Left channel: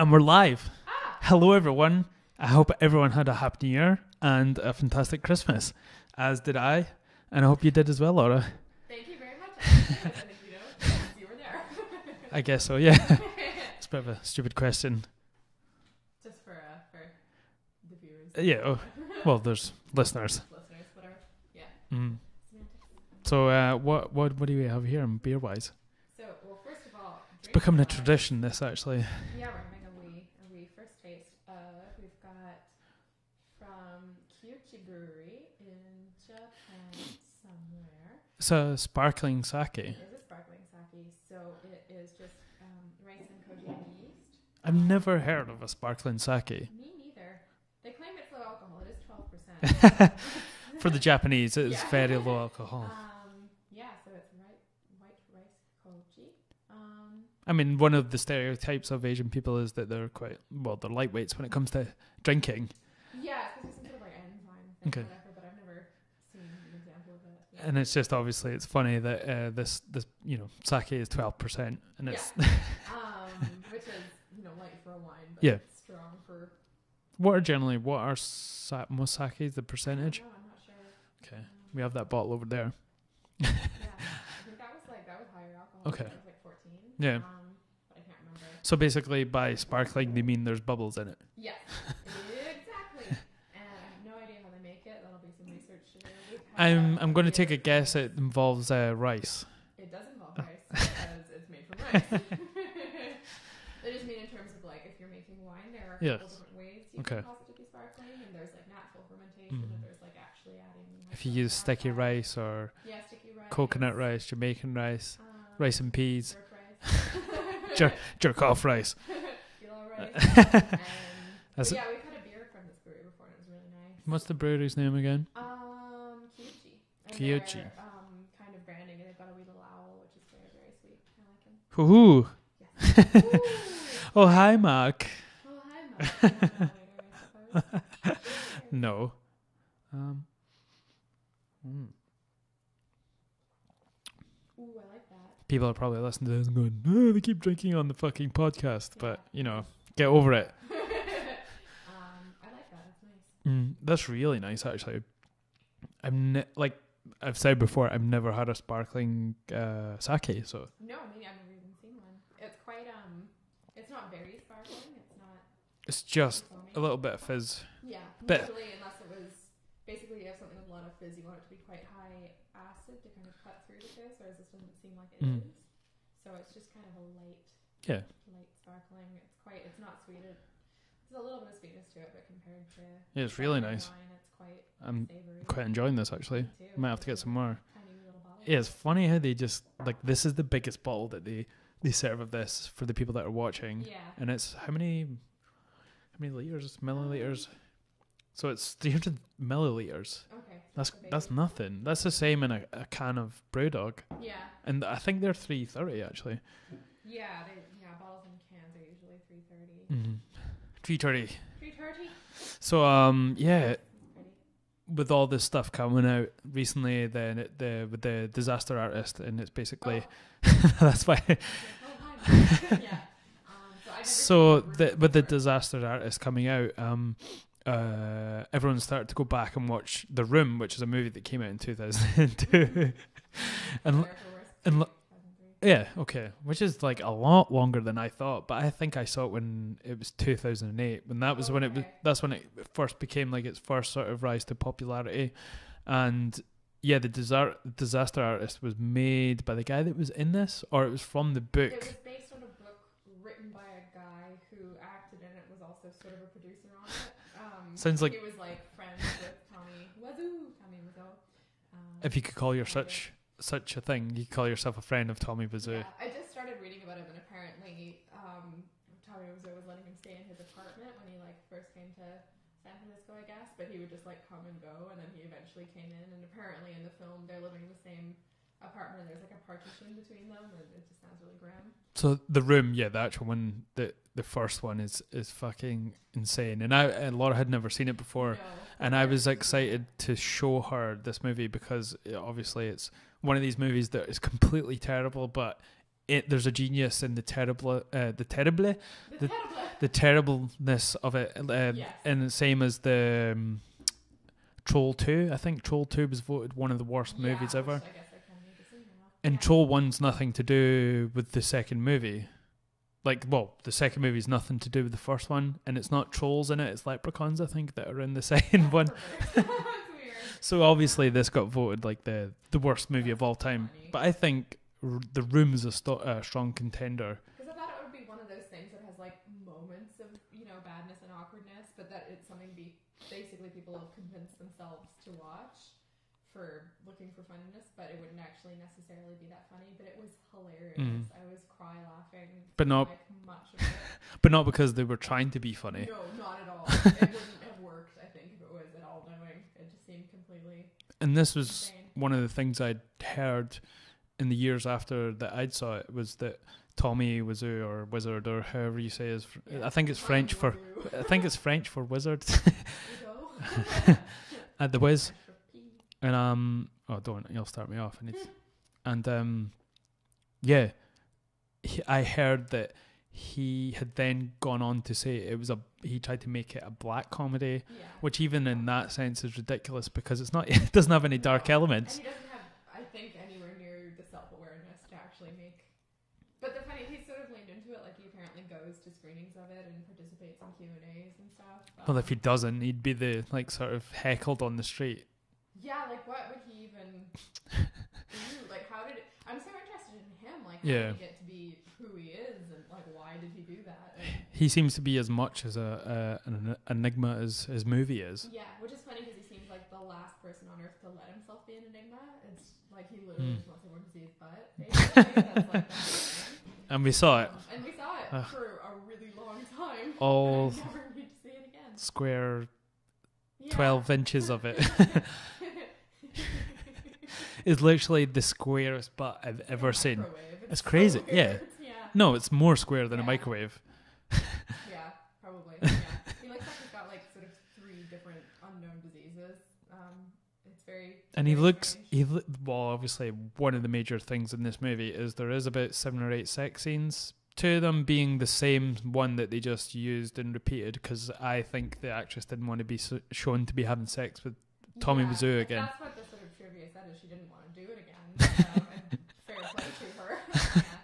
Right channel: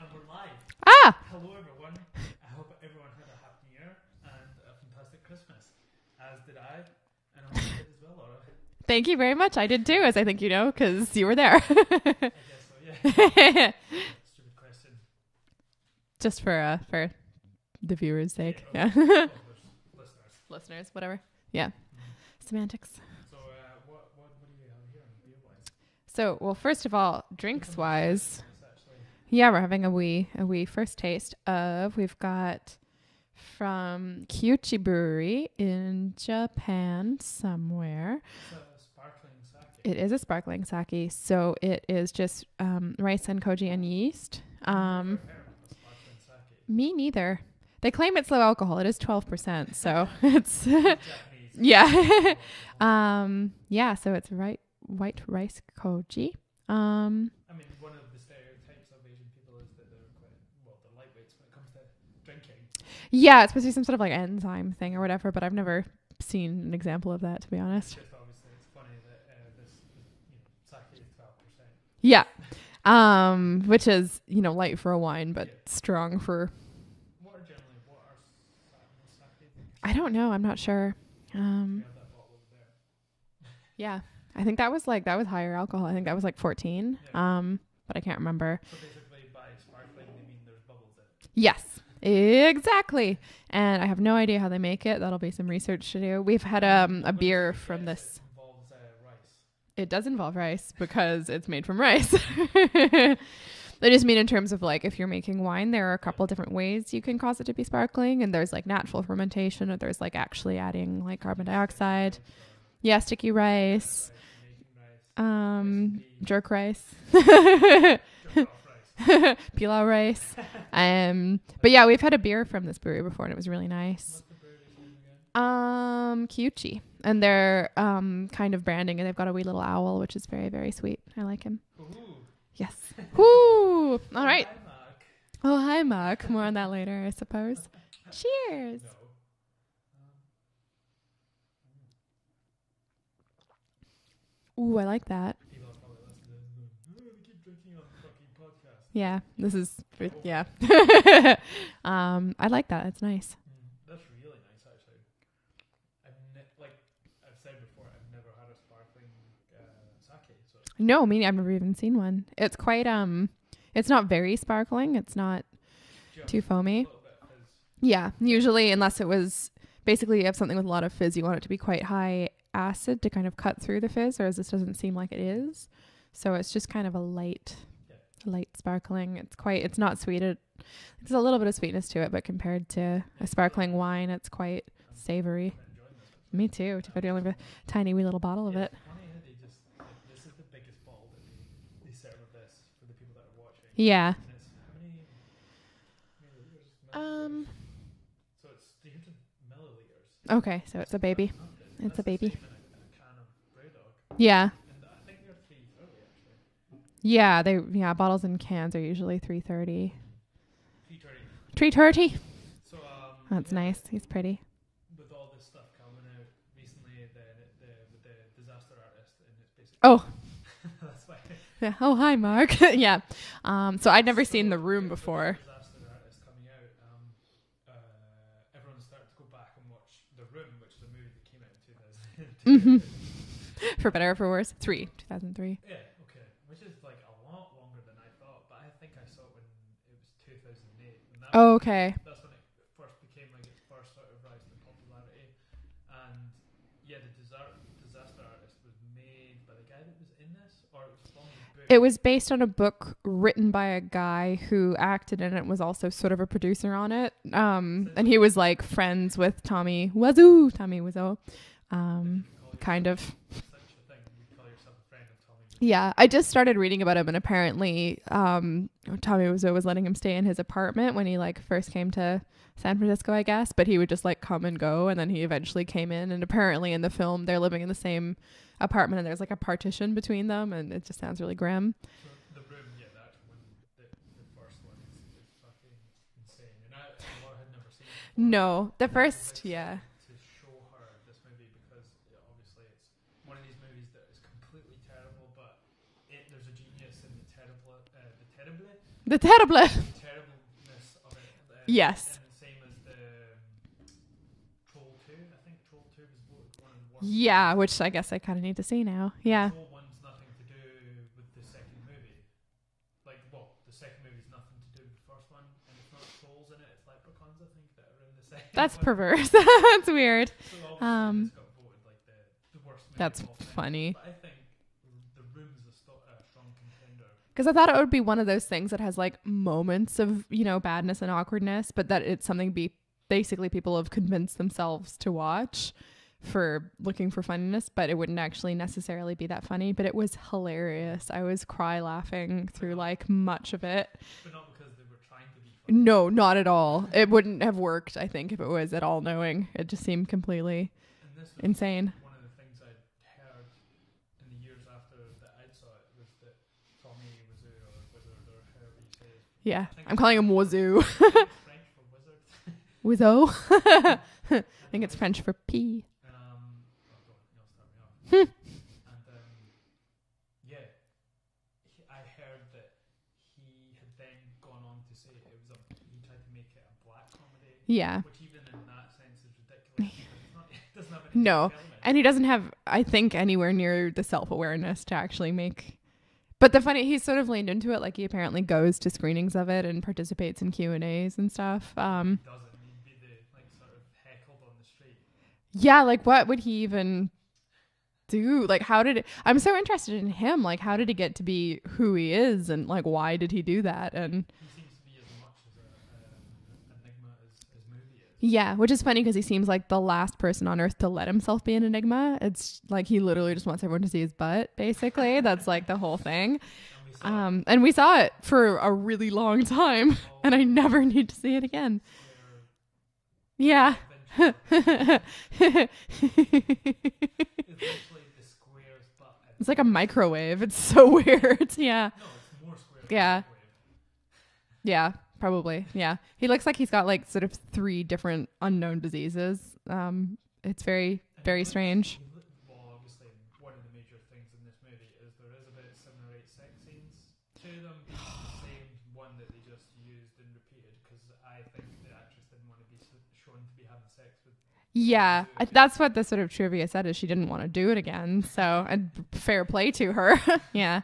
And we're live. Ah! Hello, everyone. I hope everyone had a happy New Year and a fantastic Christmas, as did I. And I hope you did as well, Laura. Thank you very much. I did too, as I think you know, because you were there. I guess so, yeah. It's a bit of a stupid question. Just for the viewers. Yeah. Well, there's listeners. Listeners, whatever. Yeah. Mm. Semantics. So what do we have here beer-wise? So, well, first of all, drinks It's becoming wise, a tradition, this, actually. Yeah, we're having a wee first taste of, we've got from Kyuchi Brewery in Japan somewhere. So, sparkling sake. It is a sparkling sake. So it is just rice and koji and yeast. I've never heard of a sparkling sake. Me neither. They claim it's low alcohol. It is 12%. So it's For the Japanese, it's yeah. very low alcohol. Yeah, so it's white rice koji. I mean, one of the stereotypes of Asian people is that they're they're lightweights when it comes to drinking. Yeah, it's supposed to be some sort of like enzyme thing Okay. or whatever, but I've never seen an example of that, to be honest. And it's just obviously it's funny that this sake is 12%. Yeah. Which is, light for a wine, but strong for... What are most sakes, the percentage? I don't know. I'm not sure. Okay. We have that bottle over there. Yeah. I think that was higher alcohol. Okay. I think that was like 14. Yeah. But I can't remember. So basically by sparkling, they mean there's bubbles in it. Yes, exactly. And I have no idea how they make it. That'll be some research to do. We've had I'm going beer to take a guess. this. It involves rice. It does involve rice because it's made from rice. I just mean in terms of like if you're making wine, there are a couple different ways you can cause it to be sparkling, and there's like natural fermentation, or there's like actually adding like carbon dioxide. Sticky rice or sticky rice, coconut rice, Jamaican rice, rice and peas, jerk rice, jerk off rice, pilau rice. But yeah, we've had a beer from this brewery before, and it was really nice. What's the brewery's name again? Kyuchi, and they're kind of branding, and they've got a wee little owl, which is very, very sweet. I like him. Ooh. Yes. Ooh. Oh, right. hi, Mark. Oh, hi, Mark. More on that later, I suppose. Cheers. No. Ooh, I like that. People are probably listening to this and going, oh, they keep drinking on the fucking podcast. Yeah. But, get over it. I like that. It's nice. That's really nice, actually. I've said before, I've never had a sparkling sake. So no, I've never even seen one. It's quite it's not very sparkling. It's just too foamy. A little bit of fizz. Yeah, usually unless it was basically you have something with a lot of fizz, you want it to be quite high acid to kind of cut through the fizz, whereas this doesn't seem like it is. So it's just kind of a light sparkling. It's not sweet. There's a little bit of sweetness to it, but compared to a sparkling really nice wine, it's quite savory. Quite enjoying this, actually. Me too. Might have to get some more. Tiny wee little bottle of it. It's funny how they just, this is the biggest bottle that they serve of this for the people that are watching. Yeah. And it's how many liters, milliliters? So it's 300 milliliters. Okay, so that's a baby. That's nothing. That's the same in a can of Brewdog. Yeah. And I think they're $3.30 actually. Yeah, bottles and cans are usually $3.30. $3.30. So that's nice. He's pretty. With all this stuff coming out recently, then with the Disaster Artist, and it's basically that's why. Yeah. Oh, hi, Mark. Yeah. So I'd never seen The Room before. With the Disaster Artist coming out, everyone started to go back and watch The Room, which is a movie that came out in 2002. For better or for worse. 2003. Yeah, okay. Which is like a lot longer than I thought, but I think I saw it when it was 2008. When that was that's when it first became like its first sort of rise to popularity. And yeah, the Disaster Artist was made by the guy that was in this, or it was from the book? It was based on a book written by a guy who acted in it, was also sort of a producer on it. And he was like friends with Tommy Wiseau. If you could call yourself such a thing, you could call yourself a friend of Tommy Wiseau. Yeah, I just started reading about him, and apparently Tommy Wiseau was letting him stay in his apartment when he first came to San Francisco, I guess, but he would just come and go, and then he eventually came in, and apparently in the film they're living in the same apartment and there's a partition between them, and it just sounds really grim. So The Room, the actual one, the first one is fucking insane, and Laura had never seen it before. No, I was excited to show her this movie because obviously it's one of these movies that is completely terrible, but there's a genius in the terribleness of it. Yes. And the same as the Troll 2. I think Troll 2 was voted one of the worst movies ever. Which I guess I kind of need to see now. And Troll 1's nothing to do with the second movie. Like, well, the second movie's nothing to do with the first one, and it's not trolls in it, it's leprechauns, I think, that are in the second one. That's perverse. That's weird. So obviously this got voted like the worst movie of all time. Funny. But I think The Room is a strong contender. Because I thought it would be one of those things that has like moments of, badness and awkwardness, but that it's something basically people have convinced themselves to watch for looking for funniness, but it wouldn't actually necessarily be that funny. But it was hilarious. I was cry laughing through like much of it. But not because they were trying to be funny. No, not at all. It wouldn't have worked, I think, if it was at all knowing. It just seemed completely And this was insane. One of the things I'd heard in the years after that I'd saw it was that Tommy Wiseau or Wizard or however you say his yeah, I think I'm it's calling French him Wiseau. I think it's French for wizard. Wiseau. I think it's French for pea. And don't you'll start me off. And I heard that he had then gone on to say he tried to make it a black comedy. Yeah. Which even in that sense is ridiculous because it doesn't have any dark elements. And he doesn't have, I think, anywhere near the self-awareness to actually make. But he's sort of leaned into it. Like he apparently goes to screenings of it and participates in Q&As and stuff. Well, if he doesn't, he'd be the sort of heckled on the street. Yeah, like what would he even do? Like I'm so interested in him. Like how did he get to be who he is, and like why did he do that? And he seems to be as much as an enigma as his movie is. Yeah, which is funny because he seems like the last person on earth to let himself be an enigma. It's like he literally just wants everyone to see his butt, basically. That's like the whole thing. And we saw it. And we saw it for a really long time. And I never need to see it again. Square 12 inches of it. It's literally the squarest butt I've It's like ever a microwave. Seen. It's so weird. Yeah. No, it's more square than a microwave. Yeah, probably. Yeah. He looks like he's got like sort of 3 different unknown diseases. It's very strange. Obviously one of the major things in this movie is there is about 7 or 8 sex scenes. 2 of them being the same one that they just used and repeated because I think the actress didn't want to be shown to be having sex with Tommy Wiseau again. That's what the sort of trivia said is she didn't want to do it again. So and fair play to her. Yeah.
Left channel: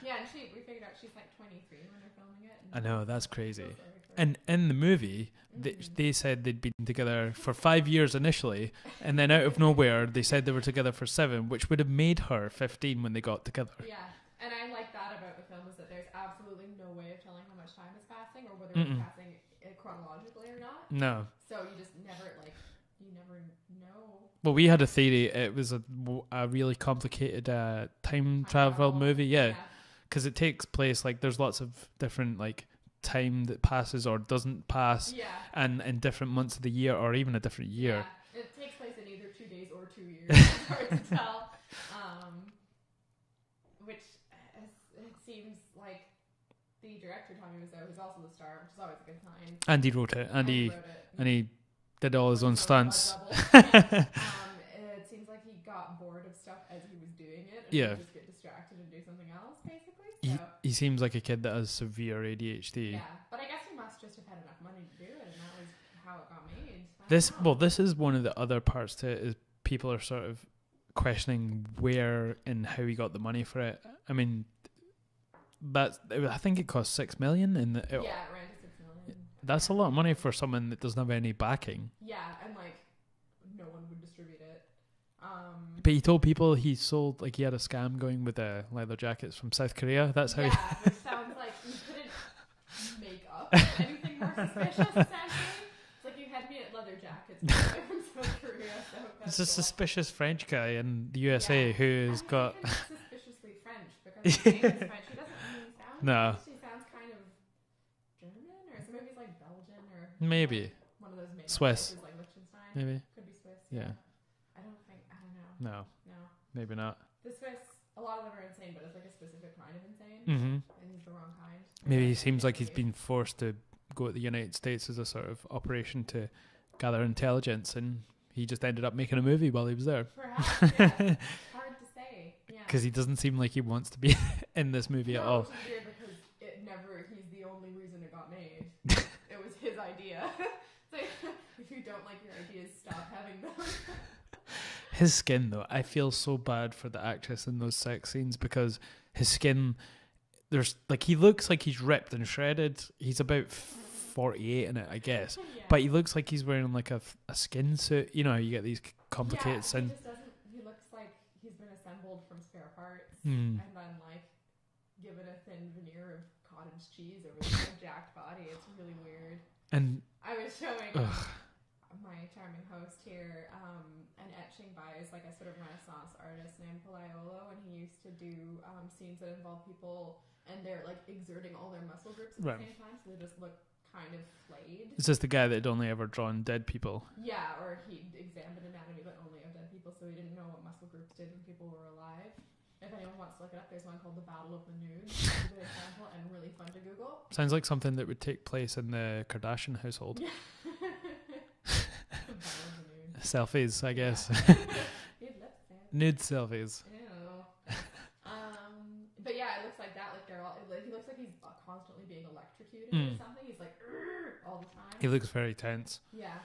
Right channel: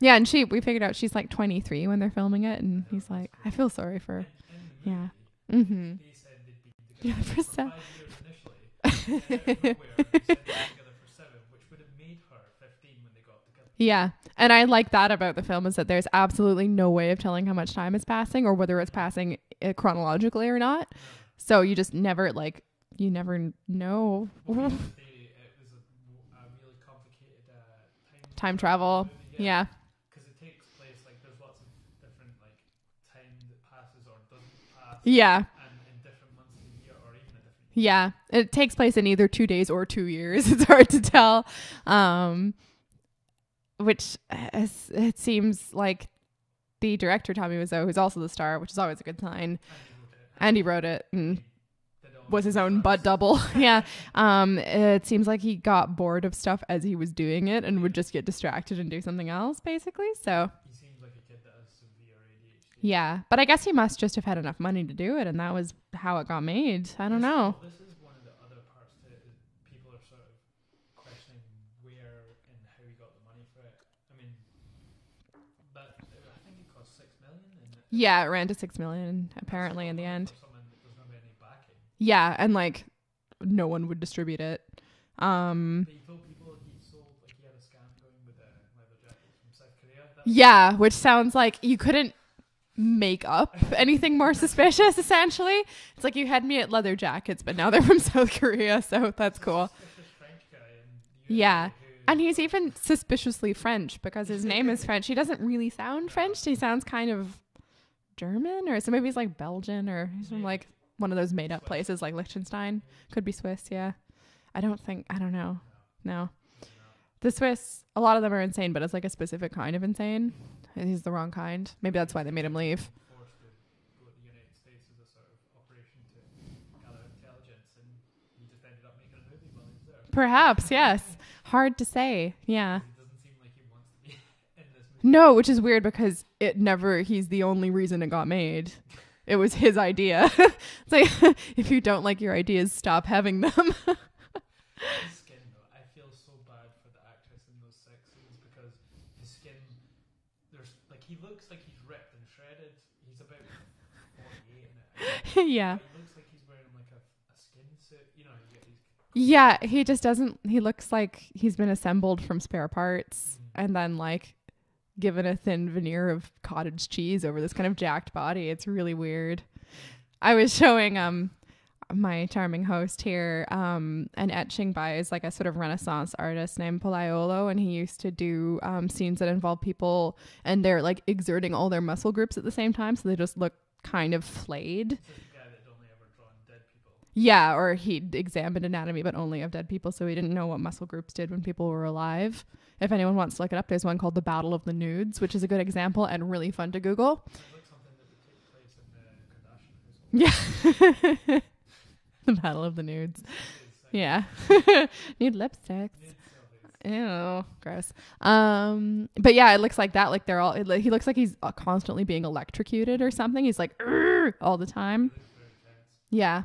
Yeah, and we figured out she's like 23 when they're filming it. And I know, that's crazy. I feel sorry for her. And in the movie, they said they'd been together for 5 years initially, and then out of nowhere, they said they were together for 7, which would have made her 15 when they got together. Yeah, and I like that about the film is that there's absolutely no way of telling how much time is passing or whether it's passing chronologically or not. No. So you just never you never know. Well, we had a theory. It was a really complicated time travel movie. Yeah. Because it takes place, there's lots of different, time that passes or doesn't pass. Yeah. And in different months of the year or even a different year. Yeah. It takes place in either 2 days or 2 years. It's hard to tell. Which it seems like the director, Tommy Wiseau, who's also the star, which is always a good sign. And he wrote it. And he wrote it. And he did all his own stunts. butt double. Yeah. It seems like he got bored of stuff as he was doing it and would just get distracted and do something else, basically. So he seems like a kid that has severe ADHD. Yeah. But I guess he must just have had enough money to do it, and that was how it got made. I don't know. Well, this is one of the other parts to it is people are sort of questioning where and how he got the money for it. I mean, I think it cost $6 million. It ran to $6 million. That's a lot of money for someone that doesn't have any backing. Yeah, and no one would distribute it. But he told people he sold he had a scam going with leather jackets from South Korea. That's which sounds like you couldn't make up anything more suspicious. Essentially, it's like you had me at leather jackets, but now they're from South Korea, so that's cool. A suspicious French guy in the USA and he's even suspiciously French because his name is French. He doesn't really sound French. He sounds kind of German, or so maybe he's Belgian or maybe one of those made up places like Liechtenstein. Maybe. Could be Swiss. Yeah. I don't know. No, maybe not. The Swiss, a lot of them are insane, but it's a specific kind of insane. And he's the wrong kind. Maybe that's why he made him leave. He's been forced to go to the United States as a sort of operation to gather intelligence and he just ended up making a movie while he was there. Perhaps, yes. Hard to say. Yeah. Because he doesn't seem like he wants to be in this movie. No, which is weird because he's the only reason it got made. It was his idea. It's like, if you don't like your ideas, stop having them. His skin, though, I feel so bad for the actress in those sex scenes because his skin, he looks like he's ripped and shredded. He's about 48 in it, I guess. Yeah. But he looks like he's wearing like a skin suit. You know how you get these. Yeah, he just doesn't. He looks like he's been assembled from spare parts and then like given a thin veneer of cottage cheese over this kind of jacked body. It's really weird. And I was showing my charming host here an etching by is like a sort of Renaissance artist named Polaiolo, and he used to do scenes that involve people and they're like exerting all their muscle groups at the same time, so they just look kind of flayed. Is this the guy that had only ever drawn dead people? Yeah, or he examined anatomy but only of dead people, so he didn't know what muscle groups did when people were alive. If anyone wants to look it up, there's one called The Battle of the Nudes, which is a good example and really fun to Google. Sounds like something that would take place in the Kardashian household. Yeah. The Battle of the Nudes. Selfies, I guess. Nude lipstick. Nude selfies. Ew, gross. But yeah, it looks like that. Like they're all. He looks like he's constantly being electrocuted or something. He's like all the time. He looks very tense. Yeah,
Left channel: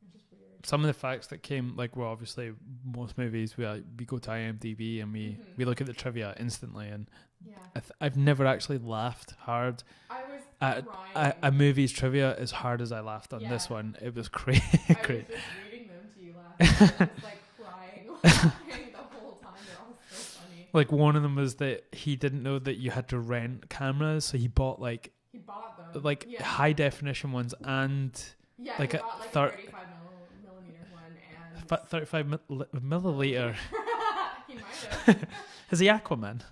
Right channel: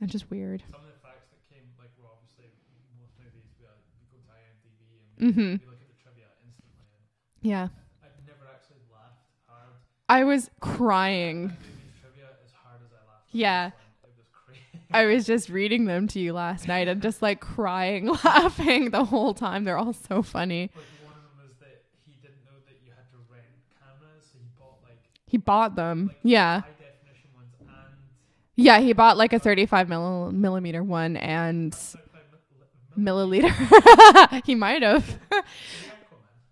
it's just weird. Some of the facts that came, like, well, obviously most movies we go to IMDb and we look at the trivia instantly, and yeah, I've never actually laughed hard. I was crying. A movie's trivia as hard as I laughed on this one. It was crazy. I was just reading them to you last night and just like crying, laughing the whole time. They're all so funny. Like one of them was that he didn't know that you had to rent cameras, so he bought them like high definition ones and. Yeah, like he bought like a 35 millimeter one and 35 milliliter. He might have. Is he Aquaman?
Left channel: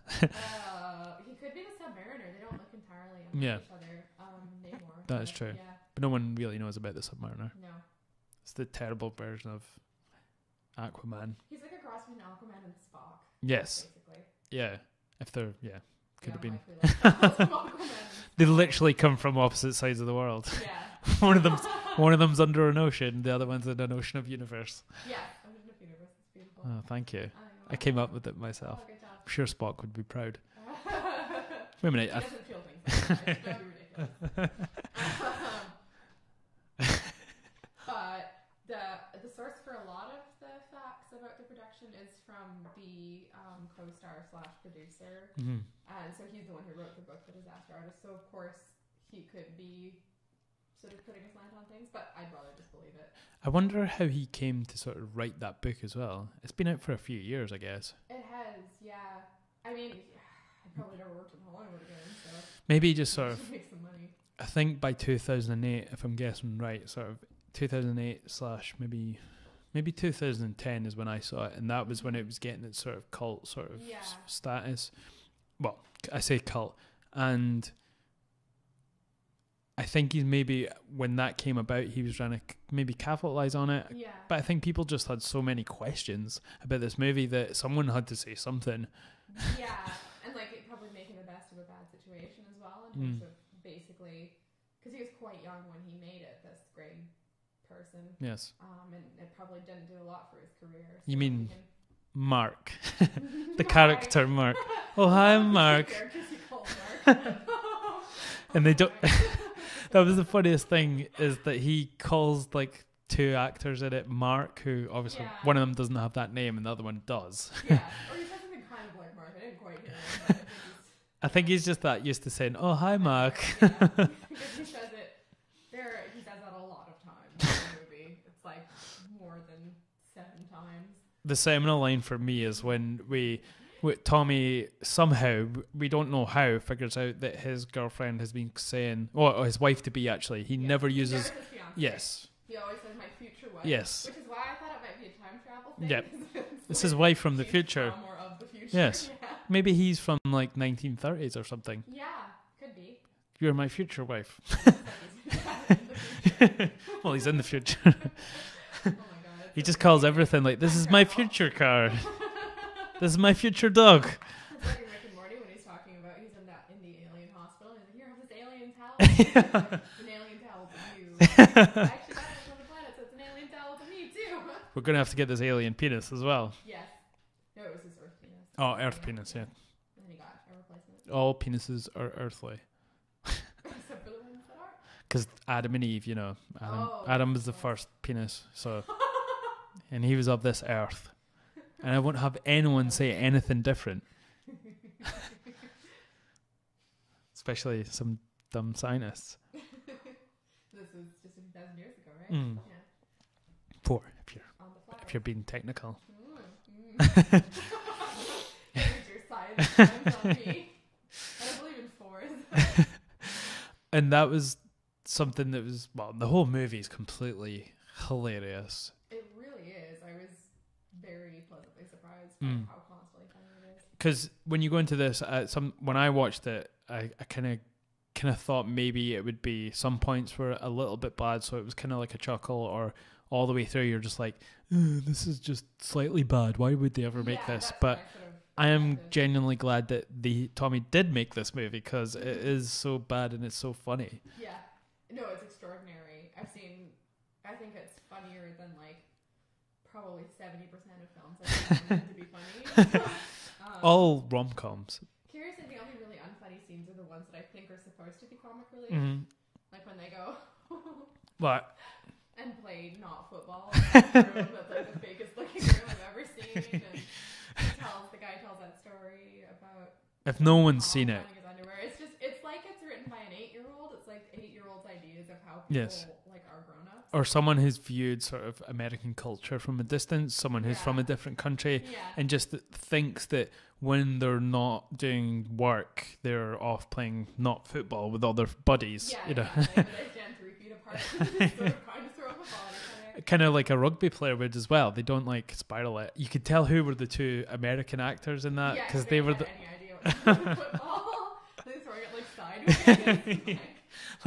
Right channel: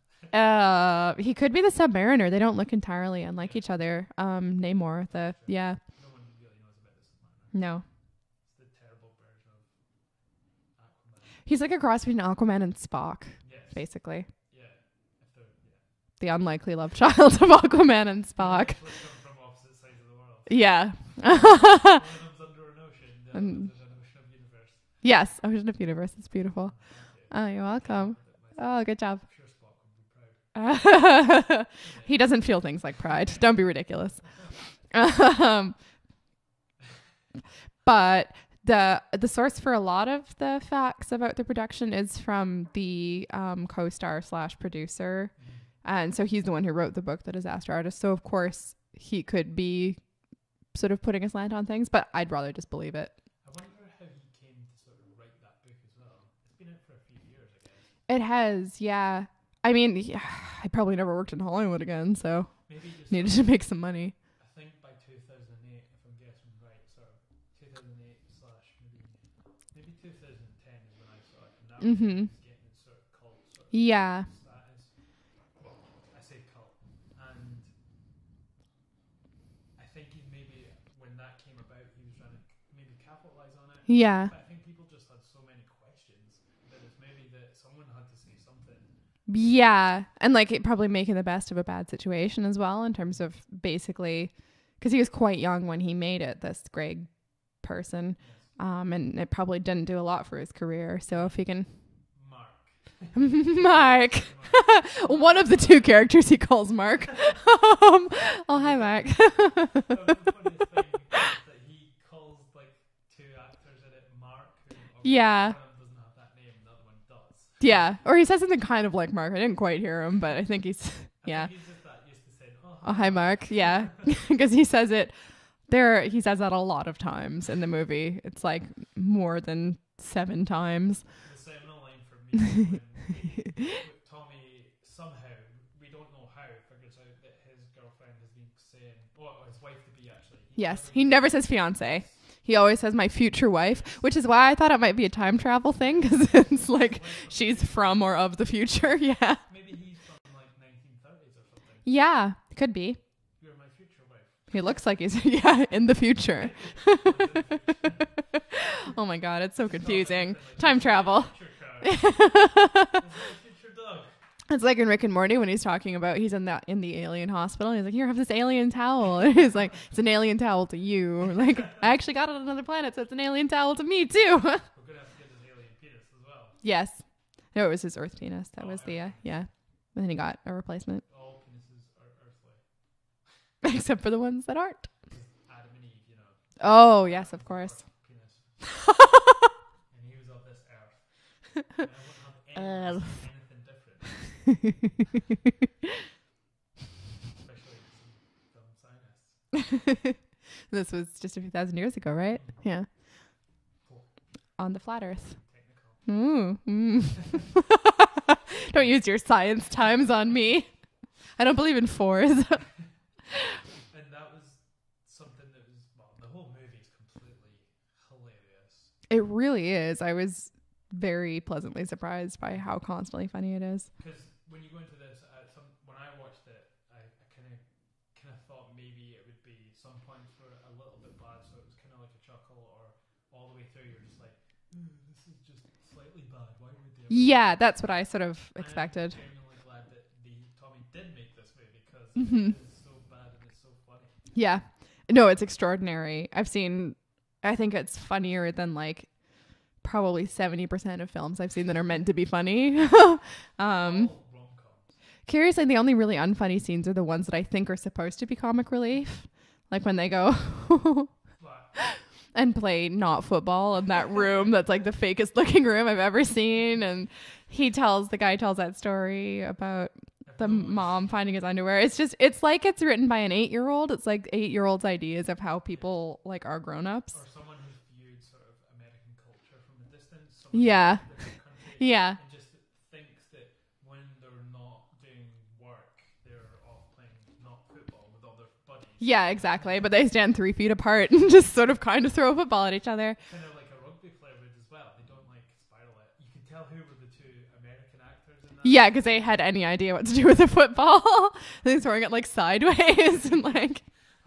He could be the Submariner. They don't look entirely unlike each other. Namor. That's true. Yeah. But no one really knows about the Submariner. No. It's the terrible version of Aquaman. He's like a cross between Aquaman and Spock. Yes. Basically. Yeah. If they're the unlikely love child of Aquaman and Spock. They literally come from opposite sides of the world. Yeah. One of them's under an ocean, the other one's in an ocean of universe. Yes, ocean of universe. It's beautiful. Oh, thank you. Oh, you're welcome. I came up with it myself. Oh, good job. I'm sure Spock would be proud. Wait a minute. He doesn't feel things like pride. Don't be ridiculous. But the source for a lot of the facts about the production is from the co-star / producer. Mm-hmm. And so he's the one who wrote the book, The Disaster Artist. So of course he could be sort of putting a slant on things, but I'd rather just believe it. I wonder how he came to sort of write that book as well. It's been out for a few years, I guess. It has, yeah. I mean, I probably never worked in Hollywood again, so maybe just needed to make some money. I think by 2008, if I'm guessing right, sort of 2008 / maybe 2010 is when I saw it, and that was when it was getting its sort of cult sort of status. Well, I say cult, and I think he's maybe when that came about, he was trying to maybe capitalize on it. Yeah. But I think people just had so many questions about this movie that someone had to say something. Yeah, and like it probably making the best of a bad situation as well in terms of basically, because he was quite young when he made it. This Greg person. Yes. And it probably didn't do a lot for his career. So if he can. Mark. Mark. Character Mark. One of the two characters he calls Mark. Mark. That was the funniest thing is that he calls like two actors in it Mark, who obviously one of them doesn't have that name and the other one does. Yeah. Or he says something kind of like Mark. I didn't quite hear him, but I think he's I think he's just that used to saying, hi Mark. Yeah. Because he says it he says that a lot of times in the movie. It's like more than 7 times. The seminal line for me is when Tommy somehow, we don't know how, figures out that his girlfriend has been saying, or his wife to be actually. He never says fiance. Yes. He always says my future wife, which is why I thought it might be a time travel thing, because it's like his wife from the future. She's from or of the future. Yes. Yeah. Maybe he's from like 1930s or something. Yeah, could be. You're my future wife. He looks like he's in the future. Well, he's in the future. Oh my God, it's so confusing. He just calls everything like, this is my future car. This is my future dog. It's like in Rick and Morty when he's talking about he's in the alien hospital. And he's like, here, have this alien towel. And he's like, it's an alien towel to you. Like, I actually got it on another planet, so it's an alien towel to me too. We're gonna have to get this alien penis as well. Yes. No, it was his Earth penis. Earth penis. Yeah. And then he got a replacement. All penises are earthly. Except for the ones that aren't. Because Adam and Eve, Adam was the first penis. So, and he was of this earth. And I won't have anyone say anything different. Especially some dumb scientists. This was just a few thousand years ago, right? Yeah. 4. If you're on the flat earth. If you're being technical. Don't use your science times on me. I don't believe in 4s. And that was something that was, the whole movie is completely hilarious. It really is. I was very pleasantly surprised by how constantly funny it is. Because when you go into this, when I watched it, I kind of thought maybe it would be some points were a little bit bad, so it was kind of like a chuckle, or all the way through you're just like, this is just slightly bad. Why would they ever make this? That's what I sort of expected. I am genuinely glad that Tommy did make this movie, because it is so bad and it's so funny. Yeah. No, it's extraordinary. I think it's funnier than like probably 70% of films I've seen that are meant to be funny. All rom-coms. Curiously, the only really unfunny scenes are the ones that I think are supposed to be comic relief. Like when they go... What? And play not football in that room that's like the fakest looking room I've ever seen. And the guy tells that story about if no one's mom seen finding his underwear. It's like it's written by an 8-year-old. It's like 8-year-olds' ideas of how people like are grown-ups. Or someone who's viewed sort of American culture from a distance, someone who's from a different country. Yeah. And just thinks that when they're not doing work, they're off playing not football with other buddies. Yeah, exactly. But they stand 3 feet apart and just sort of kind of throw a football at each other. Kind of like a rugby player would as well. They don't like spiral it. You could tell who were the 2 American actors in that. Yeah, because they had any idea what to do with the football. They're throwing it like sideways and like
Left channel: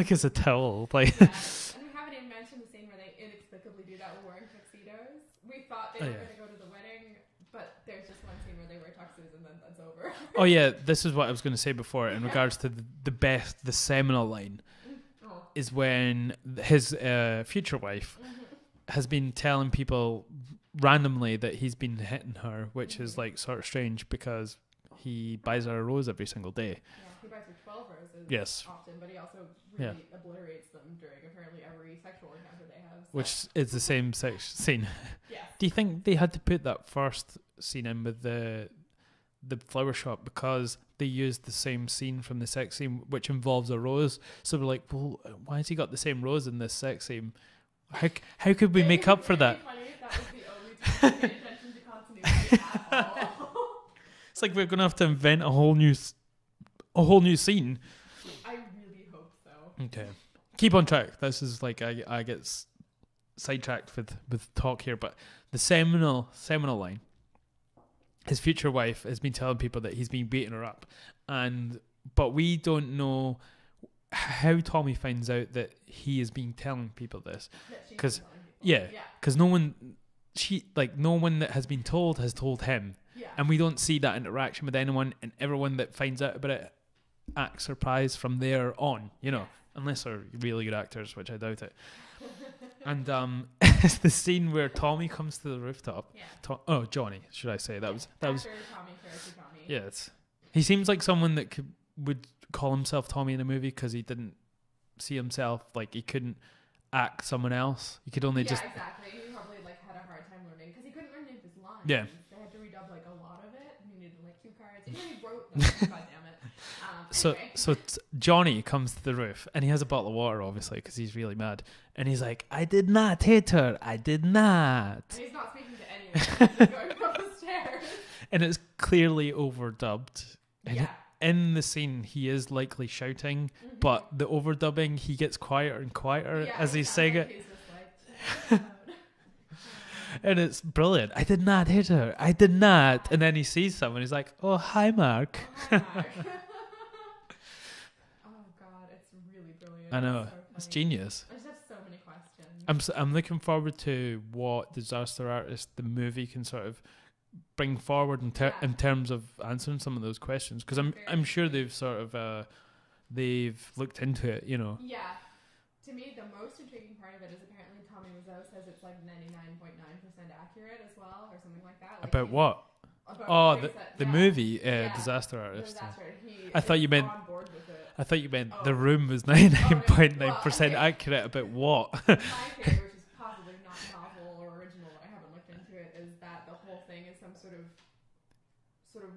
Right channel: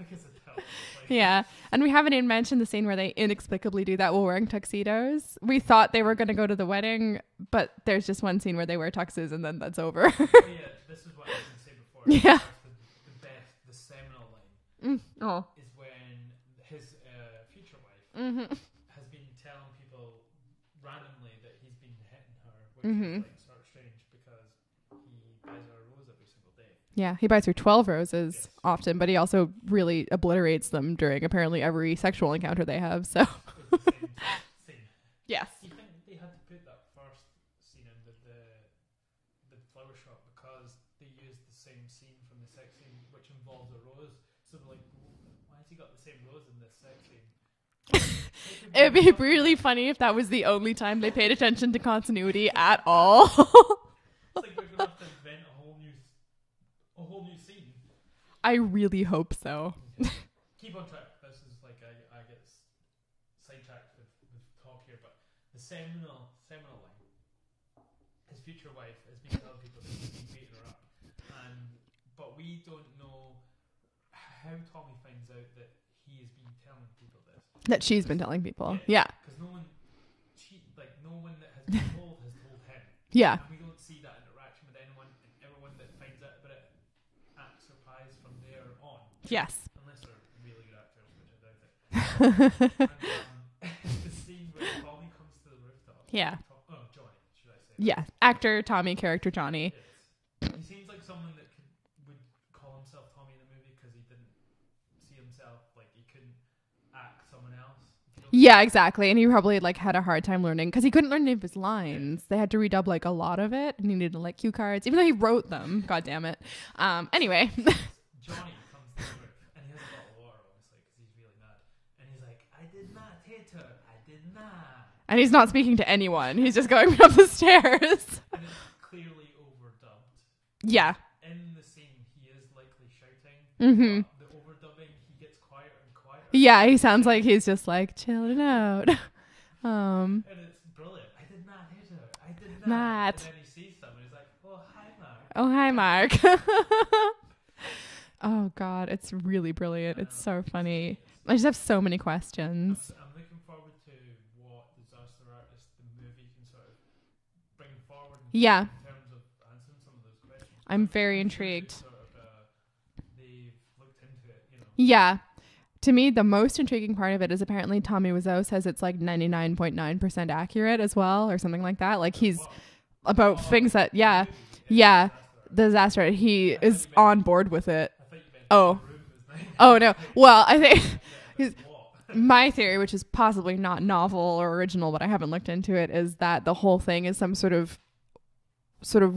as a towel. Like yeah. And we haven't even mentioned the scene where they inexplicably do that while wearing tuxedos. We thought they were going to go to the wedding, but there's just one scene where they wear tuxes and then that's over. Oh yeah, this is what I was going to say before in regards to the seminal line is when his future wife has been telling people randomly that he's been hitting her, which is like sort of strange because he buys her a rose every single day. Yeah, he buys her 12 roses often, but he also really obliterates them during apparently every sexual encounter they have. So it's the same scene. Yeah. Do you think they had to put that first scene in with the flower shop because they used the same scene from the sex scene, which involves a rose? So we're like, well, why has he got the same rose in this sex scene? How could we make up for that? It'd be really funny if that was the only time they paid attention to continuity at all. It's like we're gonna have to invent a whole new scene. I really hope so. Okay, keep on track. This is like I get sidetracked with talk here, but the seminal line. His future wife has been telling people that he's been beating her up, but we don't know how Tommy finds out that he has been telling people this. That she's been telling people. Yeah. Because no one that has been told has told him. Yeah. And we don't see that interaction with anyone, and everyone that finds out about it acts surprised from there on. Yes. Unless they're really good actors, which I doubt it. And it's the scene where Tommy comes to the rooftop. Yeah. Johnny, should I say? Actor Tommy, character Johnny. Yes. He seems like someone that would call himself Tommy in a movie because he didn't see himself, like he couldn't act someone else. He could only exactly. And he probably had a hard time learning because he couldn't learn any of his lines. Yeah. They had to redub a lot of it, and he needed cue cards, even though he wrote them. God damn it. Anyway, so Johnny comes to the roof and he has a bottle of water, obviously, because he's really mad. And he's like, I did not hit her. I did not. And he's not speaking to anyone. He's just going up the stairs. And it's clearly overdubbed. Yeah. In the scene, he is likely shouting, but the overdubbing, he gets quieter and quieter. Yeah, he sounds like he's just chilling out. And it's brilliant. I did not hit her. I did not. And then he sees someone. He's like, oh, hi, Mark. Oh, hi, Mark. Oh God, it's really brilliant. I know. It's so funny. It's genius. I just have so many questions. I'm looking forward to what Disaster Artist, the movie, can sort of bring forward in terms of answering some of those questions. Because I'm sure they've sort of they've looked into it, you know. Yeah. To me, the most intriguing part of it is apparently Tommy Wiseau says it's like 99.9% accurate as well, or something like that. Like about what? About things the movie, Disaster Artist. Disaster Artist. He is on board with it. I thought you meant The Room was 99.9% I think accurate about what? My theory, which is possibly not novel or original, but I haven't looked into it, is that the whole thing is some sort of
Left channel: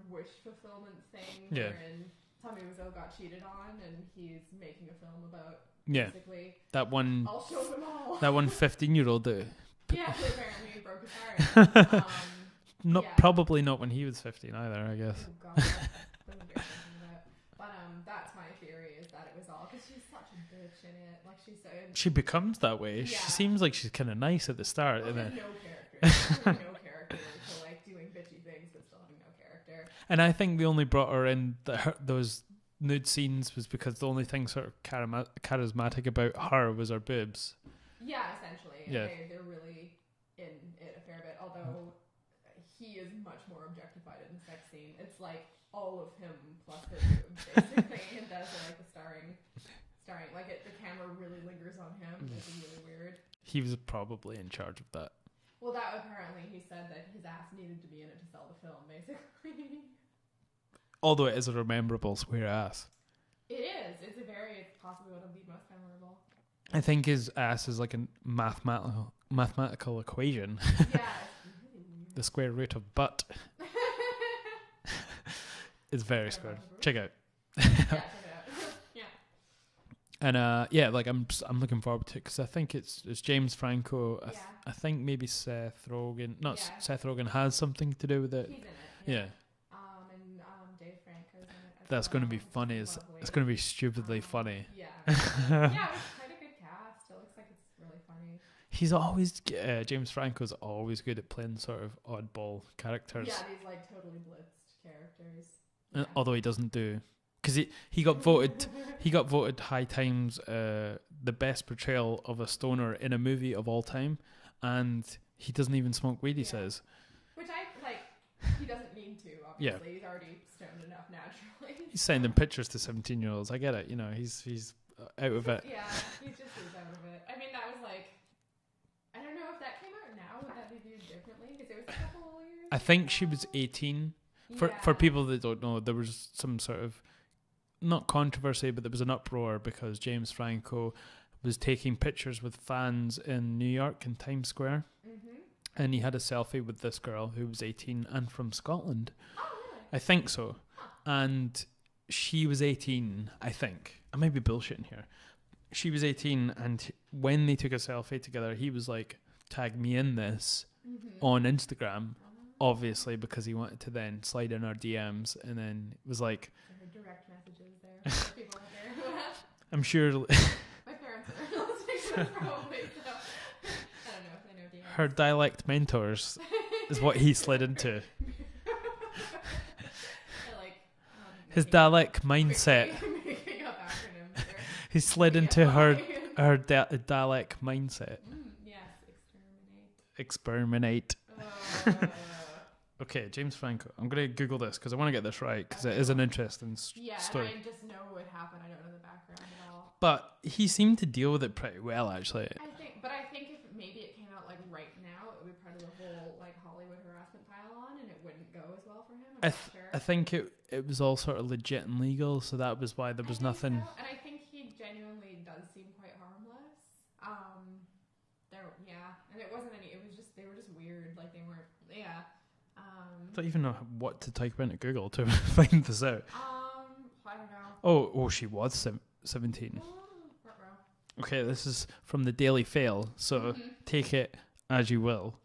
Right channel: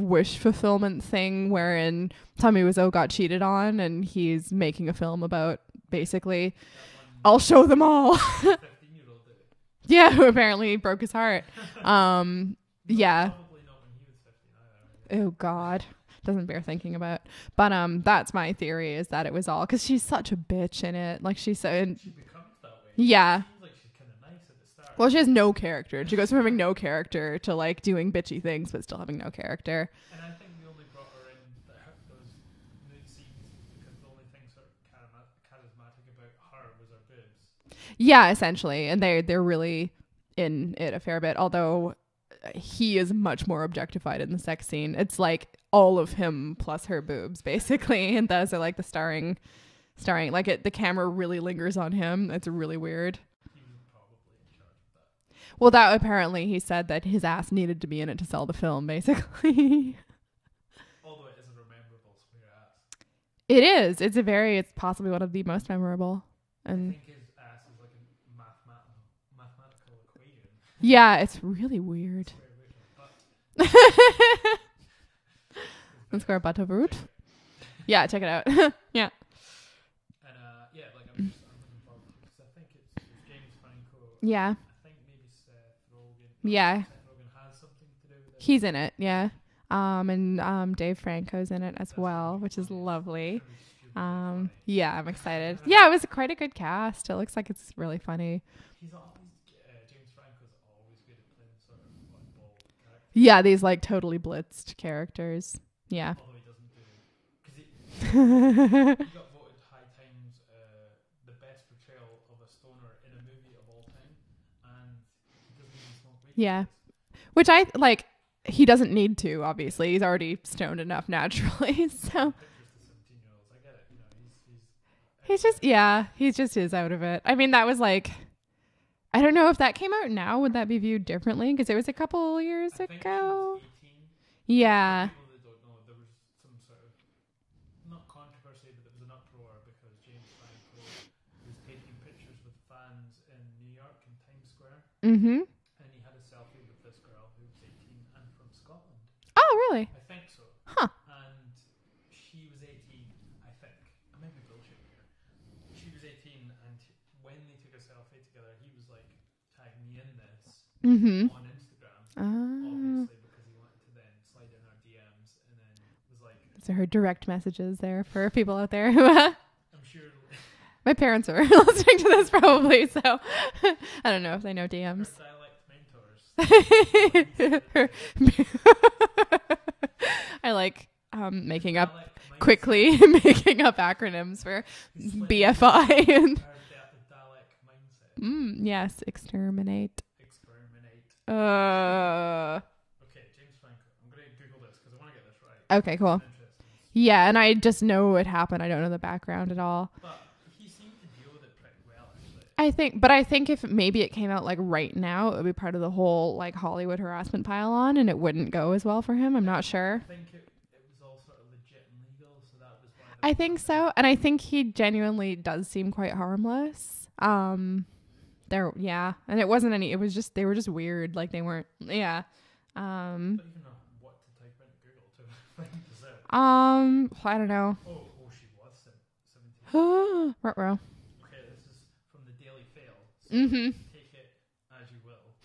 wish fulfillment thing wherein Tommy Wiseau got cheated on and he's making a film about basically that one. I'll show them all. That one 15-year-old dude. Yeah, who apparently broke his heart. Probably not when he was 15 either, I guess. Oh God, doesn't bear thinking about. But that's my theory, is that it was all because she's such a bitch in it. Like she becomes that way. Yeah, she seems like she's kind of nice at the start. Well, she has no character. She goes from having no character to like doing bitchy things, but still having no character. And I think they only brought her in those nude scenes was because the only thing sort of charismatic about her was her boobs. Yeah, essentially, and they're really in it a fair bit, although he is much more objectified in the sex scene. It's like all of him plus her boobs basically, and those are like the starring like the camera really lingers on him. It's really weird. He was probably in charge of that. Well, that apparently he said that his ass needed to be in it to sell the film basically. Although it is a rememberable square ass. It is. It's possibly one of the most memorable. I think his ass is like a mathematical equation. Yeah, it's really weird. The square root of butt. It's very square butt of a root. Check it out. Yeah, check it out. Yeah. And like I'm looking forward to it because I think it's James Franco. Yeah. I think maybe Seth Rogen. Seth Rogen has something to do with it. He's in it. Yeah. And Dave Franco's in it as well, which is lovely. It's going to be stupidly funny. Yeah, I'm excited. Yeah, it was quite a good cast. It looks like it's really funny. He's always James Franco's always good at playing sort of oddball characters. Yeah, these like totally blitzed characters. Yeah. Although he doesn't do, because he got voted he got voted High Times the best portrayal of a stoner in a movie of all time, and he doesn't even smoke weed. He says, which I like. He doesn't need to, obviously. He's already stoned enough naturally. Sending pictures to 17-year-olds. I get it. You know, he's out of just, it. Yeah, he just is out of it. I mean, that was like, I don't know if that came out now. Would that be viewed differently? Because it was a couple years ago. I think she was 18. Yeah. For people that don't know, there was some sort of, not controversy, but there was an uproar because James Franco was taking pictures with fans in New York in Times Square. Mm-hmm. And he had a selfie with this girl who was 18 and from Scotland. Oh, really? I think so. Huh. And she was 18, I think. I might be bullshitting here. She was 18, and when they took a selfie together, he was like, tag me in this on Instagram, obviously, because he wanted to then slide in our DMs, and then was like... So her direct messages there for people out there who... I'm sure... My parents are listening to this probably, so I don't know if they know DMs. Her dialect mentors is what he slid into. I like making dialect up mindset. Quickly making up acronyms for he slid BFI into her dialect mindset. Yes, exterminate. Okay, James Franco. I'm going to Google this because I want to get this right. Okay, it is an interesting story. And I just know it happened. I don't know the background at all. But he seemed to deal with it pretty well, actually. I think if maybe it came out like right now, it would be part of the whole like Hollywood harassment pile on, and it wouldn't go as well for him. I'm not sure. I think it was all sort of legit and legal, so that was why there was nothing. I think so, and I think he genuinely does seem quite harmless. And it wasn't any. It was just they were just weird. Like they weren't. Yeah. I don't even know what to type into Google to find this out. I don't know. Oh, she was 17. Ruh-roh. Okay, this is from the Daily Fail, so take it as you will.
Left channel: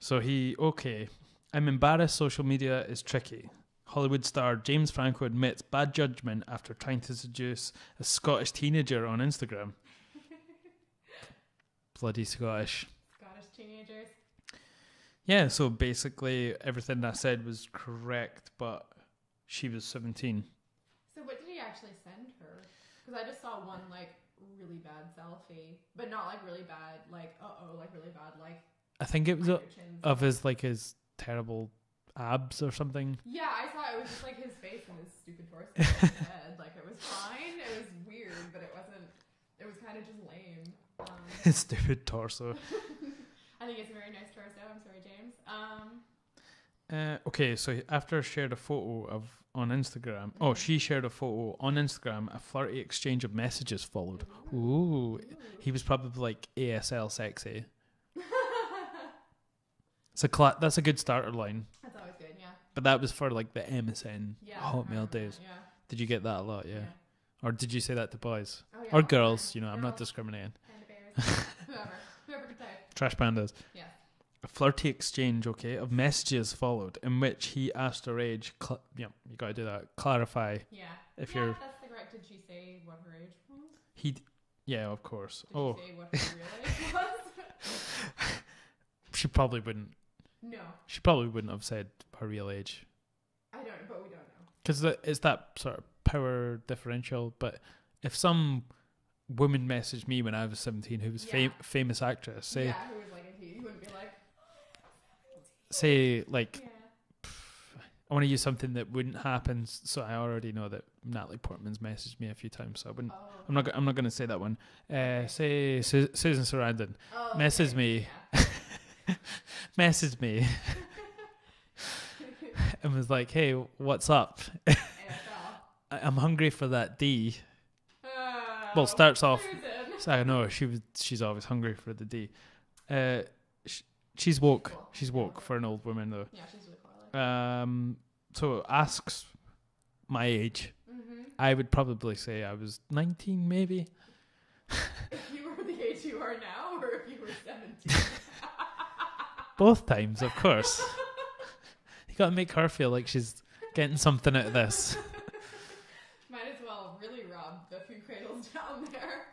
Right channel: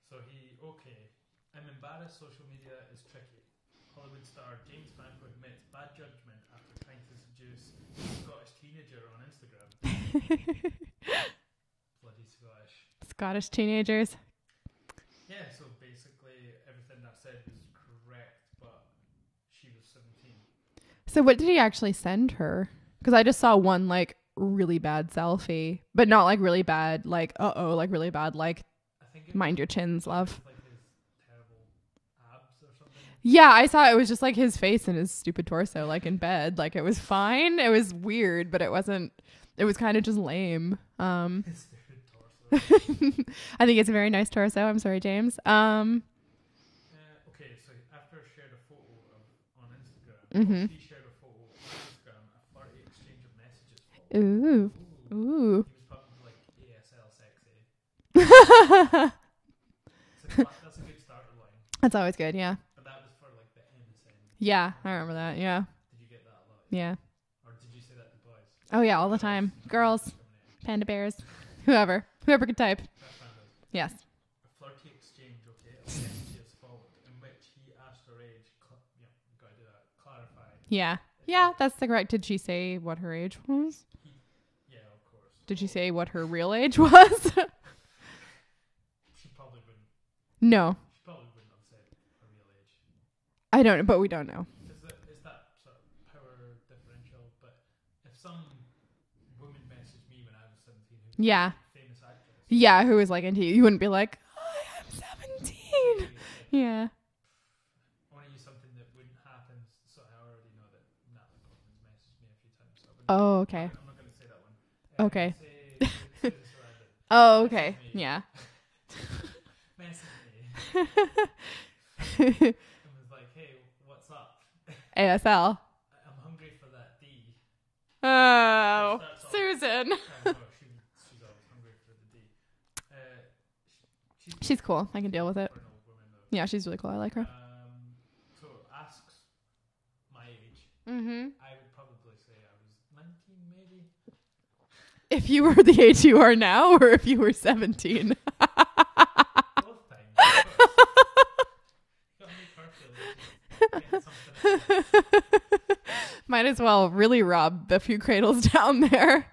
So I'm embarrassed social media is tricky. Hollywood star James Franco admits bad judgment after trying to seduce a Scottish teenager on Instagram. Bloody Scottish teenagers. Yeah, so basically everything I said was correct, but she was 17. So what did he actually send her? Because I just saw one like really bad selfie, but not like really bad, like like really bad, like I think it mind was your chins of love. his terrible abs or something. Yeah, I saw it was just like his face and his stupid torso, like in bed. Like it was fine. It was weird, but it wasn't. It was kind of just lame. His stupid torso. I think it's a very nice torso. I'm sorry, James. Okay, so after shared a photo on Instagram, she shared a photo on Instagram. A flirty exchange of messages followed. Ooh. He was probably like ASL sexy. That's a good starter line. That's always good, yeah. But that was for like the MSN. Yeah, I remember that. Yeah. Did you get that a lot? Yeah. Or did you say that to boys? Oh yeah, or all girls, the time. You know, girls, I'm not discriminating. Panda bears, whoever could type. Trash pandas. Yes. A flirty exchange, of messages followed in which he asked her age. You got to do that. Clarify. Yeah. Yeah, that's the correct. Did she say what her age was? Yeah, of course. Did she say what her real age was? She probably wouldn't. No. She probably wouldn't have said her real age. I don't know, but we don't know. Because it's that sort of power differential. But if some woman messaged me when I was 17 who was famous actress. Who was like into you wouldn't be like, oh, I'm 17. Say, like, yeah. I want to use something that wouldn't happen. So I already know that Natalie Portman's messaged me a few times. So I wouldn't. Oh, okay. I'm not going to say that one. Okay. Say Susan Sarandon. Oh, okay. Message me. Yeah. Message me. And was like, hey, what's up? ASL. I'm hungry for that D. Oh, well, starts off. Susan. So I know she's always hungry for the D. She's woke. She's cool. I can deal with it. For an old woman though. Yeah, she's really cool. I like her. So asks my age. Mm-hmm. I would probably say I was 19, maybe. If you were the age you are now, or if you were 17. Both times, of course. You got to make her feel like she's getting something out of this. Might as well really rob a few cradles down there.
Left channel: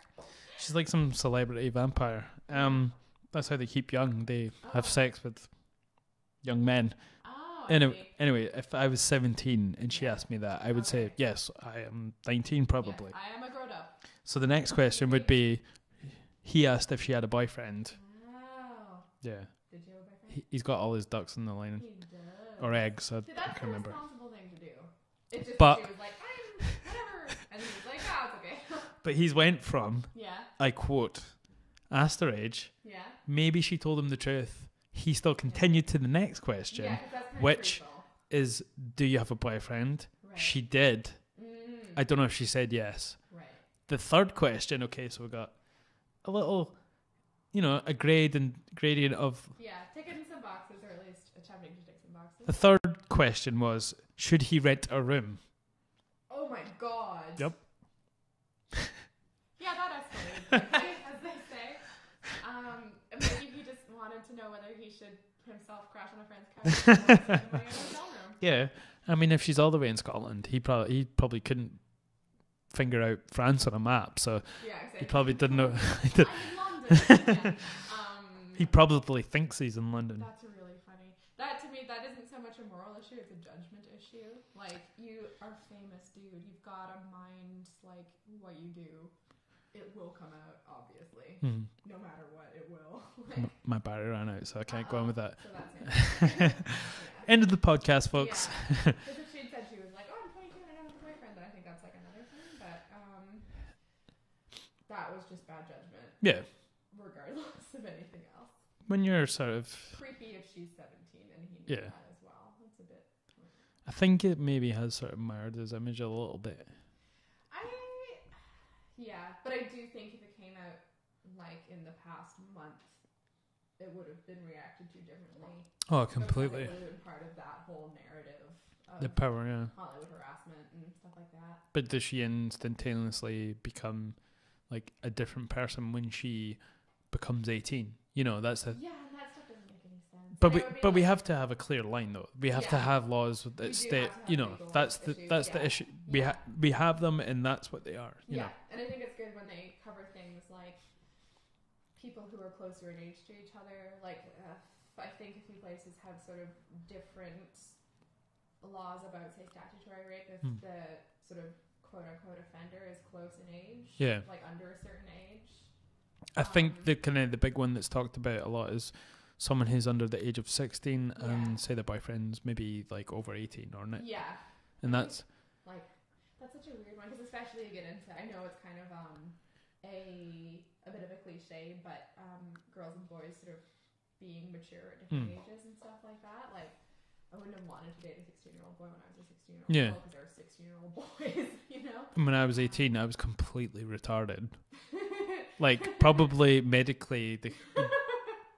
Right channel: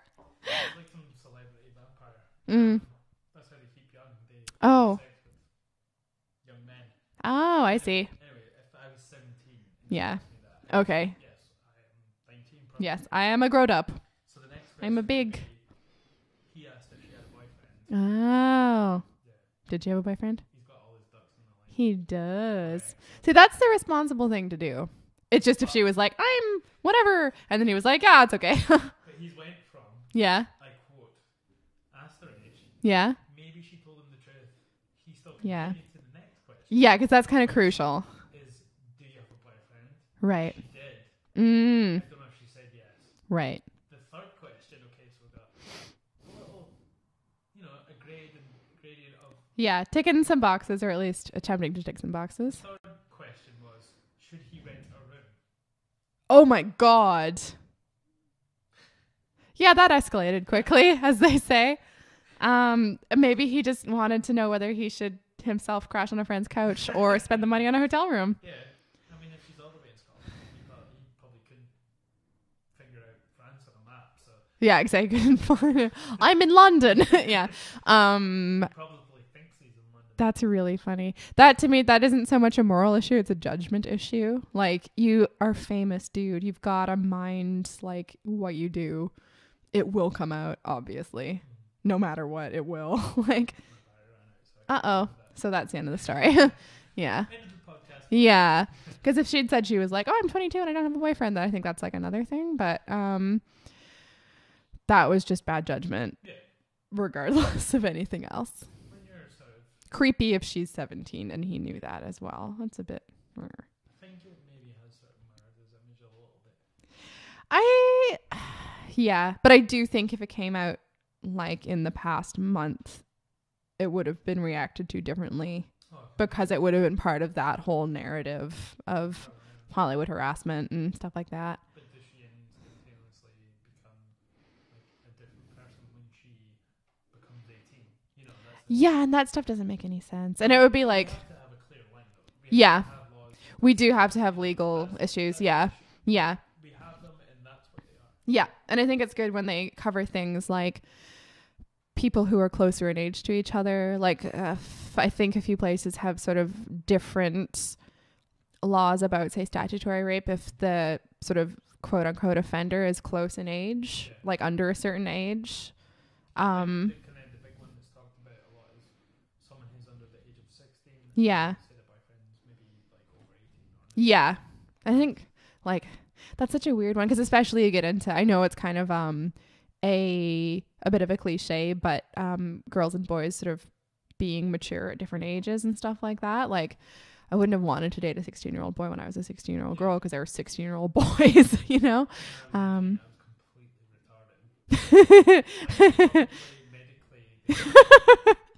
She's like some celebrity vampire. That's how they keep young. They have sex with young men. Oh, I see. Anyway, if I was 17 and she asked me that, I would say, yes, I am 19 probably. Yes, I am a grown up. So the next question would be, he asked if she had a boyfriend. Oh. Yeah. Did you have a boyfriend? He's got all his ducks in the line. He does. Or eggs. So that's the responsible thing to do. It's just if she was like, I'm whatever. And then he was like, it's okay. But he's went from, I quote, asked her age. Yeah. Maybe she told him the truth. He still continued to the next question. Yeah, because that's kind of crucial. Is, do you have a boyfriend? Right. She did. I don't know if she said yes. Right. The third question, okay, so we got a little, a gradient of... Yeah, ticking some boxes, or at least attempting to tick some boxes. The third question was, should he rent a room? Oh my God. Yep. Yeah, that escalated quickly, as they say. Maybe he just wanted to know whether he should himself crash on a friend's couch or spend the money on a hotel room. Yeah. I mean, if she's all the way in Scotland, he probably couldn't finger out France on a map. So yeah, exactly. He probably didn't know. I'm in London. Yeah. He probably thinks he's in London. That's really funny. That to me, that isn't so much a moral issue. It's a judgment issue. Like, you are famous, dude. You've got to mind like what you do. It will come out, obviously. No matter what, it will. Like, my battery ran out, so I can't go on with that. So that's the end of the story. Yeah. End of the podcast, folks. Yeah. Because if she'd said she was like, I'm 22 and I don't have a boyfriend, then I think that's like another thing. But that was just bad judgment. Yeah. Regardless of anything else. When you're sort of... creepy if she's 17 and he knew that as well. That's a bit... I think it maybe has sort of marred his image a little bit. Yeah, but I do think if it came out like in the past month, it would have been reacted to differently. Oh, because it would have been part of that whole narrative of Hollywood harassment and stuff like that. But does she instantaneously become like a different person when she becomes 18? That's and that stuff doesn't make any sense. And it would be like, we have to have a clear line though. We have to have laws. We do have to have legal issues. Yeah. We have them, and that's what they are. Yeah. And I think it's good when they cover things like people who are closer in age to each other. Like, I think a few places have sort of different laws about, say, statutory rape if the sort of quote unquote offender is close in age, like under a certain age. I think the big one that's talked about a lot is someone who's under the age of 16 and say their boyfriend's maybe like over 18 or 19. Yeah. I think like that's such a weird one, because especially you get into, I know it's kind of a bit of a cliche, but girls and boys sort of being mature at different ages and stuff like that. Like I wouldn't have wanted to date a 16-year-old boy when I was a 16-year-old girl, because there were 16-year-old boys, you know? When I was 18, I was completely retarded. Like probably medically,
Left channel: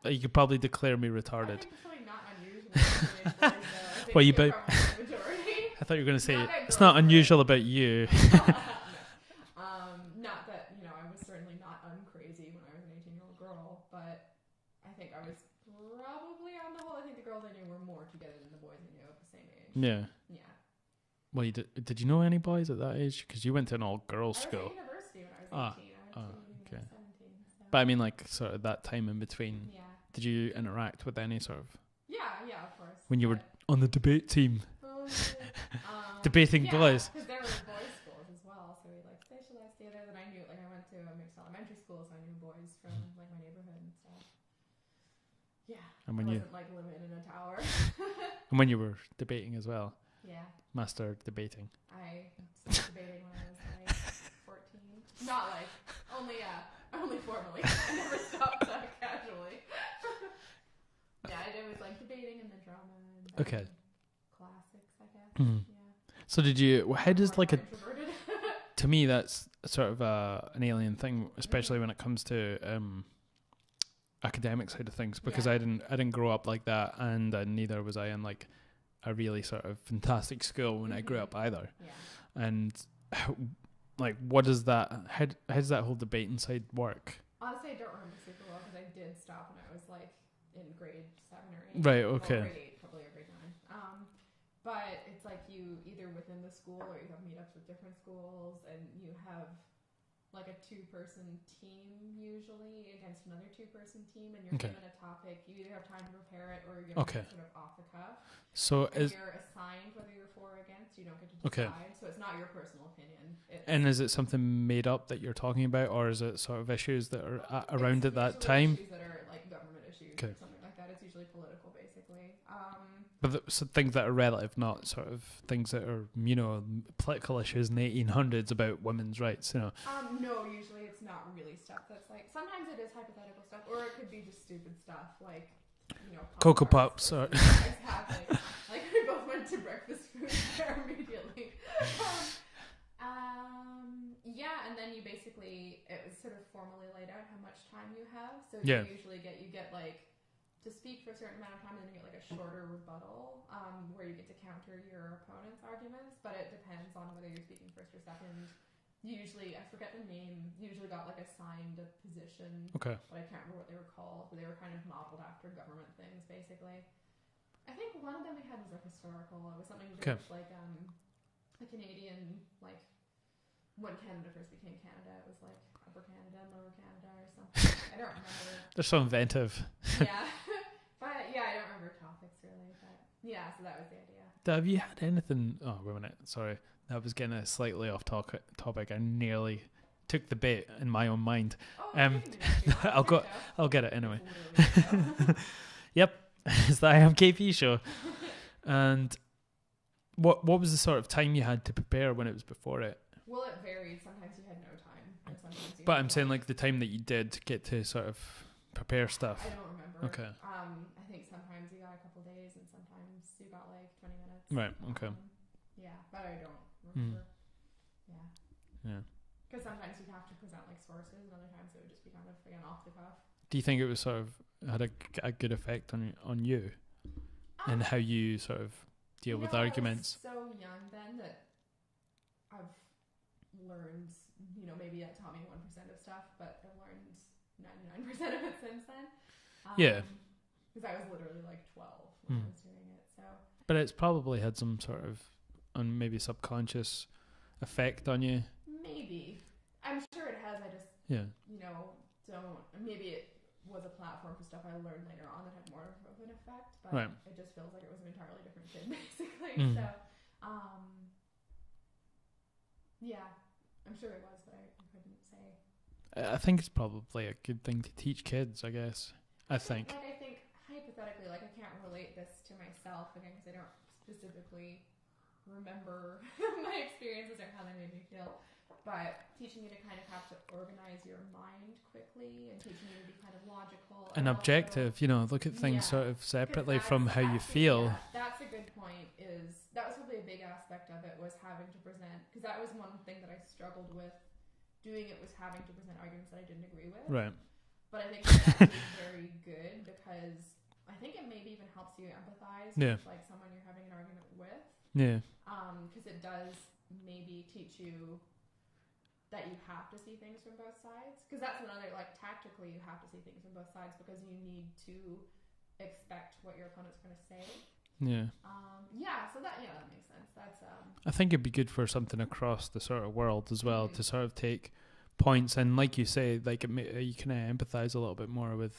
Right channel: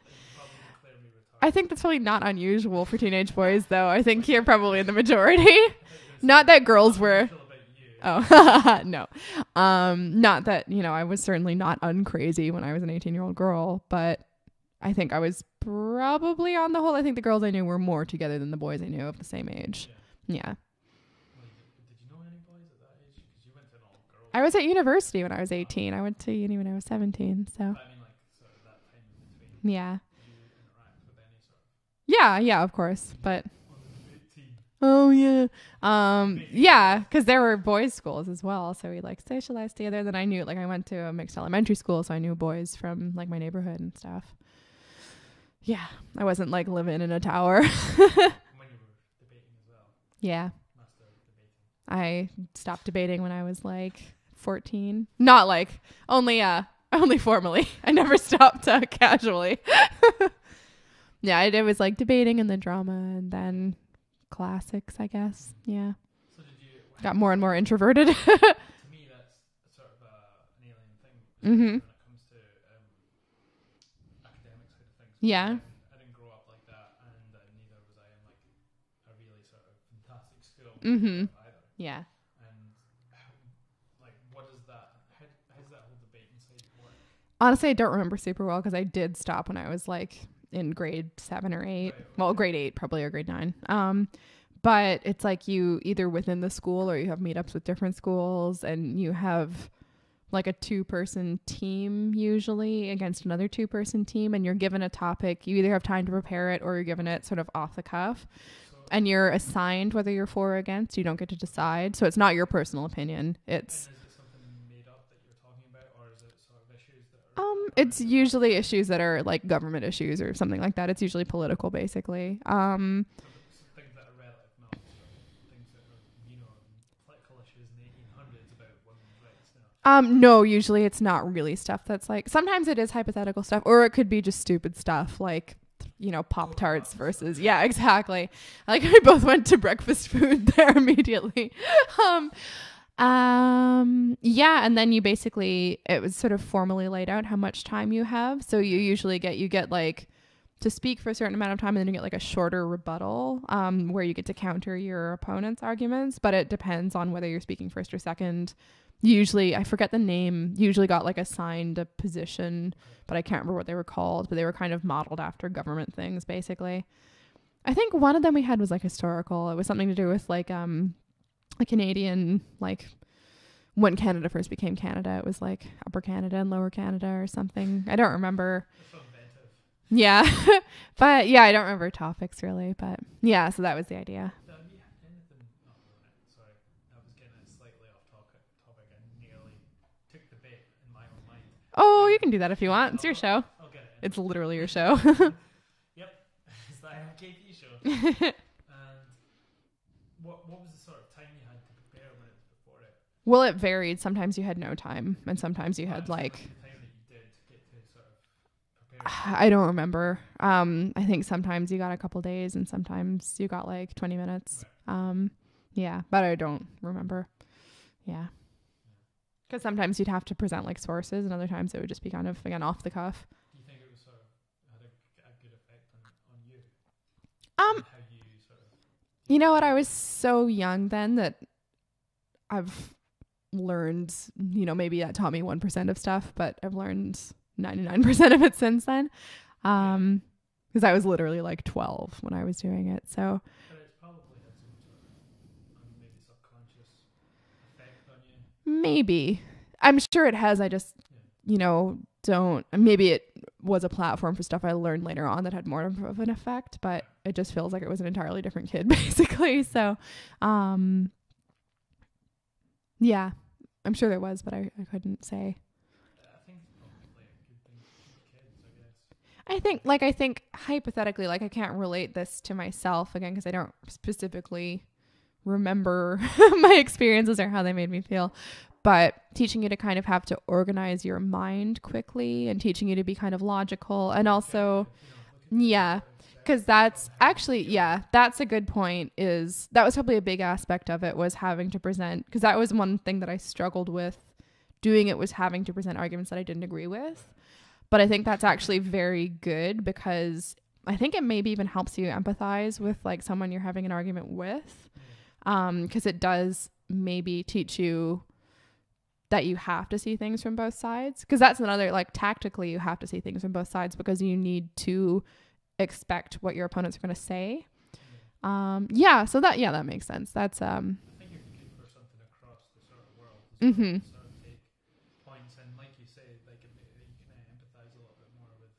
you could probably declare me retarded. I think that's probably not unusual for teenage boys, though. I think you're probably the majority. I thought you were going to say not that girls it's not unusual about you. Oh. No. Not that, you know, I was certainly not uncrazy when I was an 18-year-old girl, but I think I was probably, on the whole, I think the girls I knew were more together than the boys I knew of the same age. Yeah. Well, did you know any boys at that age? Because you went to an all-girls school. I was at university when I was 18. I went to uni when I was 17. So. But I mean, like, sort of that time in between. Yeah. Did you interact with any sort of... Yeah, of course. When you were on the debate team. Oh, yeah. Debating boys. Because there were boys' schools as well. So we, like, socialized together. Then I knew, like, I went to a mixed elementary school, so I knew boys from, like, my neighborhood and stuff. Yeah. I wasn't, like, living in a tower. And when you were debating as well. Yeah. Master debating. I stopped debating when I was like 14. Not like only formally. I never stopped casually. Yeah, it was like debating and then drama and then classics, I guess. Yeah. So did you got more and more introverted? To me, that's sort of an alien thing, especially when it comes to academic side of things, because I didn't grow up like that, and neither was I in like a really sort of fantastic school when I grew up either. Yeah. And like, what is that? How does that whole debating side work? Honestly, I don't remember super well, because I did stop when I was like in grade 7 or 8. Right. Okay. Well, grade 8 probably, or grade 9. But it's like you either within the school or you have meetups with different schools, and you have like a 2-person team usually against another 2-person team, and you're given a topic. You either have time to prepare it or you're given it sort of off the cuff. And you're assigned whether you're for or against. You don't get to decide. So it's not your personal opinion. And is it something made up that you're talking about, or is it sort of issues that are around it's usually issues that are like government issues or something like that. It's usually political, basically. But so things that are relative, not sort of things that are, you know, political issues in the 1800s about women's rights, you know. No, usually it's not really stuff that's like, sometimes it is hypothetical stuff, or it could be just stupid stuff like, you know, Pop-Tarts versus yeah, exactly. Like we both went to breakfast food there immediately. Yeah, and then you basically, it was sort of formally laid out how much time you have. So you usually get like to speak for a certain amount of time, and then you get like a shorter rebuttal where you get to counter your opponent's arguments, but it depends on whether you're speaking first or second. Usually, I forget the name, usually got like assigned a position, but I can't remember what they were called, but they were kind of modeled after government things, basically. I think one of them we had was like historical. It was something to do with like a Canadian, like when Canada first became Canada, it was like Upper Canada and Lower Canada or something. I don't remember. They're so inventive. Yeah. But yeah, I don't remember topics really, but yeah, so that was the idea. Have you had anything? Oh, wait a minute. Sorry. That was getting slightly off topic. I nearly took the bait in my own mind. Oh, you can do that if you want. It's your show. I'll get it anyway. It's literally your show. Yep. It's the IAMKAYPEE show. And what was the sort of time you had to prepare when it was before it? Well, it varied. Sometimes you had no time, and sometimes you had But I'm saying like the time that you did get to sort of prepare stuff. I don't remember. Okay. I think sometimes you got a couple days, and sometimes you got like 20 minutes. Right. Okay. Yeah, but I don't remember. Yeah. Because sometimes you'd have to present like sources, and other times it would just be kind of, again, off the cuff. Do you think it was sort of had a good effect on you? And how you sort of deal with arguments? I was so young then that I've learned, you know, maybe that taught me 1% of stuff, but I've learned 99% of it since then. Because I was literally like 12 when I was doing it. So. But it's probably had some sort of maybe subconscious effect on you. Maybe. I'm sure it has. I just, you know, maybe it was a platform for stuff I learned later on that had more of an effect, but it just feels like it was an entirely different kid, basically. So, Yeah, I'm sure there was, but I couldn't say. I think it's probably a good thing to teach kids, I guess. I think hypothetically, like I can't relate this to myself again because I don't specifically remember my experiences or how they made me feel, but teaching you to kind of have to organize your mind quickly and teaching you to be kind of logical and also, look at things sort of separately from how actually, you feel. That's a good point. That was probably a big aspect of it, was having to present, because that was one thing that I struggled with doing. It was having to present arguments that I didn't agree with. Right. But I think that's actually very good, because I think it maybe even helps you empathize with like someone you're having an argument with. Yeah. Because it does maybe teach you that you have to see things from both sides. Because that's another, like, tactically you have to see things from both sides because you need to expect what your opponents are going to say. Yeah. So that makes sense. That's I think it'd be good for something across the sort of world as well, to sort of take points and, like you say, like you can empathize a little bit more with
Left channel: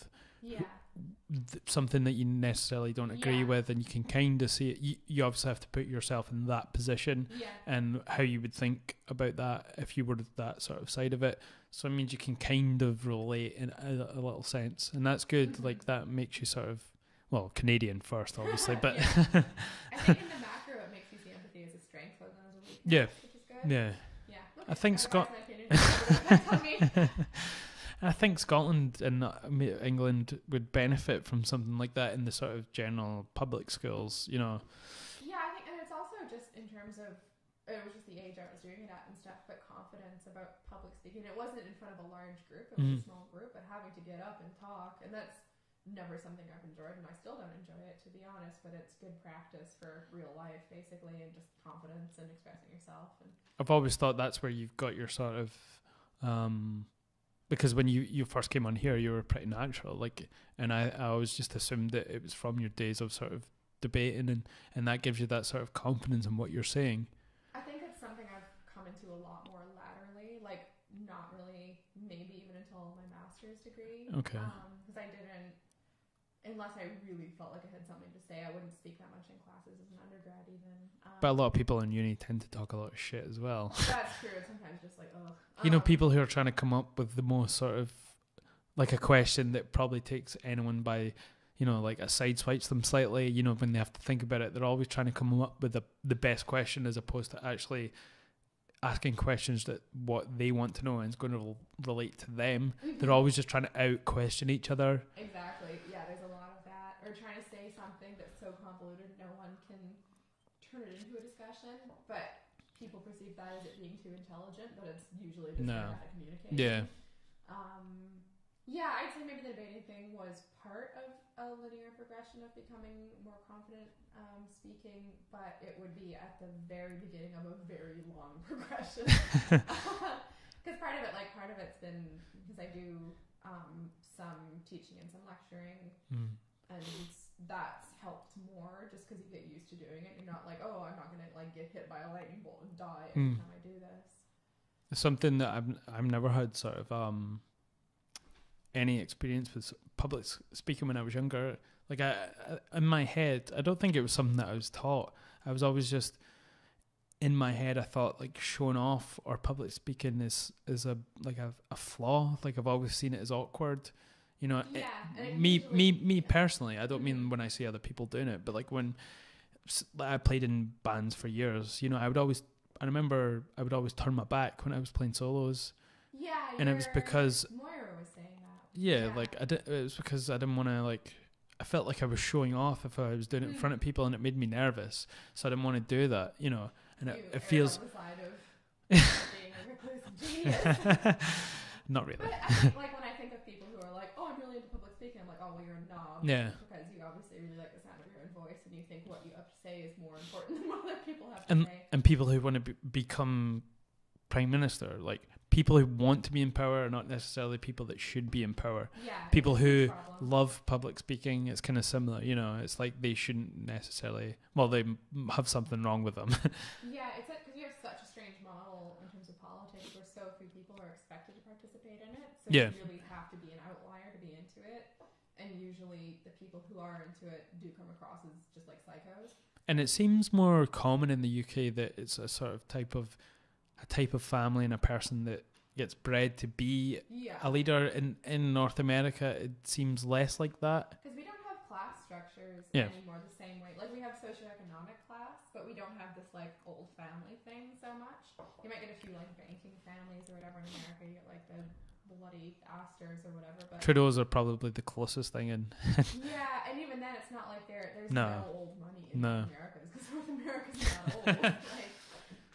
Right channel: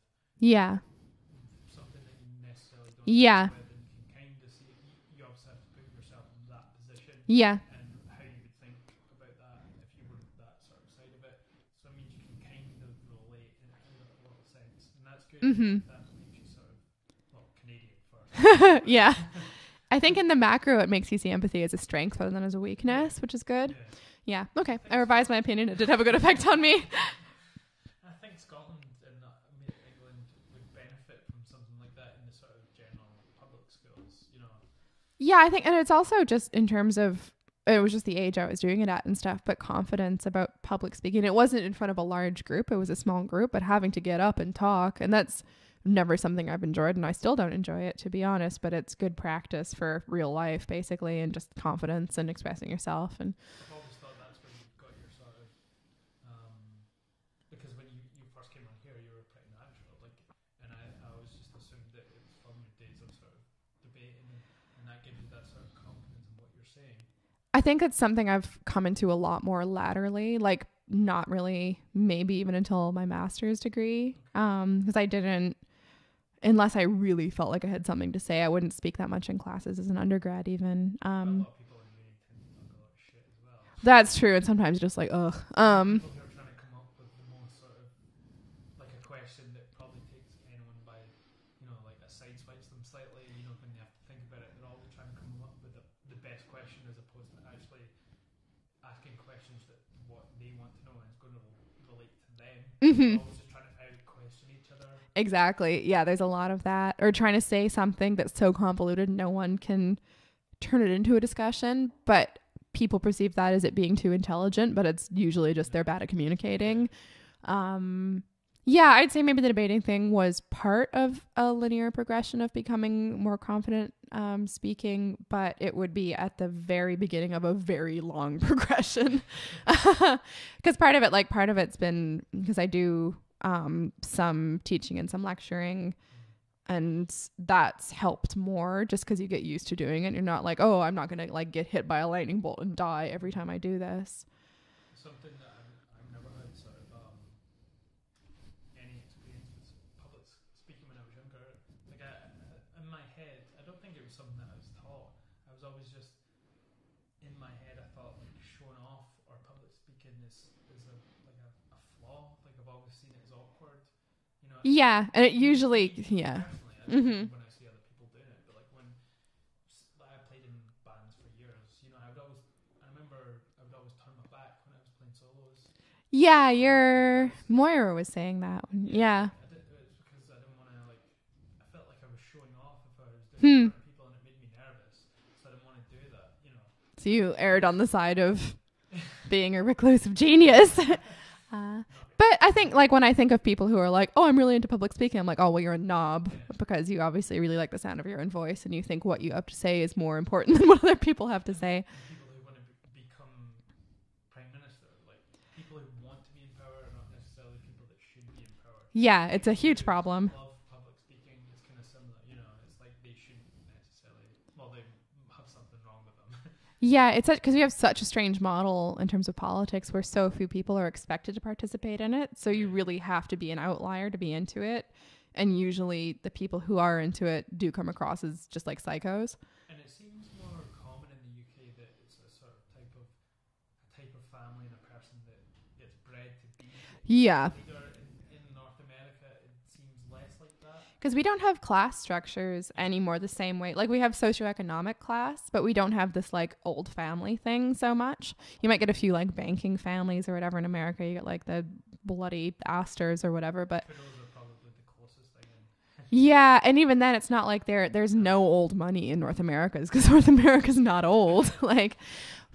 something that you necessarily don't agree with, and you can kind of see it. You obviously have to put yourself in that position, and how you would think about that if you were that sort of side of it. So it means you can kind of relate in a little sense, and that's good. Like that makes you sort of, well, Canadian first, but I think in the macro it makes you see empathy as a strength rather than as a weakness, which is good. Okay, I revised my opinion. It did have a good effect on me. I think Scotland and England would benefit from something like that in the sort of general public schools, I think, and it's also just in terms of, it was just the age I was doing it at and stuff, but confidence about public speaking. It wasn't in front of a large group. It was a small group, but having to get up and talk, and that's never something I've enjoyed, and I still don't enjoy it, to be honest, but it's good practice for real life, basically, and just confidence and expressing yourself. And I've always thought that's where you've got your sort of, because when you first came on here, you were pretty natural, like, and I always just assumed that it was from your days of sort of debating, and that gives you that sort of confidence in what you're saying. I think it's something I've come into a lot more laterally, like not really, maybe even until my master's degree. Okay. Because I didn't, unless I really felt like I had something to say, I wouldn't speak that much in classes as an undergrad even. But a lot of people in uni tend to talk a lot of shit as well. That's true. And sometimes just like, ugh. People who are trying to come up with the most sort of, like a question that probably takes anyone by, like a sideswipes them slightly, when they have to think about it, they're always trying to come up with the best question as opposed to actually asking questions that what they want to know and is going to relate to them. They're always just trying to out question each other. Exactly. Yeah, there's a lot of that. Or trying to say something that's so convoluted no one can turn it into a discussion, but people perceive that as it being too intelligent, but it's usually just they're bad at communicating. I'd say maybe the debating thing was part of a linear progression of becoming more confident speaking, but it would be at the very beginning of a very long progression. Because part of it's been because I do some teaching and some lecturing, and that's helped more just because you get used to doing it. You're not like, oh, I'm not going to like get hit by a lightning bolt and die every time I do this. Something that I've never had sort of any experience with public speaking when I was younger. Like I in my head, I don't think it was something that I was taught. I was always just in my head. I thought like showing off or public speaking is a flaw. Like I've always seen it as awkward, Yeah, and it usually me personally. I don't mean when I see other people doing it, but like when I played in bands for years, I would always turn my back when I was playing solos. Yeah, Moira was saying that. Yeah. Like it was because I didn't want to I felt like I was showing off if I was doing it in front of people, and it made me nervous. So I didn't want to do that, So you erred on the side of being a reclusive genius. Not really. But I think when I think of people who are like, oh, I'm really into public speaking, I'm like, oh, well, you're a knob. Yeah. Because you obviously really like the sound of your own voice, and you think what you have to say is more important than what other people have to say. And people who want to become prime minister, like people who want to be in power are not necessarily people that should be in power. Yeah, people it's a huge problem. Love public speaking. It's kind of similar, it's like they shouldn't necessarily, they have something wrong with them. Yeah, it's because we have such a strange model in terms of politics where so few people are expected to participate in it. So you really have to be an outlier to be into it. And usually the people who are into it do come across as just like psychos. And it seems more common in the UK that it's a sort of type of type of family and a person that gets bred to be a leader. In North America, it seems less like that. Because we don't have class structures anymore the same way. Like, we have socioeconomic class, but we don't have this, like, old family thing so much. You might get a few, like, banking families or whatever in America. You get, like, the bloody Astors or whatever, but Trudeau's are probably the closest thing in. Yeah, and even then it's not like there's no old money in North America, because North America's not old. Like,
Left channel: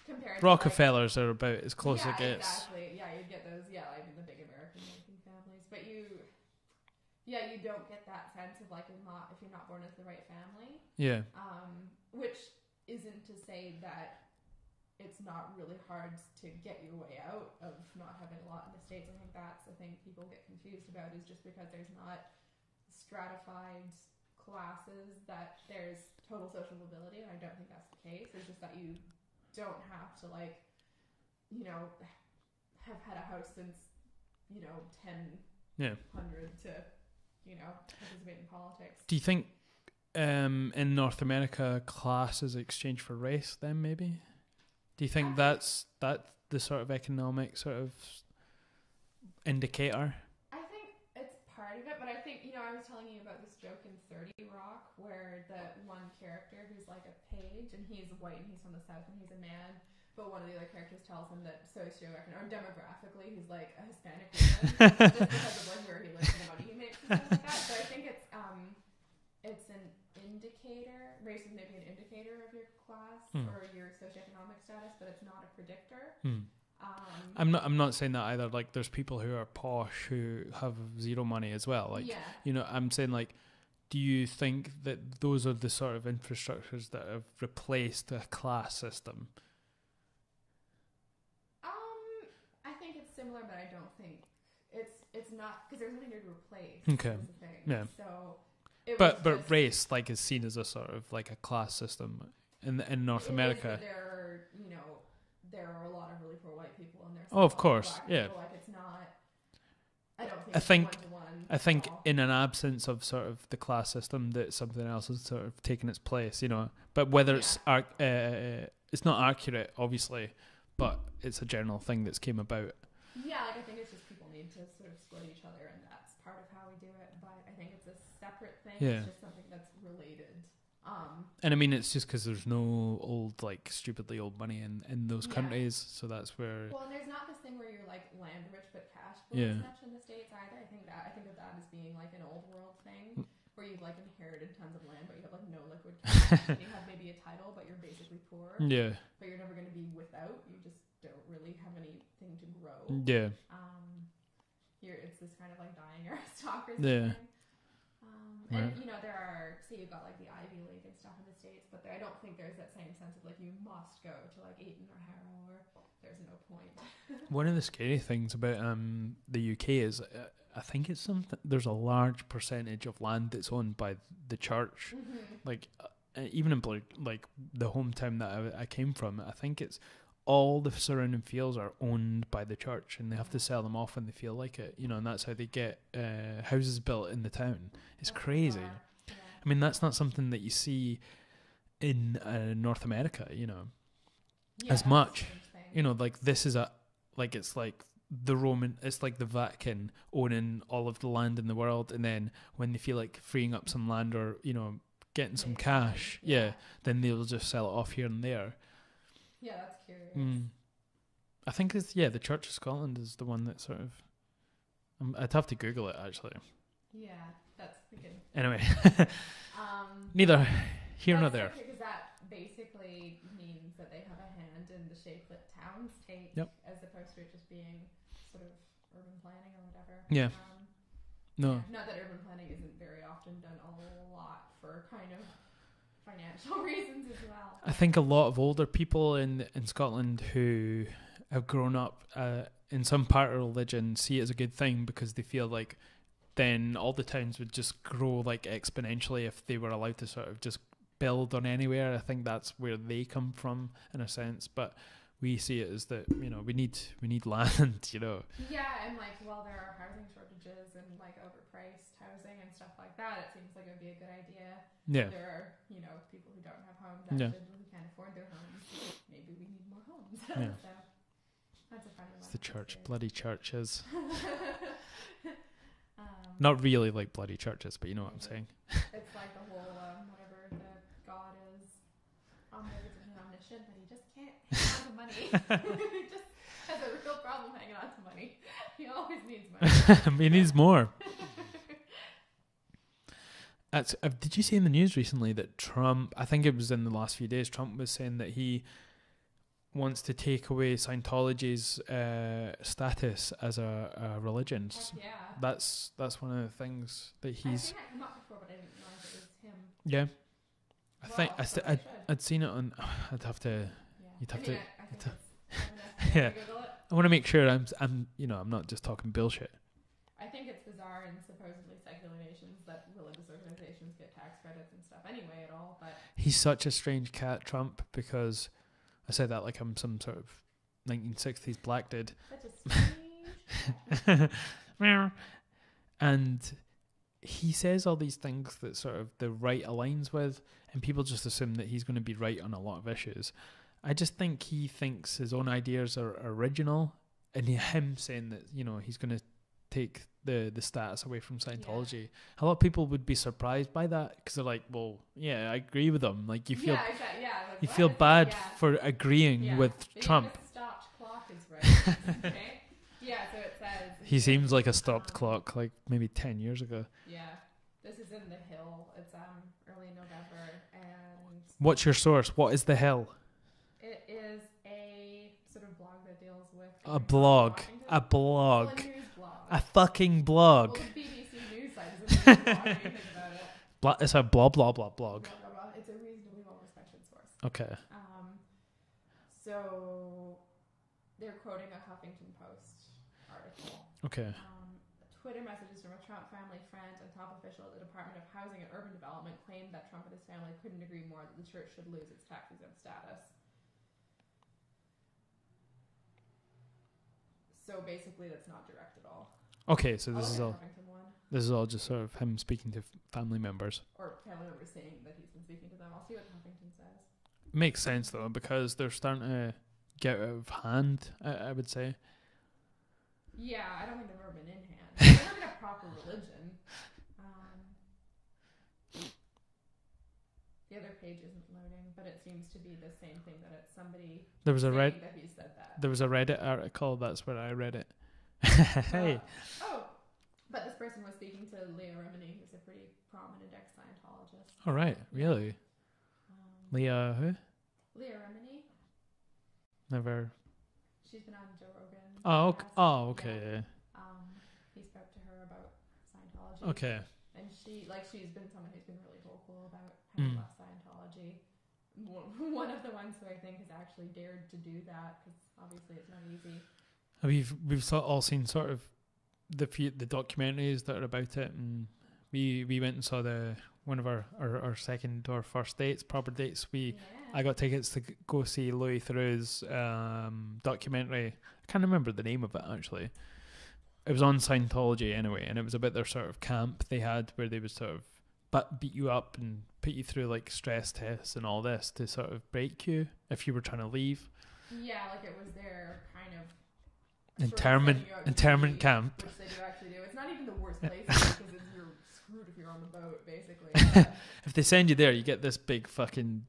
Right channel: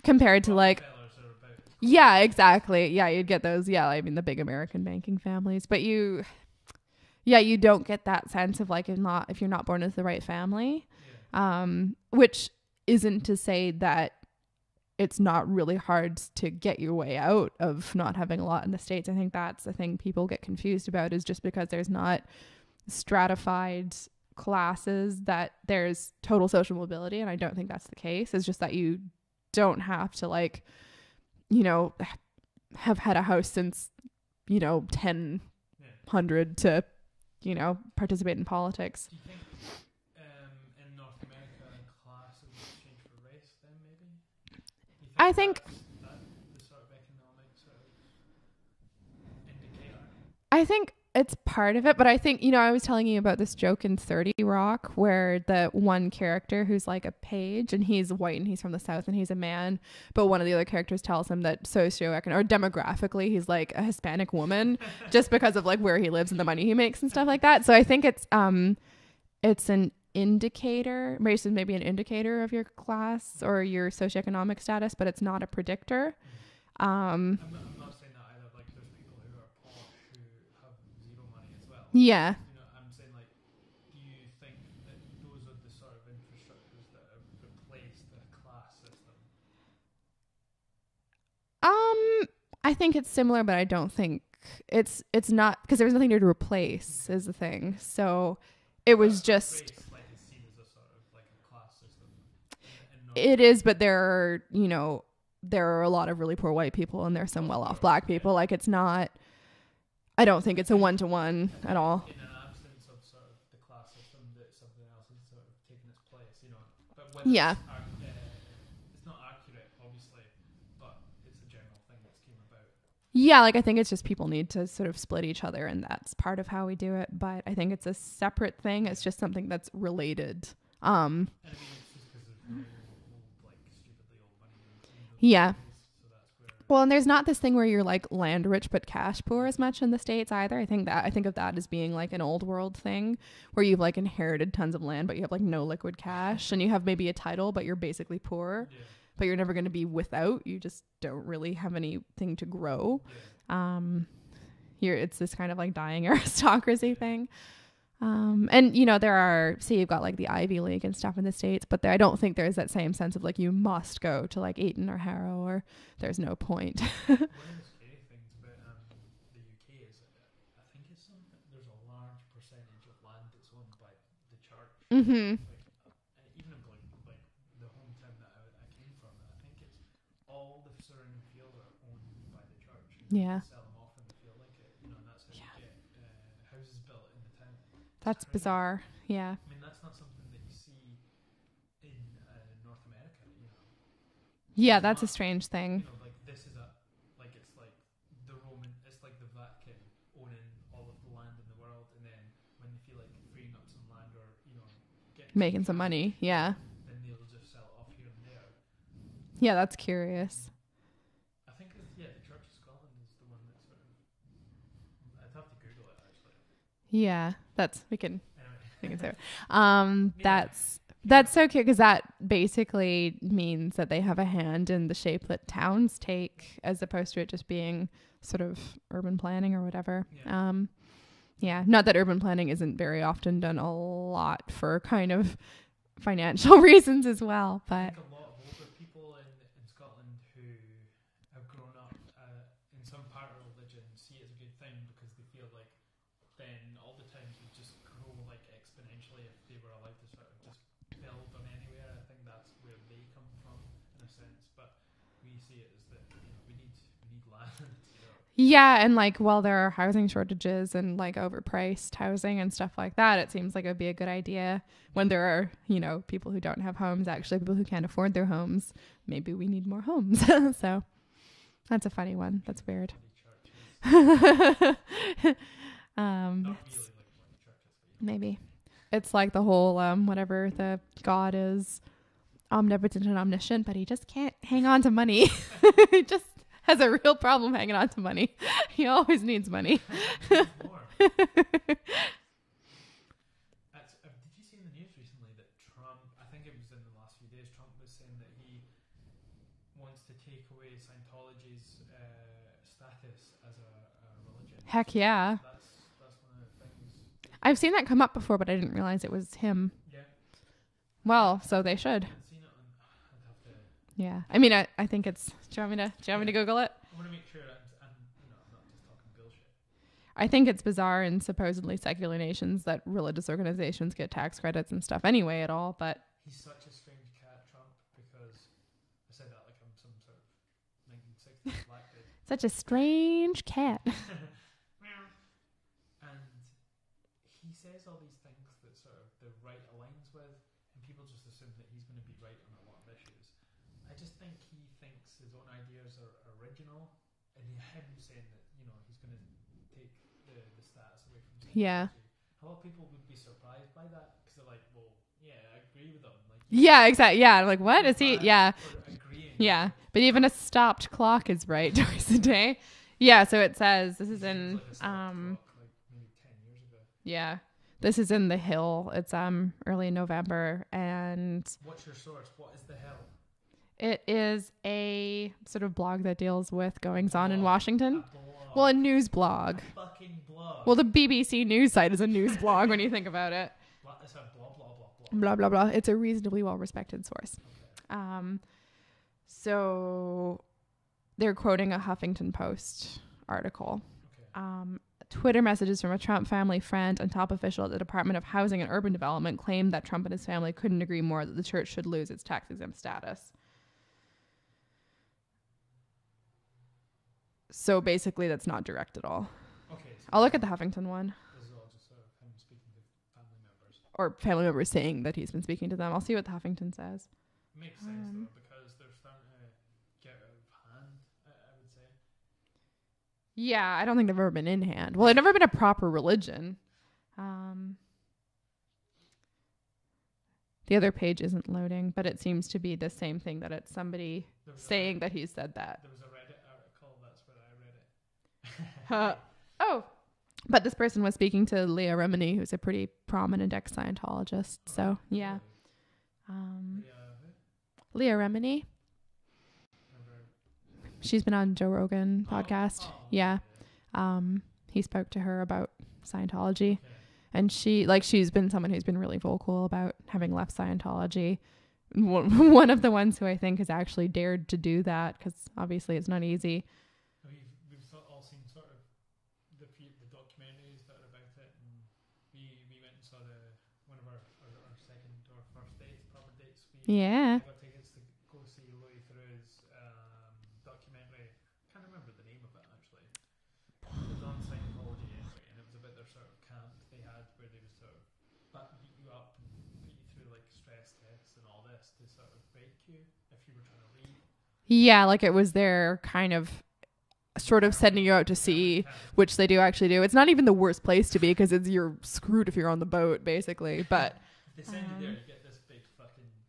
compared to like Rockefellers are about as close. Yeah, exactly. Yeah, you'd get those. Yeah, I mean the big American banking families, but you don't get that sense of like if you're not born into the right family. Yeah. Which isn't to say that it's not really hard to get your way out of not having a lot in the States. I think that's the thing people get confused about, is just because there's not stratified classes that there's total social mobility, and I don't think that's the case. It's just that you don't have to like, have had a house since 1000 to participate in politics. Do you think in North America class is exchange for race then maybe? Do you think that's the sort of economic sort of indicator? I think it's part of it, but I think, I was telling you about this joke in 30 Rock where the one character who's like a page and he's white and he's from the South and he's a man, but one of the other characters tells him that socioeconomic or demographically he's like a Hispanic woman just because of like where he lives and the money he makes and stuff like that. So I think it's an indicator. Race is maybe an indicator of your class or your socioeconomic status, but it's not a predictor. I'm not saying that either. Like, there's people who are posh who have zero money as well. Like, I'm saying, like, do you think that those are the sort of infrastructures that have replaced a class system? I think it's similar, but I don't think it's not, because there's nothing to replace is the thing. Yeah. So it was just race, like, is seen as a sort of like a class system in North America. It is, but there are, there are a lot of really poor white people and there's some well-off black people. Yeah. Like, it's not, I don't think it's a one-to-one at all. In an absence of sort of the class system, that something else has sort of taken its place, But whether it's not accurate, obviously, but it's a general thing that's came about. Yeah, like, I think it's just people need to sort of split each other, and that's part of how we do it. But I think it's a separate thing. Yeah. It's just something that's related. And I mean, it's just because there's no old, like, stupidly old money in those countries, so that's where. Well, and there's not this thing where you're like land rich but cash poor as much in the States either. I think of that as being like an old world thing where you've like inherited tons of land, but you have like no liquid cash, and you have maybe a title, but you're basically poor. Yeah. But you're never going to be without. You just don't really have anything to grow. Yeah. It's this kind of like dying aristocracy thing. And there are, say you've got like the Ivy League and stuff in the States, but I don't think there's that same sense of like you must go to like Eton or Harrow, or there's no point. One of the scary things about the UK is I think it's something, there's a large percentage of land that's owned by the church. Like even in like the hometown that I came from, I think it's all the surrounding fields are owned by the church, and they have to sell them off when they feel like it, and that's how they get houses built in the town. It's that's crazy. Bizarre. Yeah. I mean, that's not something that you see in North America, Yeah, that's much. A strange thing. Like this is it's like it's like the Vatican owning all of the land in the world, and then when they feel like freeing up some land or, getting making some cash, money, then they'll just sell it off here and there. Yeah, that's curious. I think it's the Church of Scotland is the one that sort of. I'd have to Google it actually. Yeah, we can. Anyway, that's so cute, because that basically means that they have a hand in the shape that towns take, as opposed to it just being sort of urban planning or whatever. Yeah. Yeah, not that urban planning isn't very often done a lot for kind of financial reasons as well. I think a lot of older people in Scotland who have grown up in some part of religion see it as a good thing, because they feel like then all the towns would just grow like exponentially if they were allowed to sort of just build on anywhere. I think that's where they come from in a sense, but we see it as that, we need land, Yeah, and like while there are housing shortages and like overpriced housing and stuff like that, it seems like it would be a good idea when there are, people who don't have homes, actually people who can't afford their homes. Maybe we need more homes. So That's a funny one. That's weird. Bloody churches. Not really like bloody churches, but you know maybe. What I'm saying. It's like the whole whatever the God is omnipotent and omniscient, but he just can't hang on to money. He just has a real problem hanging on to money. He always needs money. He needs more. Did you see in the news recently that Trump, I think it was in the last few days, Trump was saying that he wants to take away Scientology's status as a religion. Heck yeah. That's one of the things that I've seen that come up before, but I didn't realize it was him. Yeah. They should. I'd seen it on. I'd have to. Yeah. I mean, I think it's. Do you want me to Google it? I want to make sure I'm not just talking bullshit. I think it's bizarre in supposedly secular nations that religious organizations get tax credits and stuff anyway at all, but he's such a strange cat, Trump, because I say that like I'm some sort of 1960s black dude. Such a strange cat. And he says all these things that sort of the right aligns with, and people just assume that he's going to be right on a lot of issues. I just think he thinks his own ideas are original, and him saying that, he's going to take the status away from Scientology. Yeah. A lot of people would be surprised by that because they're like, well, yeah, I agree with them. Like, exactly. Yeah. I'm like, what is he? Yeah. For agreeing with but Trump. Even a stopped clock is right twice a day. Yeah. So it says. He seems like a stopped clock, like maybe 10 years ago. Yeah. This is in The Hill. It's early November. And what's your source? What is The Hill? It is a sort of blog that deals with goings on in Washington. A blog. Well, a news blog. A fucking blog. Well, the BBC news site is a news blog when you think about it. It's a blah, blah, blah, blog. Blah, blah, blah. It's a reasonably well-respected source. Okay. So they're quoting a Huffington Post article. Okay. Twitter messages from a Trump family friend and top official at the Department of Housing and Urban Development claimed that Trump and his family couldn't agree more that the church should lose its tax-exempt status. So basically, that's not direct at all. Okay, so I'll look at the Huffington one. This is all just sort of him speaking to family members. Or family members saying that he's been speaking to them. I'll see what the Huffington says. Makes sense, though, because they're starting to get out of hand, I would say. Yeah, I don't think they've ever been in hand. Well, they've never been a proper religion. The other page isn't loading, but it seems to be the same thing, that it's somebody saying that he said that. There was a Reddit article. That's where I read it. Hey. But this person was speaking to Leah Remini, who's a pretty prominent ex-Scientologist. All right. Yeah. Really? Leah who? Leah Remini. Never. She's been on Joe Rogan podcast. Oh, okay. Yeah. He spoke to her about Scientology. Okay. And she's been someone who's been really vocal about having left Scientology. One of the ones who I think has actually dared to do that, because obviously it's not easy. We've all seen sort of the documentaries that are about it, and we went and saw one of our second or first dates, proper dates. I got tickets to go see Louis Theroux's documentary. I can't remember the name of it actually. It was on Scientology anyway, and it was about their sort of camp they had where they would sort of beat you up and put you through like stress tests and all this to sort of break you if you were trying to leave. Yeah, like it was their kind of sort of sending you out to sea, camp. Which they do actually do. It's not even the worst place to be because you're screwed if you're on the boat, basically. But if they send you there, you get this big fucking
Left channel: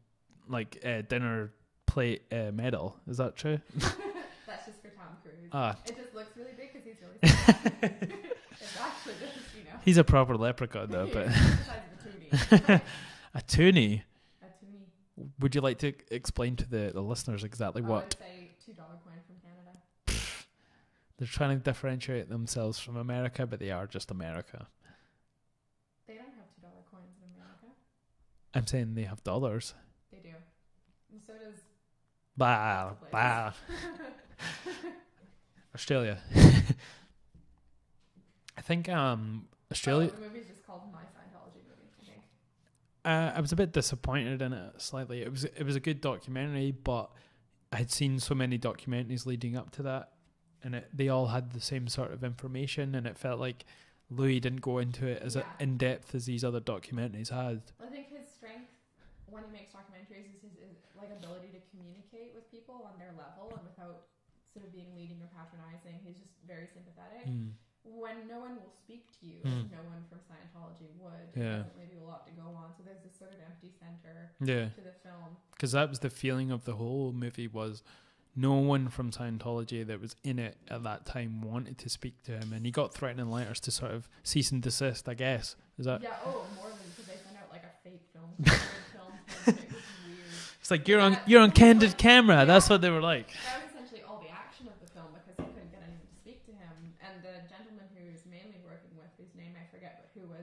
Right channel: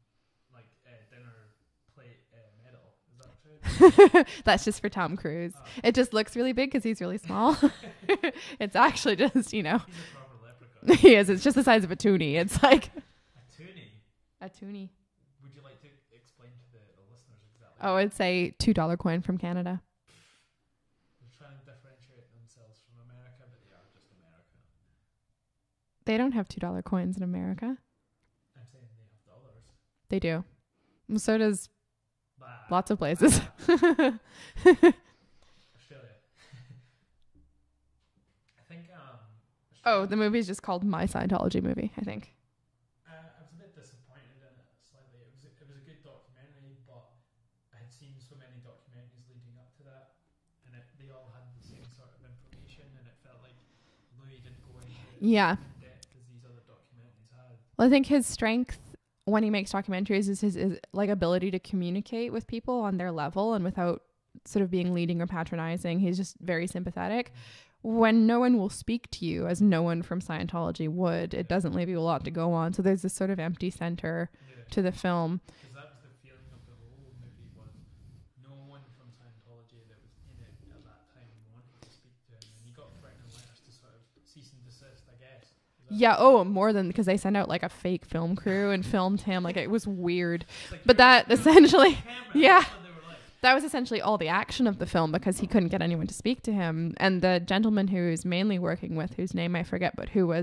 like dinner plate medal. Is that true? That's just for Tom Cruise. It just looks really big because he's really small. It's actually just, he's a proper leprechaun. He is. It's just the size of a toonie. It's like a toonie. A toonie. Would you like to explain to the listeners exactly what? It's a $2 coin from Canada. They're trying to differentiate themselves from America, but they are just America. They don't have $2 coins in America. I'm saying they have dollars. They do. Well, so does lots of places. Australia. I think Australia. The movie is just called My Scientology Movie, I think. I was a bit disappointed in it slightly. It was a good documentary, but I had seen so many documentaries leading up to that, and they all had the same sort of information, and it felt like Louis didn't go into it as in depth as these other documentaries had. Well, I think his strength when he makes documentaries is his like ability to communicate with people on their level and without sort of being leading or patronizing. He's just very sympathetic. When no one will speak to you, as no one from Scientology would, it doesn't leave you a lot to go on. So there's this sort of empty center to the film. Because that was the feeling of the whole movie, was no one from Scientology that was in it at that time wanted to speak to him, and he got threatening letters to sort of cease and desist, I guess. Is that more than, because they sent out like a fake film crew and filmed him. Like, it was weird. It's like, you're on candid camera. That's what they were like. That was essentially all the action of the film, because he couldn't get anyone to speak to him. And the gentleman who's mainly working with, whose name I forget, but who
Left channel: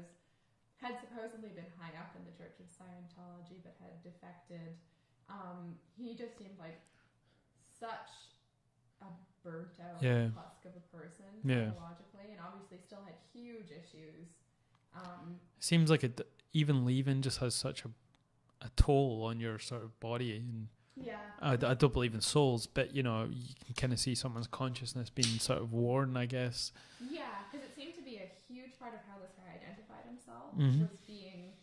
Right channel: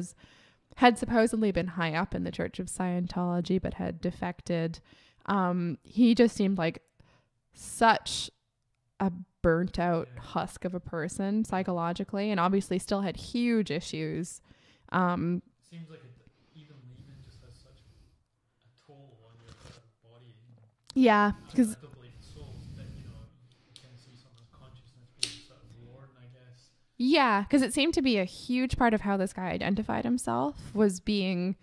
had supposedly been high up in the Church of Scientology but had defected. He just seemed like such a burnt out husk of a person psychologically, and obviously still had huge issues. Seems like even leaving just has such a toll on your sort of body. And I don't believe in souls, but you can kind of see someone's consciousness being sort of worn, I guess. Yeah, because it seemed to be a huge part of how this guy identified himself was being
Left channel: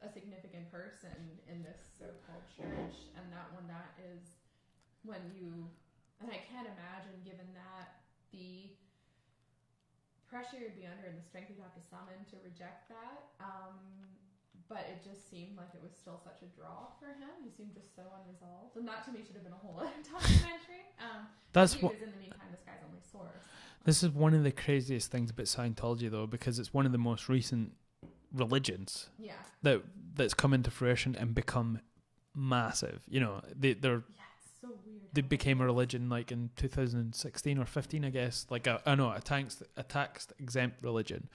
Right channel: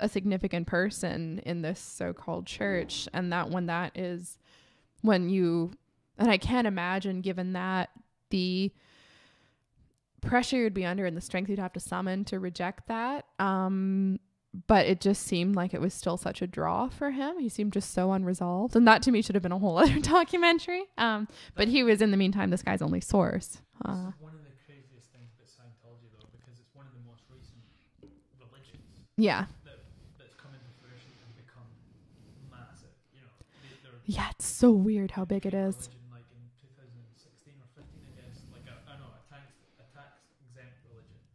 a significant person in this so-called church, and and I can't imagine, given that, the pressure you'd be under and the strength you'd have to summon to reject that. But it just seemed like it was still such a draw for him. He seemed just so unresolved. And that to me should have been a whole other documentary. But he was, in the meantime, this guy's only source. This is one of the craziest things about Scientology, though, because it's one of the most recent religions that's come into fruition and become massive. They're it's so weird how they became a religion like in 2016 or 15, I guess. Like a tax exempt religion.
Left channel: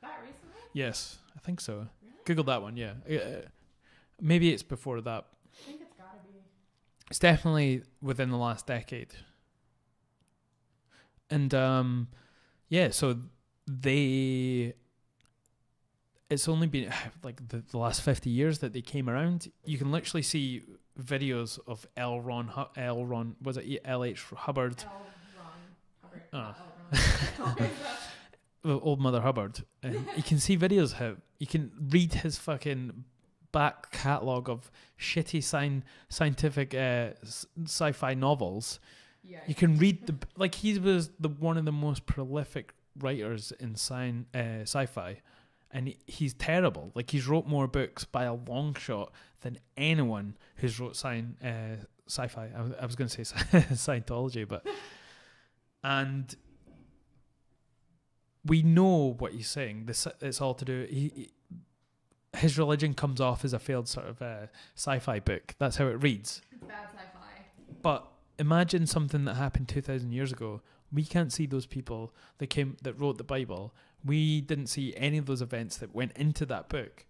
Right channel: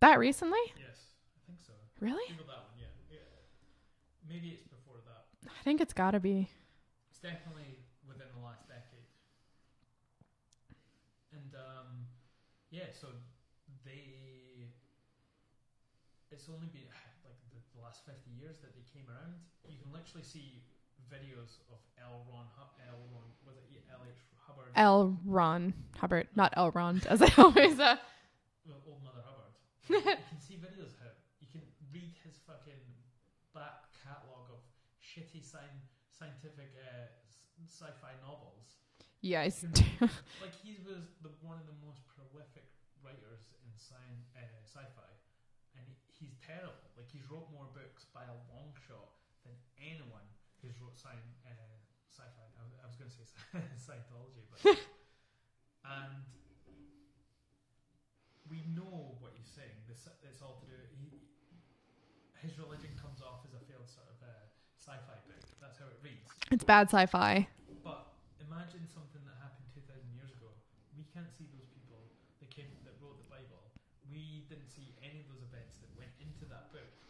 That recently? Yes, I think so. Really? Google that one. Maybe it's before that. I think it's gotta be. It's definitely within the last decade. And so it's only been like the last 50 years that they came around. You can literally see videos of L. Ron Hubbard? L. Ron Hubbard, not L. Ron, as I always Old Mother Hubbard. And you can see videos how you can read his fucking back catalogue of shitty scientific sci-fi novels. Yeah, you can read he was one of the most prolific writers in sci-fi. And he's terrible. Like, he's wrote more books by a long shot than anyone who's wrote sci-fi. I was going to say Scientology, but and we know what he's saying. It's all to do. His religion comes off as a failed sort of sci-fi book. That's how it reads. It's bad sci-fi. But imagine something that happened 2,000 years ago. We can't see those people that wrote the Bible. We didn't see any of those events that went into that book.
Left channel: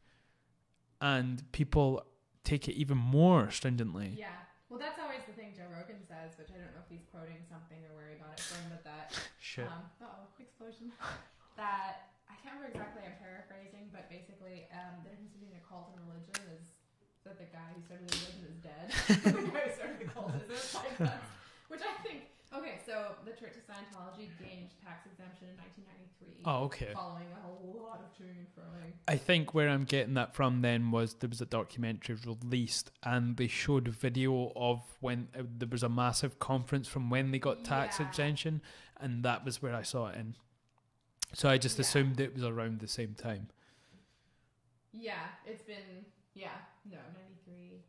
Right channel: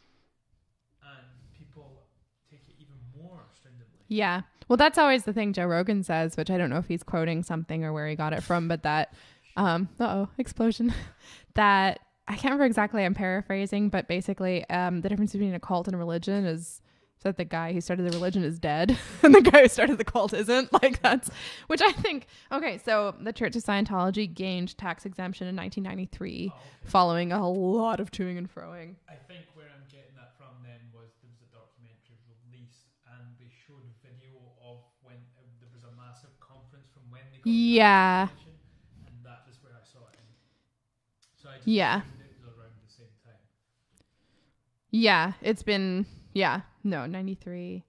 And people take it even more stringently. Yeah. Well, that's always the thing Joe Rogan says, which I don't know if he's quoting something or where he got it from, but that, explosion. That, I can't remember exactly, I'm paraphrasing, but basically the difference between a cult and a religion is that the guy who started the religion is dead and the guy who started the cult isn't. Like, that's, which I think, okay, so the Church of Scientology gained tax exemption in 1993 following a lot of toing and froing. I think where I'm getting that from then was there was a documentary released and they showed a video of when there was a massive conference from when they got tax exemption, and that was where I saw it in. So I just assumed it was around the same time. Yeah, it's been... 93.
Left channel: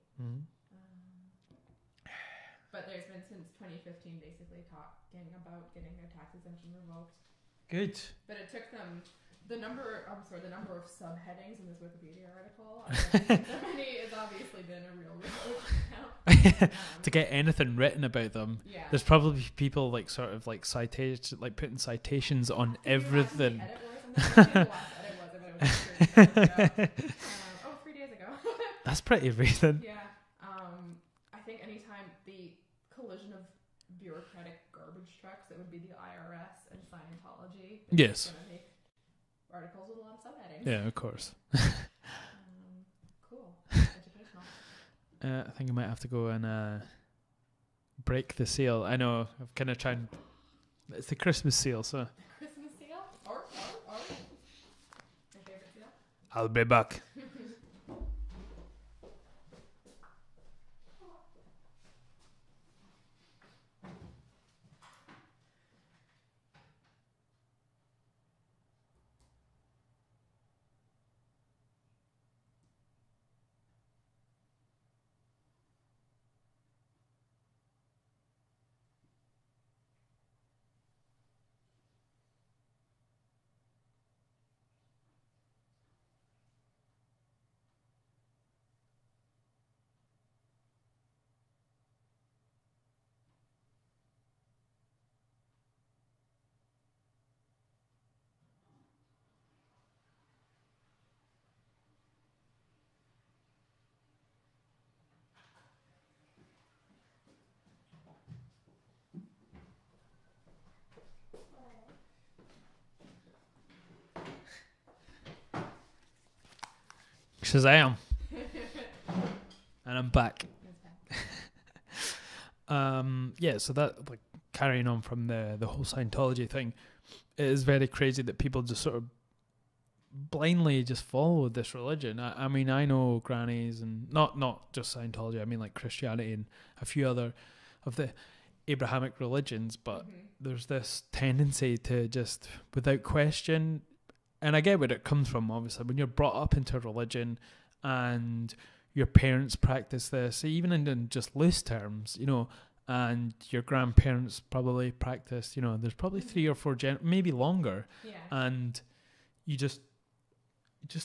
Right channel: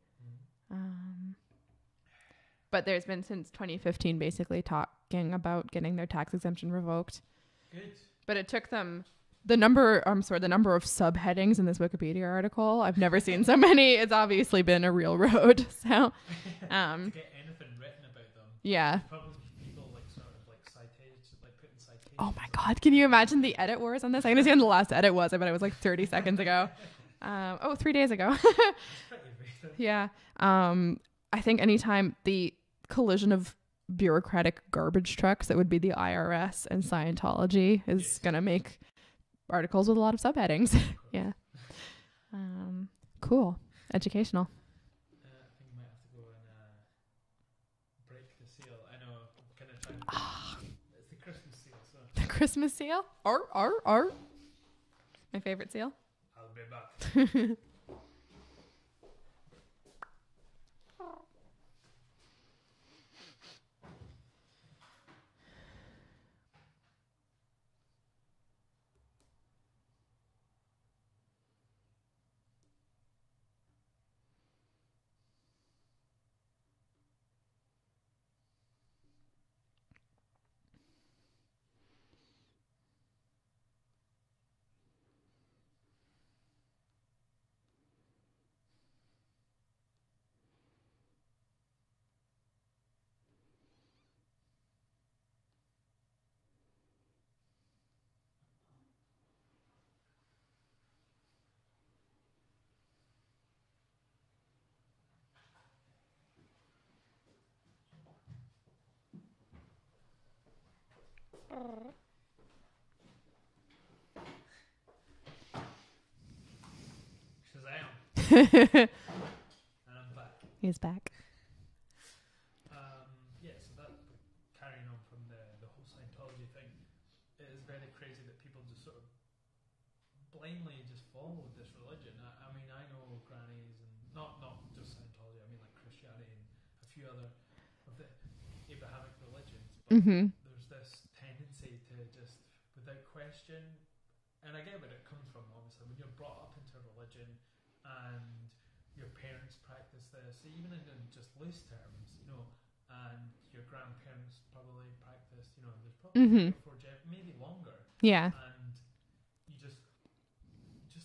But there's been since 2015 basically talking about getting their tax exemption revoked. Good. But it took them the number of subheadings in this Wikipedia article. I've never seen so many. It's obviously been a real road. So to get anything written about them, there's probably people like sort of like citations, like putting citations on. Can you imagine the edit wars on this? I understand the last edit was. I bet it was like 30 seconds ago. 3 days ago. That's pretty recent. Yeah. I think anytime the collision of bureaucratic garbage trucks that would be the IRS and Scientology is gonna make articles with a lot of subheadings. Yeah, of course. Yeah. Cool. Educational. I think I might have to go and break the seal. I know. I'm kind of trying. It's the Christmas seal, so. The Christmas seal? My favorite seal. I'll be back. Shazam. And I'm back. He's back. Yeah, so that, like, carrying on from the whole Scientology thing, it is very crazy that people just sort of blindly just follow this religion. I mean, I know grannies, and not just Scientology, I mean like Christianity and a few other of the Abrahamic religions, but there's this tendency to just, without question, and I get where it comes from, obviously, when you're brought up into a religion and your parents practice this, even in just loose terms, you know, and your grandparents probably practice, you know, there's probably 3 or 4 maybe longer. Yeah. And you just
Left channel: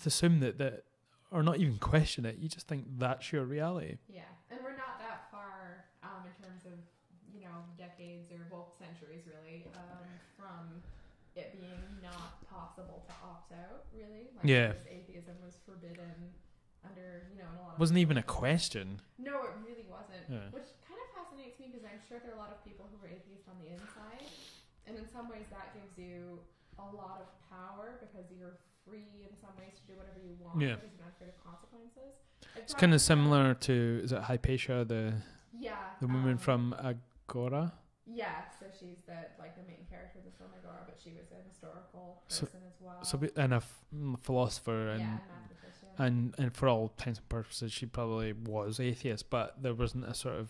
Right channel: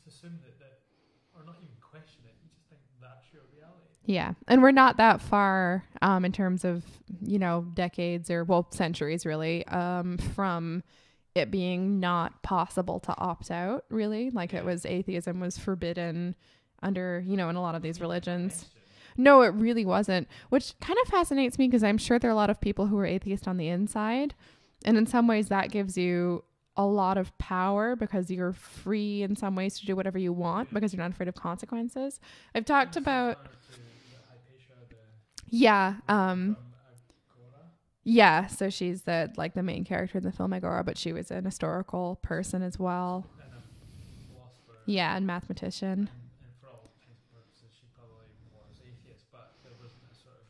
assume that, or not even question it, you just think that's your reality. Yeah. And we're not that far in terms of, you know, decades or, well, centuries really, from it being not possible to opt out, really. Like it was, atheism was forbidden under, you know, in a lot of these religions. Wasn't even a question. No, it really wasn't, which kind of fascinates me because I'm sure there are a lot of people who are atheist on the inside. And in some ways that gives you a lot of power because you're free in some ways to do whatever you want because you're not afraid of consequences. I've talked about... It's kind of similar to, is it Hypatia, the woman from Agora? Yeah, so she's the main character in the film Agora, but she was an historical person as well. And a philosopher. Yeah, and mathematician. And for all intents and purposes, she probably was atheist, but there wasn't a sort of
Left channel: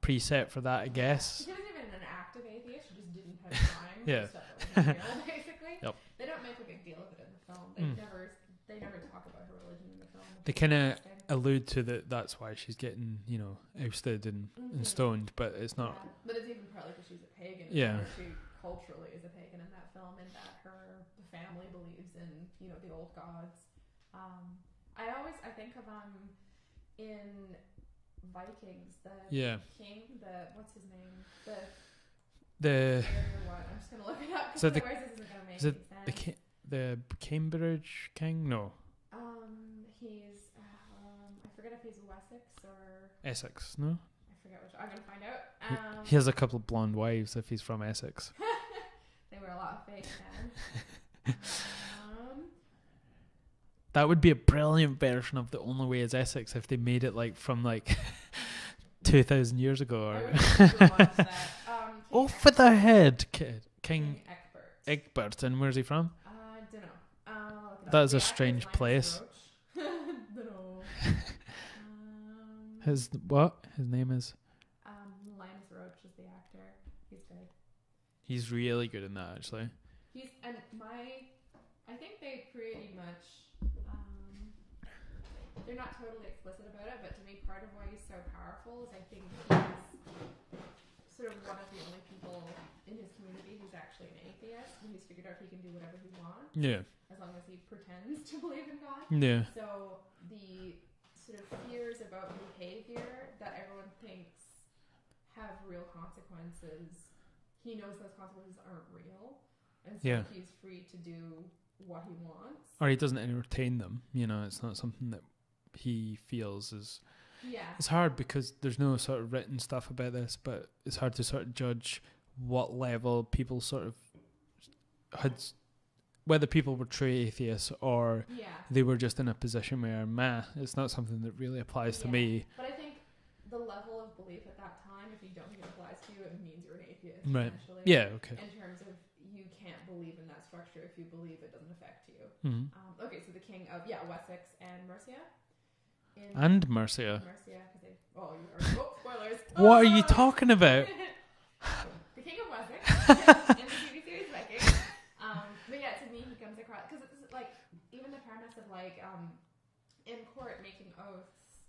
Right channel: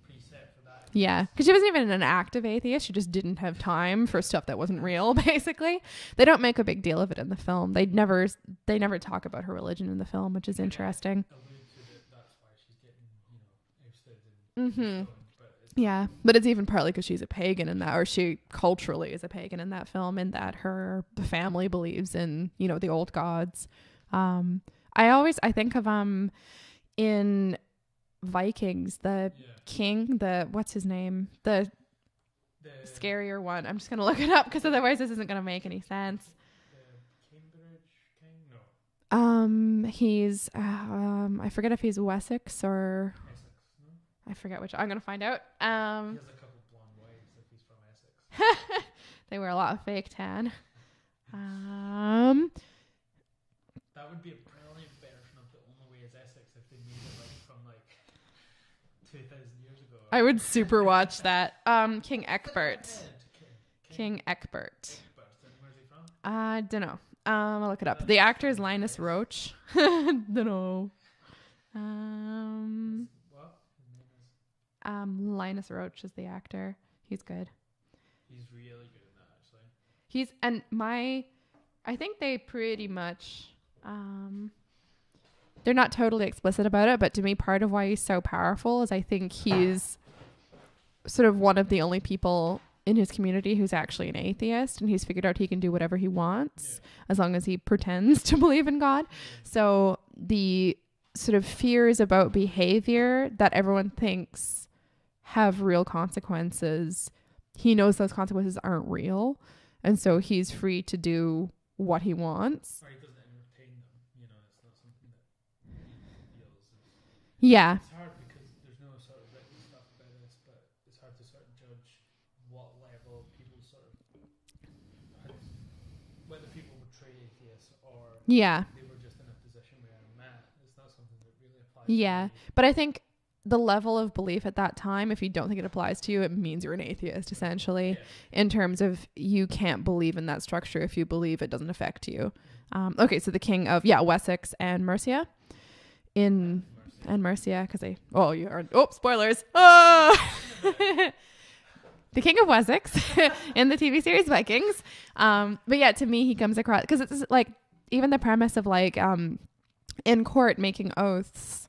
preset for that, I guess. Yeah, because she wasn't even an active atheist. She just didn't have time for stuff that wasn't real, basically. Yep. They don't make a big deal of it in the film. They never talk about her religion in the film, which is interesting. Allude to that's why she's getting, you know, ousted and stoned, but it's not. Yeah, but it's even partly because she's a pagan in that, or she culturally is a pagan in that film, in that the family believes in, you know, the old gods. I think of in Vikings, the king, what's his name, the scarier one. I'm just gonna look it up because otherwise this isn't gonna make any sense. The Cambridge king? No. He's I forget if he's Wessex or Essex. No, I forget which. I'm gonna find out. He has a couple of blonde wives if he's from Essex. They wear a lot of fake tan. That would be a brilliant version of The Only Way is Essex if they made it like from like 2,000 years ago. I would super watch that. King Egbert. With the head, kid. King Egbert. Egbert, and where's he from? I don't know. I'll look it up. The actor is Linus Roach. Don't know. His name is? Linus Roach is the actor. He's good. He's really good in that, actually. I think they pretty much, they're not totally explicit about it, but to me, part of why he's so powerful is I think he's sort of one of the only people in his community who's actually an atheist, and he's figured out he can do whatever he wants as long as he pretends to believe in God. Yeah. So the sort of fears about behavior that everyone thinks have real consequences, he knows those consequences aren't real, and so he's free to do what he wants, or he doesn't entertain them. You know, it's not something that he feels is. Yeah, it's hard because there's no sort of written stuff about this, but it's hard to sort of judge what level people sort of had, whether people were true atheists or they were just in a position where it's not something that really applies to me. But I think the level of belief at that time, if you don't think it applies to you, it means you're an atheist, essentially. Yeah. Okay. In terms of you can't believe in that structure if you believe it doesn't affect you. Mm-hmm. Okay, so the king of Wessex and Mercia. Mercia, because spoilers. What are you talking about? The king of Wessex in the TV series Vikings. But yeah, to me, he comes across, because it's like even the premise of like in court making oaths.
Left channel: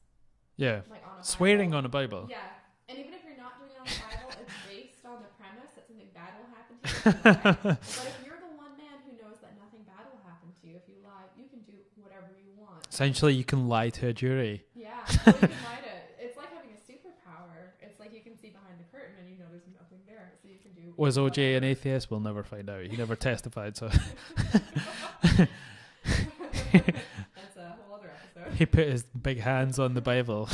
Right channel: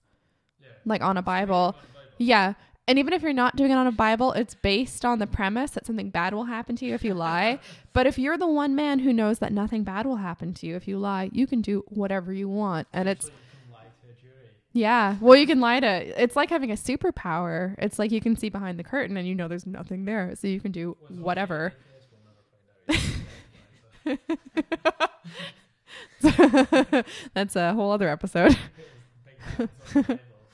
Yeah. Like on a Bible. Swearing on a Bible. Yeah. And even if you're not doing it on a Bible, it's based on the premise that something bad will happen to you if you lie. But if you're the one man who knows that nothing bad will happen to you if you lie, you can do whatever you want. Essentially, you can lie to a jury. Yeah. Well, you can lie to... It's like having a superpower. It's like you can see behind the curtain and you know there's nothing there. So you can do whatever. Was OJ an atheist? We'll never find out. He never testified, so... That's a whole other episode. He put his big hands on the Bible.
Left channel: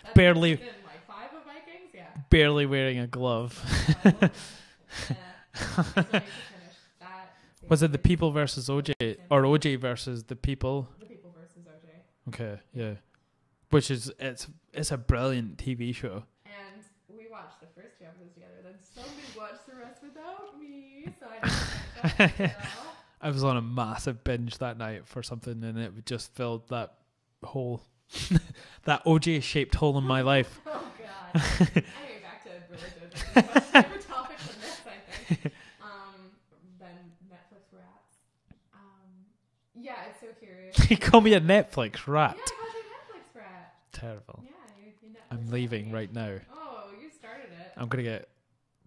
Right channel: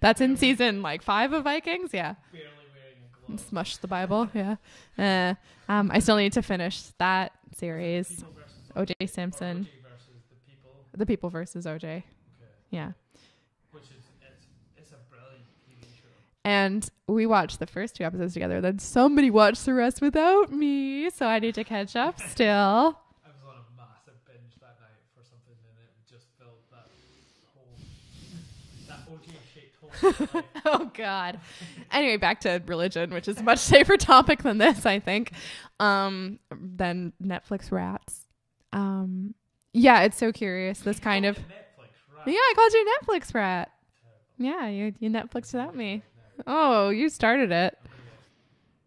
That's in season 5 of Vikings. Yeah, barely wearing a glove. Smushed the Bible. Yeah. I still need to finish that series. Was it The People versus OJ? Or OJ versus The People? The People versus OJ. Okay. Yeah. Which is, it's a brilliant TV show. And we watched the first 2 episodes together. Then somebody watched the rest without me. So I need to catch up still. I was on a massive binge that night for something, and it just filled that hole, that OJ-shaped hole in my life. Oh, God. Anyway, back to religion, which is a much safer topic than this, I think. Than Netflix rats. Yeah, it's so curious. You called me a Netflix rat. Yeah, I called you a Netflix rat. Terrible. Yeah, you Netflix I'm rat leaving me right now. Oh, you started it. I'm going to get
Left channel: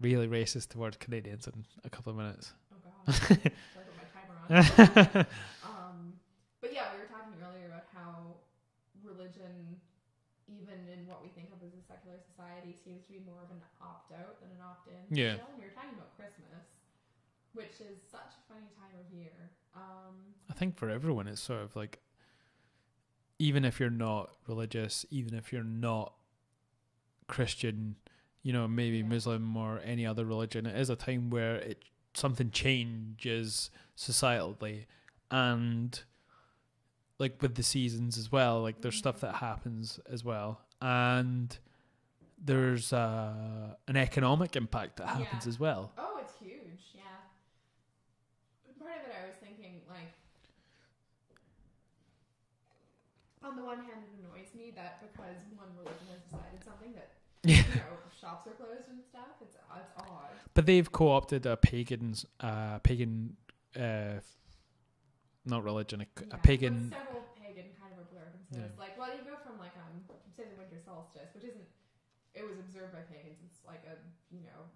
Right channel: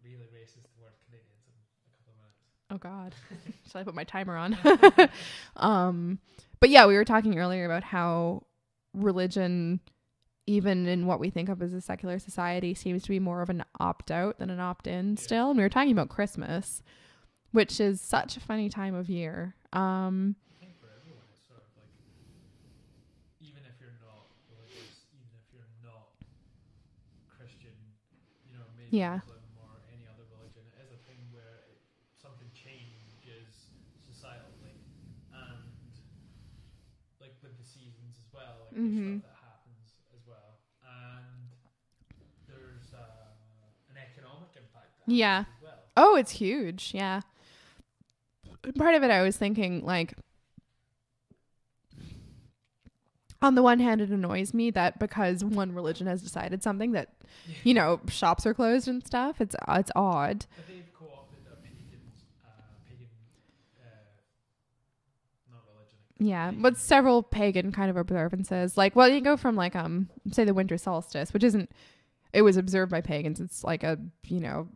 really racist towards Canadians in a couple of minutes. Oh, God. Should I put my timer on? But yeah, we were talking earlier about how religion, even in what we think of as a secular society, seems to be more of an opt-out than an opt-in still. And we were talking about Christmas, which is such a funny time of year. I think for everyone, it's sort of like, even if you're not religious, even if you're not Christian, you know, maybe Muslim or any other religion, it is a time where something changes societally, and like with the seasons as well, like there's stuff that happens as well, and there's an economic impact that happens as well. Oh, it's huge. Yeah. Part of it, I was thinking, like, on the one hand, it annoys me that because one religion has decided something that, you know, shops are closed and stuff. It's odd. But they've co-opted a pagan, not religion. But several pagan kind of observances. Like, well, you go from like say the winter solstice, which isn't. It was observed by pagans. It's like a, you know.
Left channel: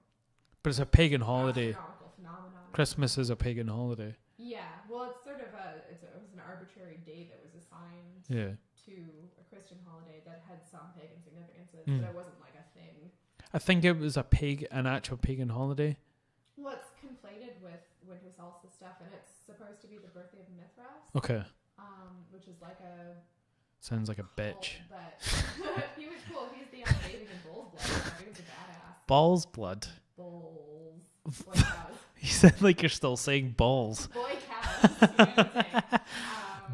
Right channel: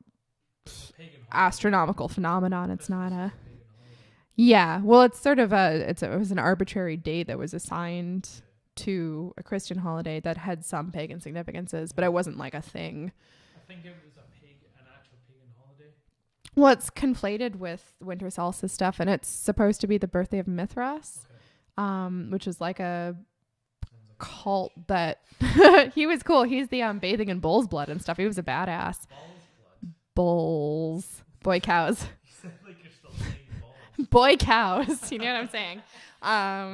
But it's a pagan holiday. Astronomical phenomenon. Christmas is a pagan holiday. Yeah. Well, it's sort of it was an arbitrary date that was assigned to a Christian holiday that had some pagan significances, but it wasn't like a thing. I think it was an actual pagan holiday. Well, it's conflated with winter solstice stuff, and it's supposed to be the birthday of Mithras. Okay. Which is like a sounds like a cult bitch. that he was cool. He's the bathing in bull's blood and stuff. He was a badass. Bull's blood. Bulls. Boy cows. You sound like you're still saying balls. Boy cows. You know what I'm saying?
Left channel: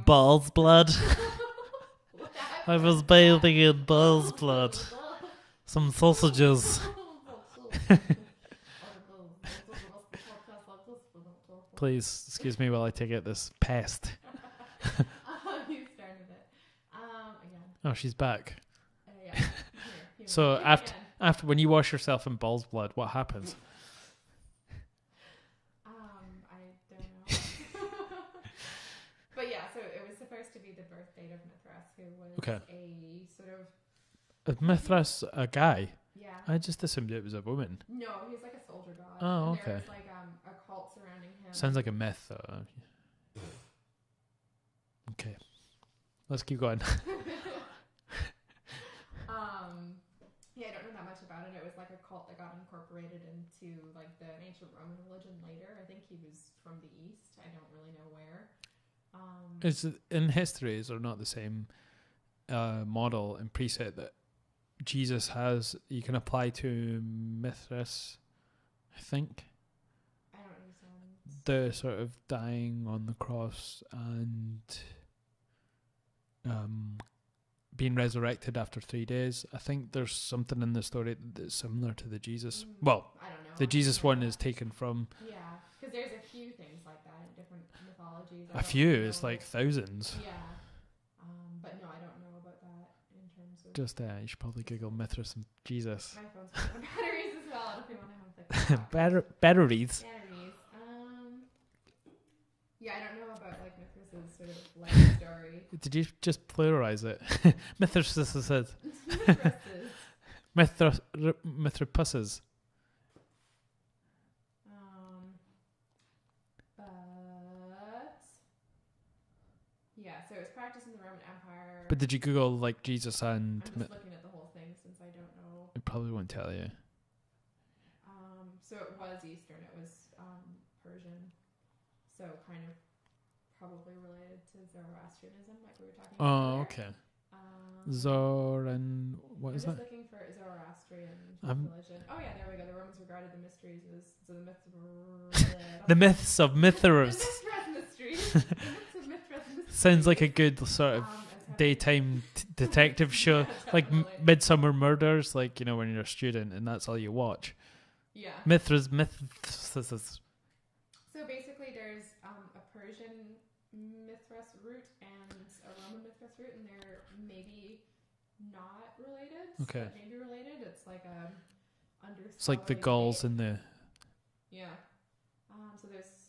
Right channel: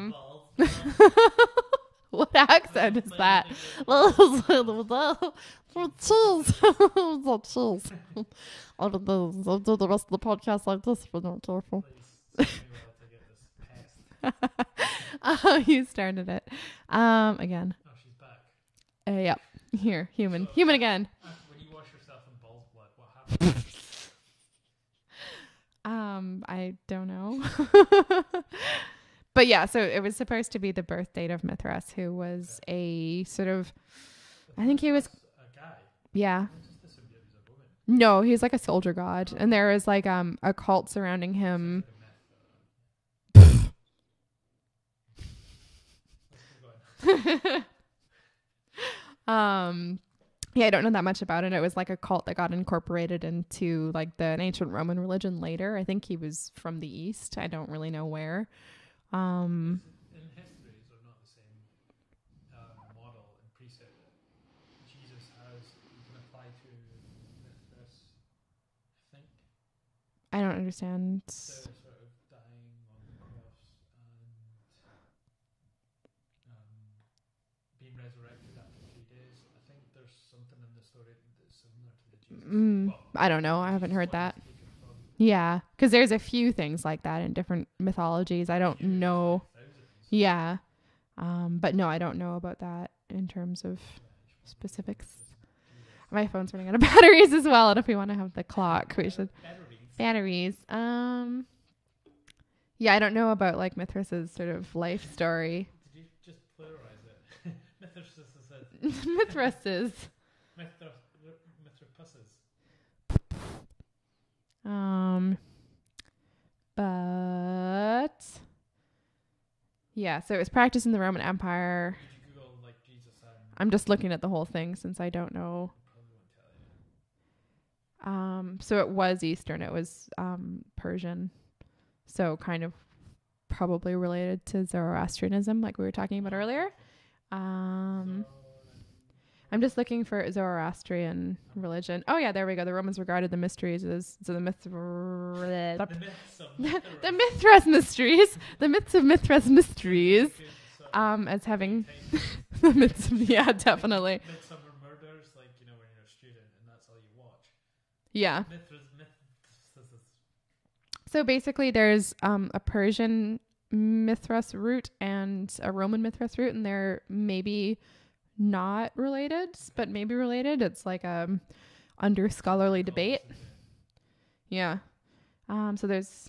Bull's blood. What accent I was is bathing that? in bull's blood. Some sausages. I'll do the rest of the podcast like this if we're not careful. Please excuse me while I take out this pest. You started it. Again. Oh, she's back. Yeah. Here, human. So human again. After when you wash yourself in bull's blood, what happens? I don't know. But yeah, so it was supposed to be the birth date of Mithras, who was a sort of Mithras, a guy. Yeah. I just assumed it was a woman. No, he's like a soldier god, and there is like a cult surrounding him. Sounds like a myth. Okay, let's keep going. Yeah, I don't know that much about it. It was like a cult that got incorporated into like an ancient Roman religion later. I think he was from the East. I don't really know where. Is it, in history, is there not the same model and preset that Jesus has, you can apply to Mithras, I think? I don't understand. The sort of dying on the cross and being resurrected after 3 days. I think there's something in the story that's similar to the Jesus. Well, I don't know. The Jesus one is taken from. Yeah, because there's a few things like that in different mythologies. I don't know. It's like thousands. Yeah. But no, I don't know about that in terms of just you should probably Google Mithras and Jesus. My phone's running out of batteries as well, and if we want to have the clock, batteries. Yeah, I don't know about like Mithras's sort of life story. Did you just pluralize it? Mithrases. Mithrapuses. But yeah, so it was practiced in the Roman Empire. But did you Google like Jesus and? I'm just looking at the whole thing since I don't know. It probably won't tell you. So it was Eastern. It was Persian. So kind of probably related to Zoroastrianism, like we were talking about earlier. Okay. I'm just looking for Zoroastrian religion. Oh yeah, there we go. The Romans regarded the mysteries as the myths of Mithras. The Mithras mysteries. The myths of Mithras mysteries. Sounds like a good sort of as having daytime detective show. Yeah, definitely. Like Midsummer Murders, like, you know, when you're a student and that's all you watch. Yeah. Mithras. So basically there's a Persian Mithras root and a Roman Mithras root, and they're maybe not related, but maybe related. It's like under scholarly debate. Yeah. So there's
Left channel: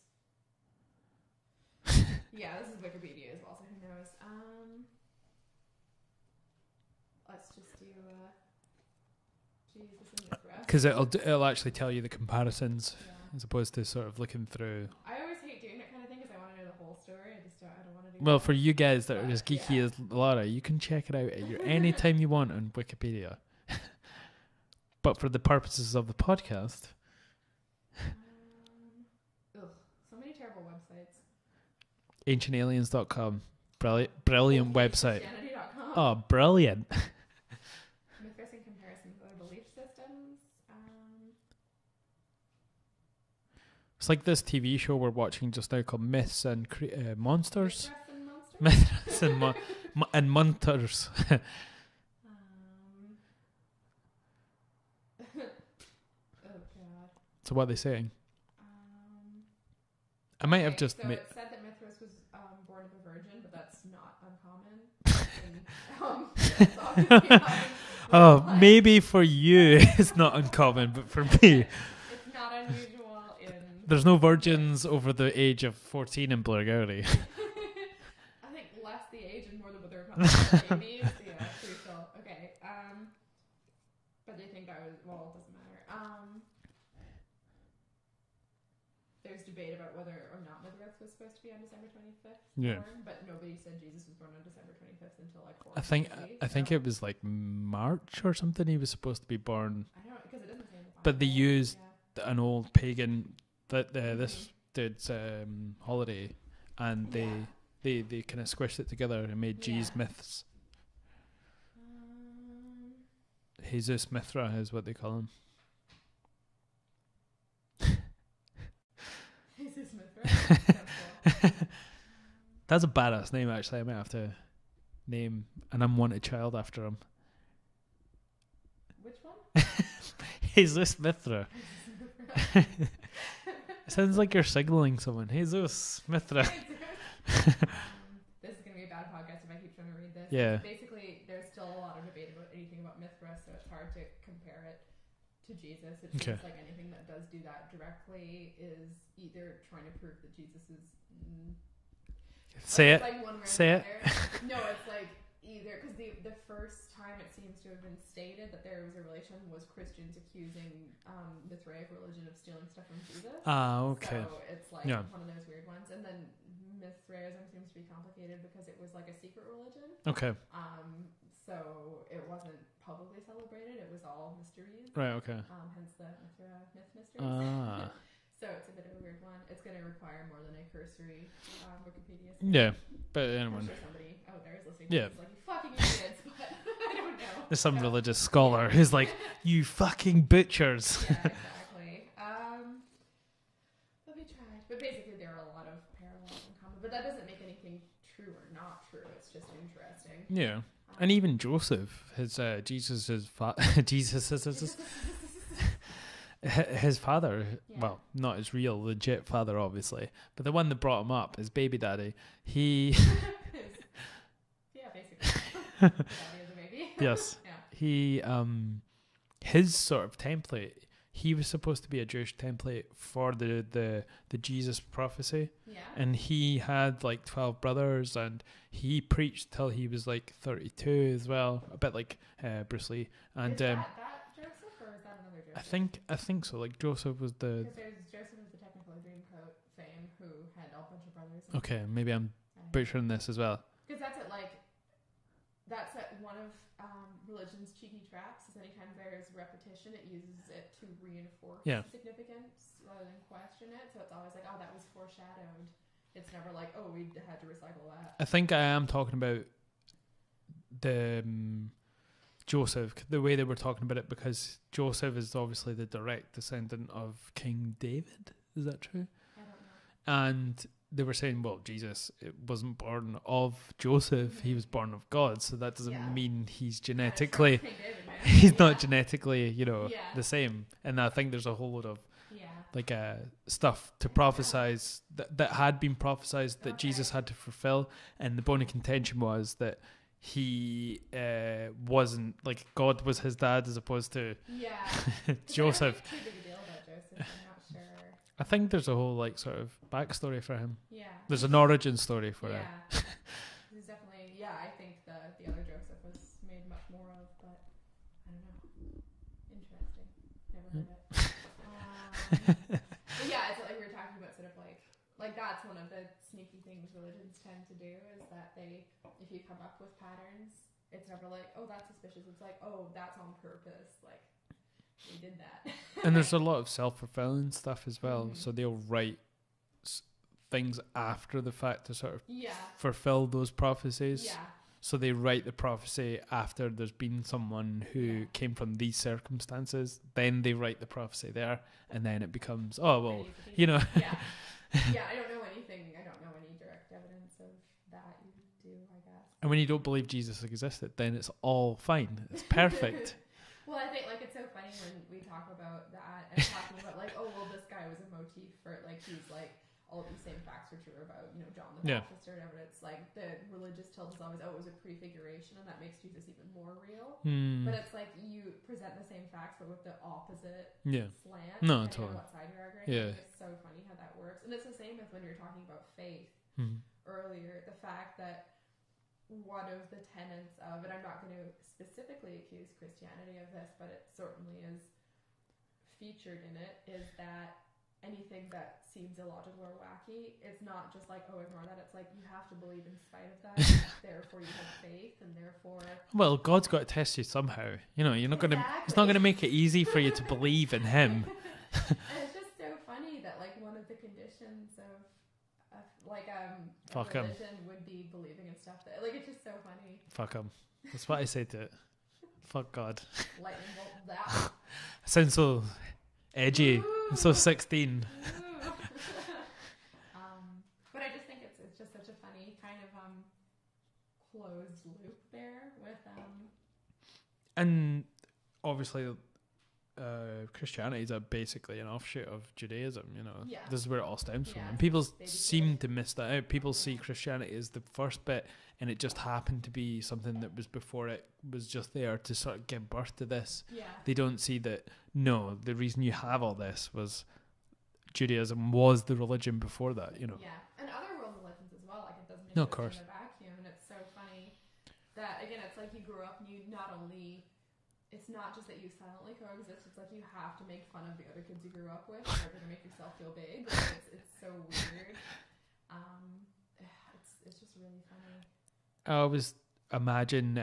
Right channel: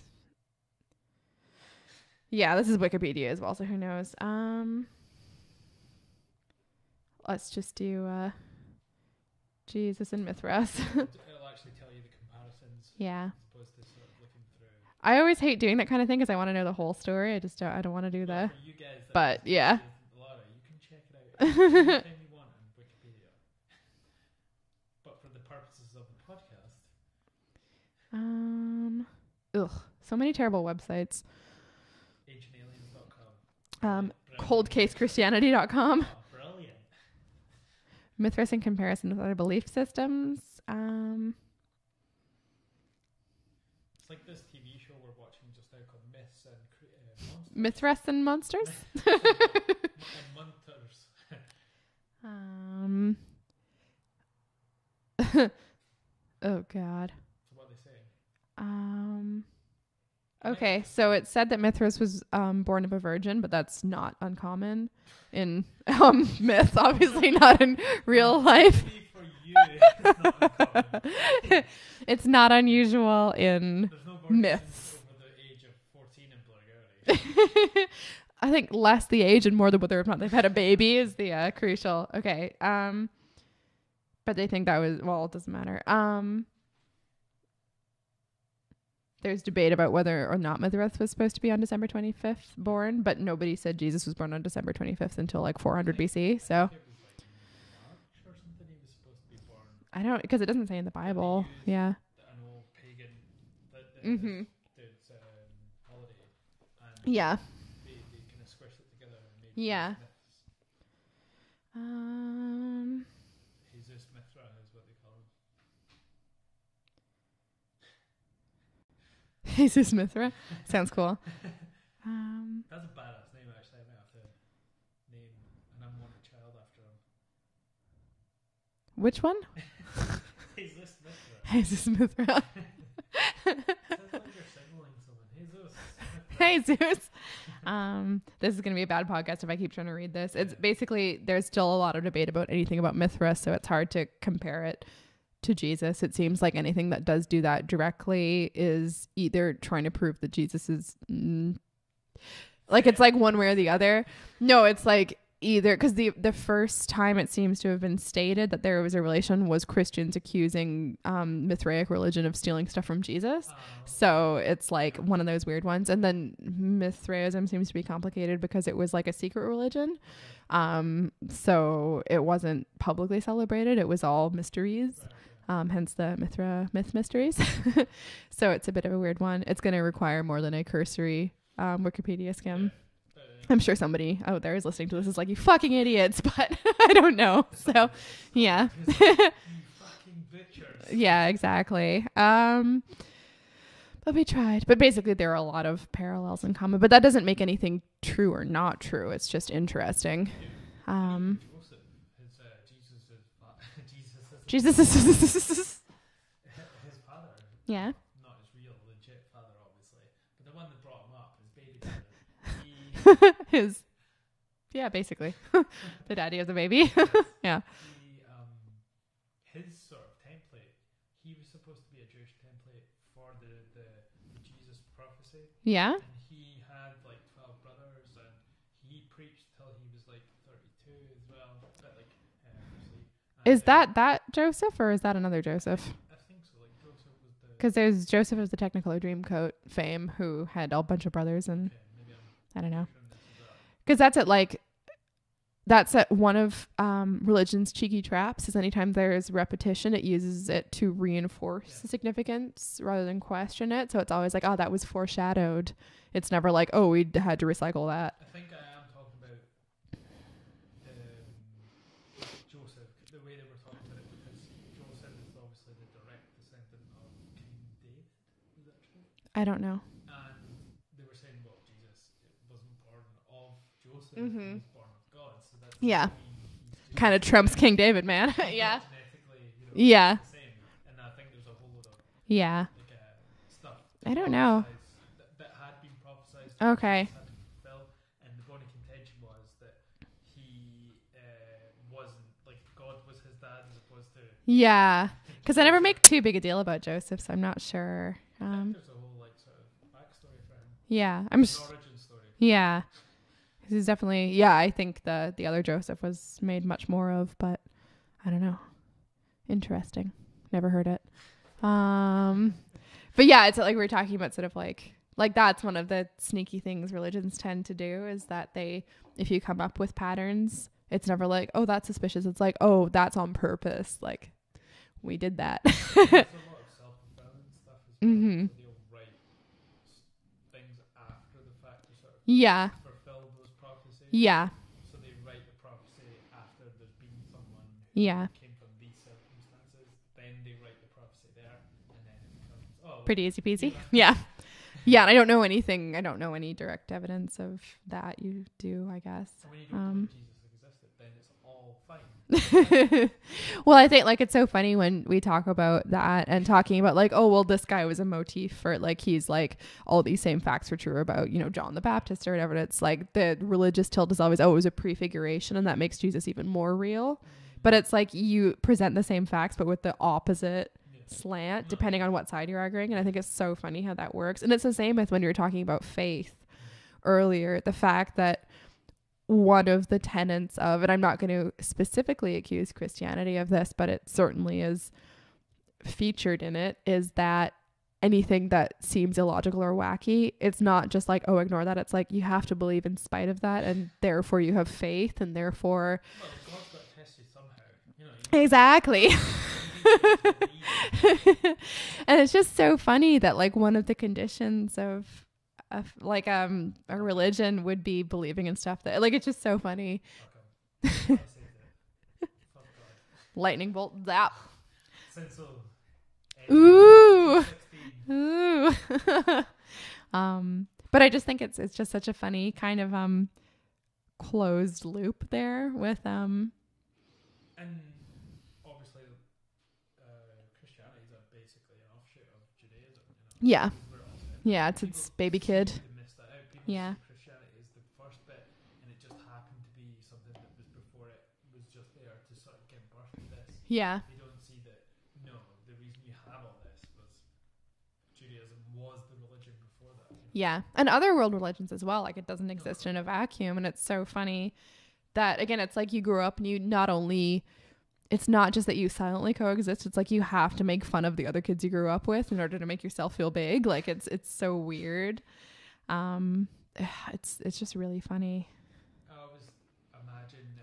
yeah, this is Wikipedia as well, so who knows. Let's just do Jesus and Mithras. Because it'll actually tell you the comparisons. Yeah. As opposed to sort of looking through. I always hate doing that kind of thing because I want to know the whole story. I don't want to do that. Well, for you guys that are as geeky as Laura, you can check it out anytime you want on Wikipedia. But for the purposes of the podcast. So many terrible websites. AncientAliens.com. Brilliant website. ColdCaseChristianity.com. Oh, brilliant. Mithras in comparison with other belief systems. It's like this TV show we're watching just now called Myths and Monsters. Mithras and Monsters? Myths and Monsters. Oh, God. So what are they saying? It said that Mithras was born of a virgin, but that's not uncommon in myth. Obviously not in real life. Maybe for you it's not uncommon, but for me, it's not unusual in. There's no virgins over the age of 14 in Blairgowrie. I think less the age and more the whether or not they've had a baby is the crucial. Okay. But they think that was it doesn't matter. There's debate about whether or not Mithras was supposed to be on December 25th born, but nobody said Jesus was born on December 25th until like 400 BC. I think it was like March or something he was supposed to be born. I don't, because it doesn't say in the Bible. But they used an old pagan, this dude's holiday, and they kind of squished it together and made Jesus myths. Jesus Mithra is what they call him. Jesus Mithra. Sounds cool. That's a badass name, actually. I might have to name an unwanted child after him. Which one? Jesus Mithra. Jesus Mithra. Sounds like you're signaling someone. Jesus Mithra. Jesus. This is going to be a bad podcast if I keep trying to read this. Yeah. It's basically, there's still a lot of debate about anything about Mithra, so it's hard to compare it to Jesus. It seems like anything that does do that directly is either trying to prove that Jesus is it's like one way or the other. No, it's like either, because the first time it seems to have been stated that there was a relation was Christians accusing Mithraic religion of stealing stuff from Jesus. So it's like one of those weird ones. And then Mithraism seems to be complicated because it was like a secret religion. Okay. So it wasn't publicly celebrated. It was all mysteries. Right. Okay. Hence the myth mysteries. So it's a bit of a weird one. It's going to require more than a cursory Wikipedia scan. Yeah. But anyway. I'm sure somebody out there is listening to this is like, you fucking idiots, but I don't know. There's some religious scholar who's like, you fucking butchers. Yeah, exactly. But we tried. But basically there are a lot of parallels in common, but that doesn't make anything true or not true. It's just interesting. Yeah. And even Joseph, his his father, well, not his real legit father, obviously, but the one that brought him up, his baby daddy, basically the daddy of the baby. Yes. Yeah. He, his sort of template, he was supposed to be a Jewish template for the Jesus prophecy. Yeah. And he had like 12 brothers, and he preached till he was like 32 as well, a bit like Bruce Lee. And is that Joseph, or is that another Joseph? I think so. Like Joseph was the, because there's Joseph of the Technicolor Dreamcoat fame, who had a bunch of brothers. And okay, maybe I'm butchering this as well. Because that's at one of religion's cheeky traps. Is anytime there's repetition, it uses it to reinforce the significance rather than question it. So it's always like, oh, that was foreshadowed. It's never like, oh, we had to recycle that. I think I am talking about Joseph, the way they were talking about it, because Joseph is obviously the direct descendant of King David. Is that true? I don't know. And they were saying, well, Jesus wasn't born of Joseph. Mm-hmm. He was born of God. So that doesn't mean he's genetically... Kind of trumps King David, man. He's not genetically, the same. And I think there's a whole lot of stuff to prophesize that had been prophesized that Jesus had to fulfill. And the bone of contention was that he wasn't, like, God was his dad as opposed to... Yeah. Because I never make too big a deal about Joseph, so I'm not sure. I think there's a whole, like, sort of backstory for him. Yeah. There's an origin story for him. Yeah. He's definitely... Yeah, I think the other Joseph was made much more of, but I don't know. Interesting. Never heard it. But yeah, it's like we were talking about sort of like that's one of the sneaky things religions tend to do is that if you come up with patterns, it's never like, oh, that's suspicious. It's like, oh, that's on purpose. Like, we did that. And there's a lot of self-fulfilling stuff as well. Mm-hmm. So they'll write things after the fact to sort of fulfill those prophecies. Yeah. So they write the prophecy after there's been someone who came from these circumstances. Then they write the prophecy there, and then it becomes pretty easy peasy. Yeah. Yeah, and I don't know anything. I don't know any direct evidence of that. You do, I guess. And when you don't believe Jesus existed, then it's all fine. It's perfect. Well, I think it's so funny when we talk about that and talking about this guy was a motif for he's like all these same facts were true about John the Baptist or whatever. It's like the religious tilt is always it was a prefiguration, and that makes Jesus even more real. But it's like you present the same facts but with the opposite slant depending on what side you're arguing. And I think it's so funny how that works. And it's the same as when you were talking about faith earlier, the fact that one of the tenets of, and I'm not going to specifically accuse Christianity of this, but it certainly is featured in it, is that anything that seems illogical or wacky, it's not just like, oh, ignore that. It's like you have to believe in spite of that, and therefore you have faith, and therefore... Well, God's got to test you somehow. You're not exactly. It's not going to make it easy for you to believe in him. And it's just so funny that one of the conditions of a religion would be believing in stuff that it's just so funny. Fuck him. That's what I say to it. Fuck God. Lightning bolt zap. Sounds so edgy. Ooh. So 16. Ooh. But I just think it's just such a funny kind of closed loop there with and obviously Christianity is basically an offshoot of Judaism, Yeah. This is where it all stems from. It's people baby seem kid. to miss that out. People see Christianity as the first bit, and it just happened to be something that was before it was just there to sort of give birth to this. Yeah. They don't see that, no, the reason you have all this was Judaism was the religion before that, Yeah. And other world religions as well. It doesn't exist in a vacuum. And it's so funny that, again, it's like you grew up and you not only... It's not just that you silently coexist. It's like you have to make fun of the other kids you grew up with in order to make yourself feel big. It's so weird. It's just really funny. I always imagine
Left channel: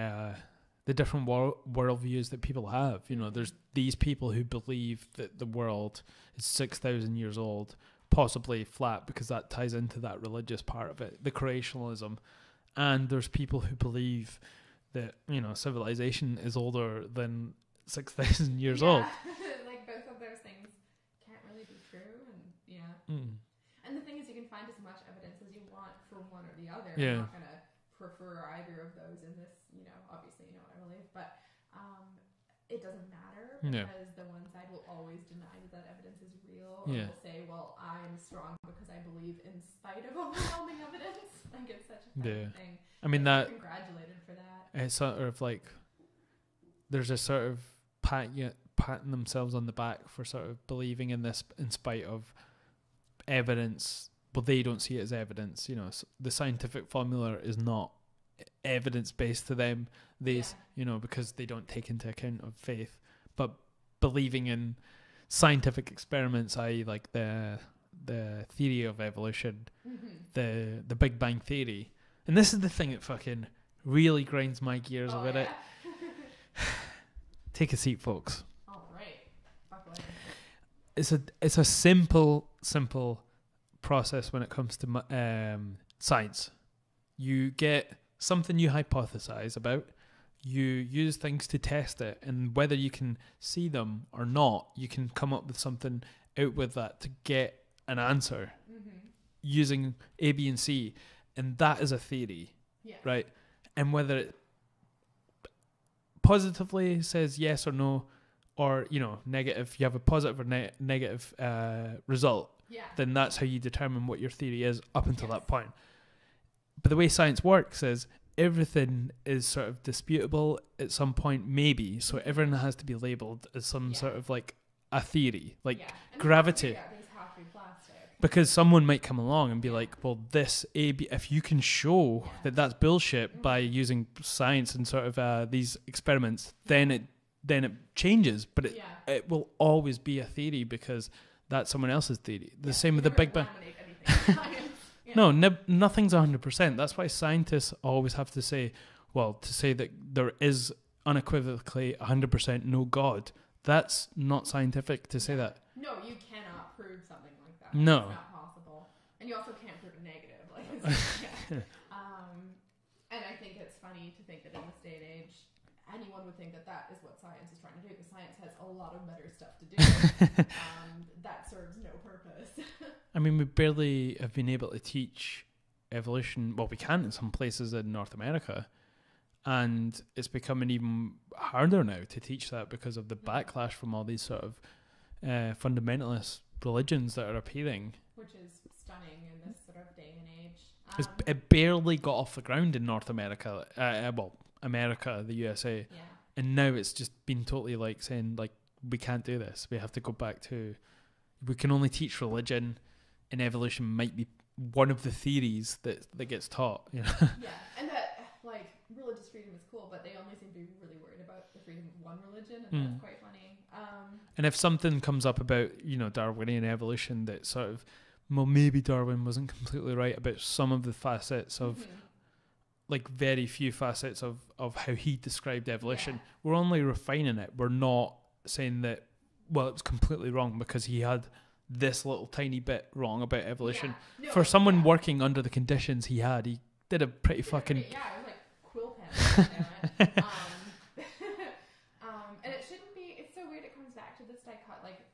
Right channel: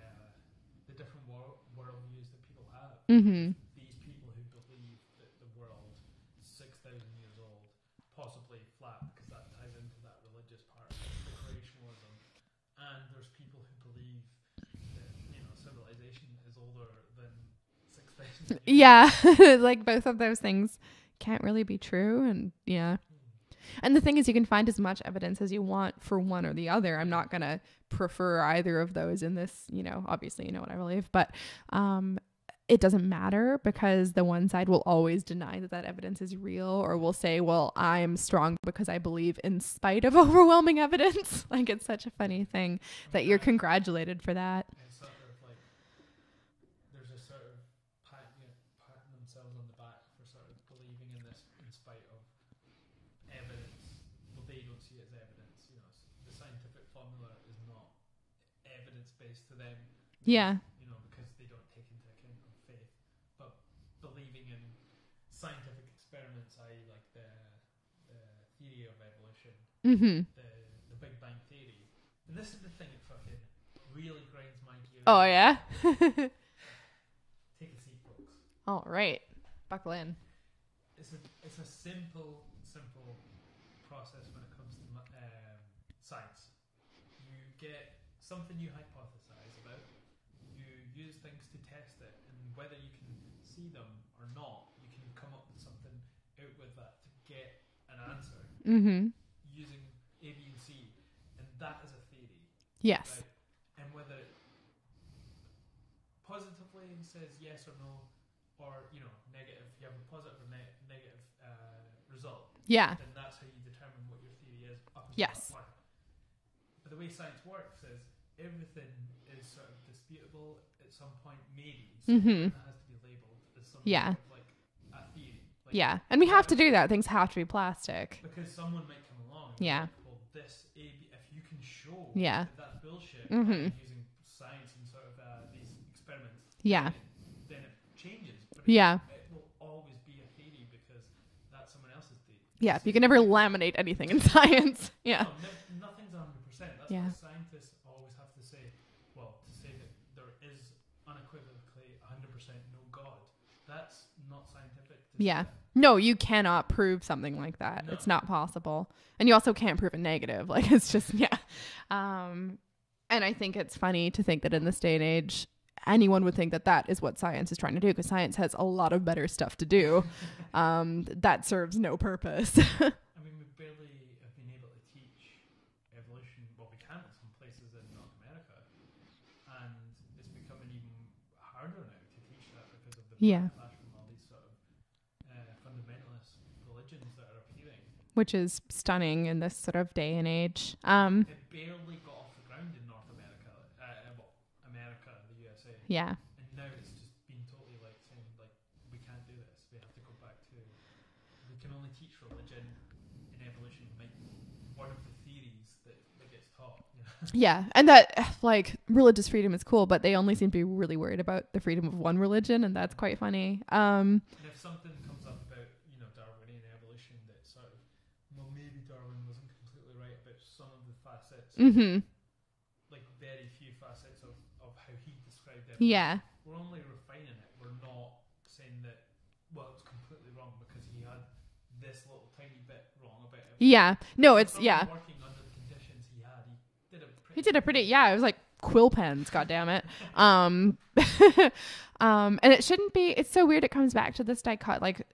the different worldviews that people have. You know, there's these people who believe that the world is 6,000 years old, possibly flat, because that ties into that religious part of it, the creationalism. And there's people who believe that, civilization is older than 6,000 years old. Yeah, both of those things can't really be true. And and the thing is, you can find as much evidence as you want for one or the other. I'm not going to prefer either of those in this, obviously you know what I believe, but it doesn't matter because the one side will always deny that evidence is real, or will say, well, I'm strong because I believe in spite of overwhelming evidence. It's such a funny thing that you're congratulated for that. It's sort of there's a sort of patting themselves on the back for sort of believing in this in spite of evidence, but they don't see it as evidence. So the scientific formula is not evidence-based to them. Because they don't take into account of faith, but believing in scientific experiments, i.e. the theory of evolution, the Big Bang Theory. And this is the thing that fucking really grinds my gears. Oh, yeah? Take a seat, folks. All right. Buckle in. It's a simple process when it comes to science. You get something you hypothesize about. you use things to test it, and whether you can see them or not, you can come up with something out with that to get an answer using A, B, and C, and that is a theory. Yes. Right? And whether it positively says yes or no, or, you know, negative, you have a positive or negative result, then that's how you determine what your theory is up until that point. But the way science works is everything is sort of disputable at some point, maybe. So everything has to be labeled as some sort of like a theory. Like and we have to do that. Things have to be plastic. Because someone might come along and be like, well, this if you can show that that's bullshit by using science and sort of these experiments, then it changes. But it will always be a theory because that's someone else's theory. Yeah, you can never laminate anything in science. No, nothing's 100%. That's why scientists always have to say, well, to say that there is unequivocally 100% no God, that's not scientific to say that. No, you cannot prove something like that. No. It's not possible. And you also can't prove a negative. Like, it's just, and I think it's funny to think that in this day and age, anyone would think that that is what science is trying to do, because science has a lot of better stuff to do that serves no purpose. I mean, we barely have been able to teach evolution. Well, we can in some places in North America, and it's becoming even harder now to teach that because of the backlash from all these sort of fundamentalist religions that are appearing. Which is stunning in this sort of day and age. It barely got off the ground in North America. America, the USA. Yeah. And now it's just been totally like saying, like, we can't do this. We have to go back to, we can only teach religion, and evolution might be one of the theories that gets taught. You know? Yeah. And that, like, religious freedom is cool, but they only seem to be really worried about the freedom of one religion, and that's quite funny. And if something comes up about, you know, Darwinian evolution that sort of, well, maybe Darwin wasn't completely right about some of the facets of, like, very few facets of how he described evolution. Yeah. We're only refining it. We're not saying that, well, it was completely wrong because he had this little tiny bit wrong about evolution. Yeah. No, for someone working under the conditions he had, he did a pretty it was like quill pens, God damn it. And it shouldn't be, it's so weird. It comes back to this dichotomy, like,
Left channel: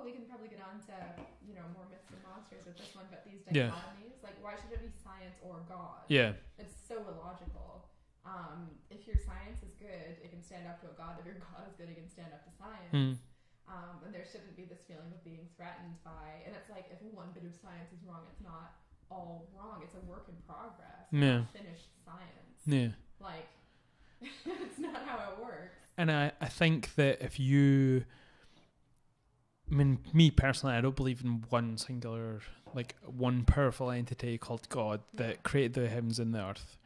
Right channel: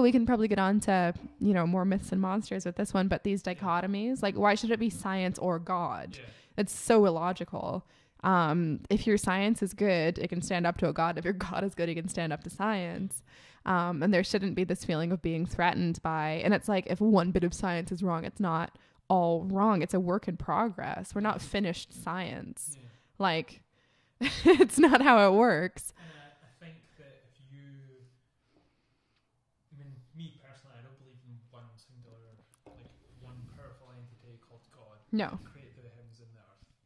we can probably get on to, you know, more myths and monsters with this one, but these dichotomies, like, why should it be science or God? Yeah. It's so illogical. If your science is good, it can stand up to a God. If your God is good, he can stand up to science. And there shouldn't be this feeling of being threatened by, and it's like, if one bit of science is wrong, it's not all wrong. It's a work in progress. We're not finished science. Yeah. Like, it's not how it works. And I think that if you, I mean, me personally, I don't believe in one singular, like, one powerful entity called God that created the heavens and the earth.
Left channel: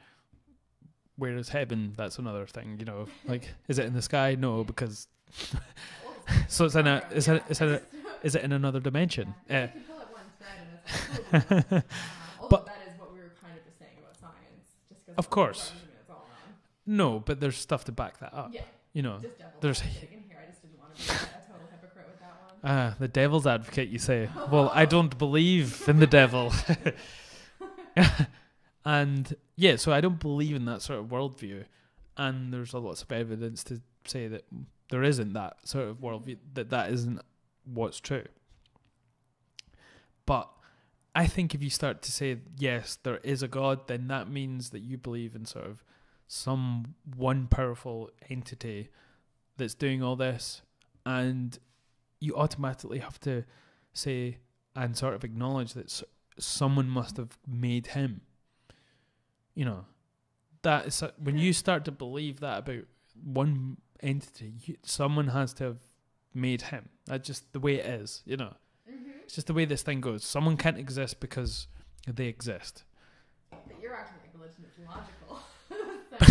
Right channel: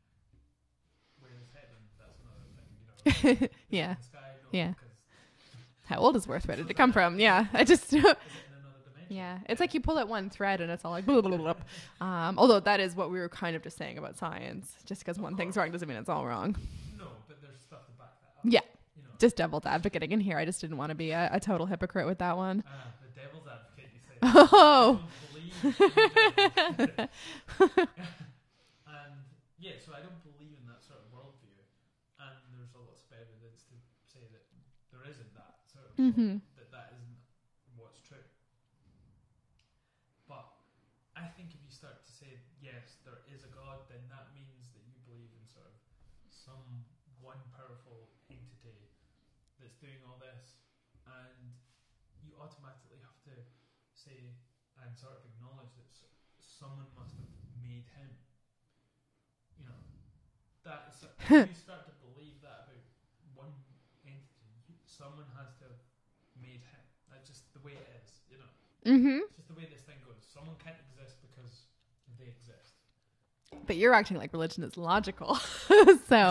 Whereas heaven, that's another thing, you know. Like, is it in the sky? No, because how old is Where did it come from? Is it in another dimension? Yeah. It's like you pull at one thread and it's all like blah, blah, blah, blah. Although that is what we were kind of just saying about science. Just because one thing's wrong doesn't mean it's all wrong. No, but there's stuff to back that up. Yeah. You know, just devil's advocating in here. I just didn't want to be a total hypocrite with that one. The devil's advocate, you say. Well, I don't believe in the devil. And yeah, so I don't believe in that sort of worldview. And there's lots of evidence to say that there isn't that sort of worldview, that isn't what's true. But I think if you start to say, yes, there is a God, then that means that you believe in sort of some one powerful entity that's doing all this, and you automatically have to say and sort of acknowledge that someone must have made him. You know, that is when you start to believe that about one entity, someone has to have made him. That's just the way it is, you know. It's just the way this thing goes. Someone can't exist because they exist. But you're acting like religion is logical. So,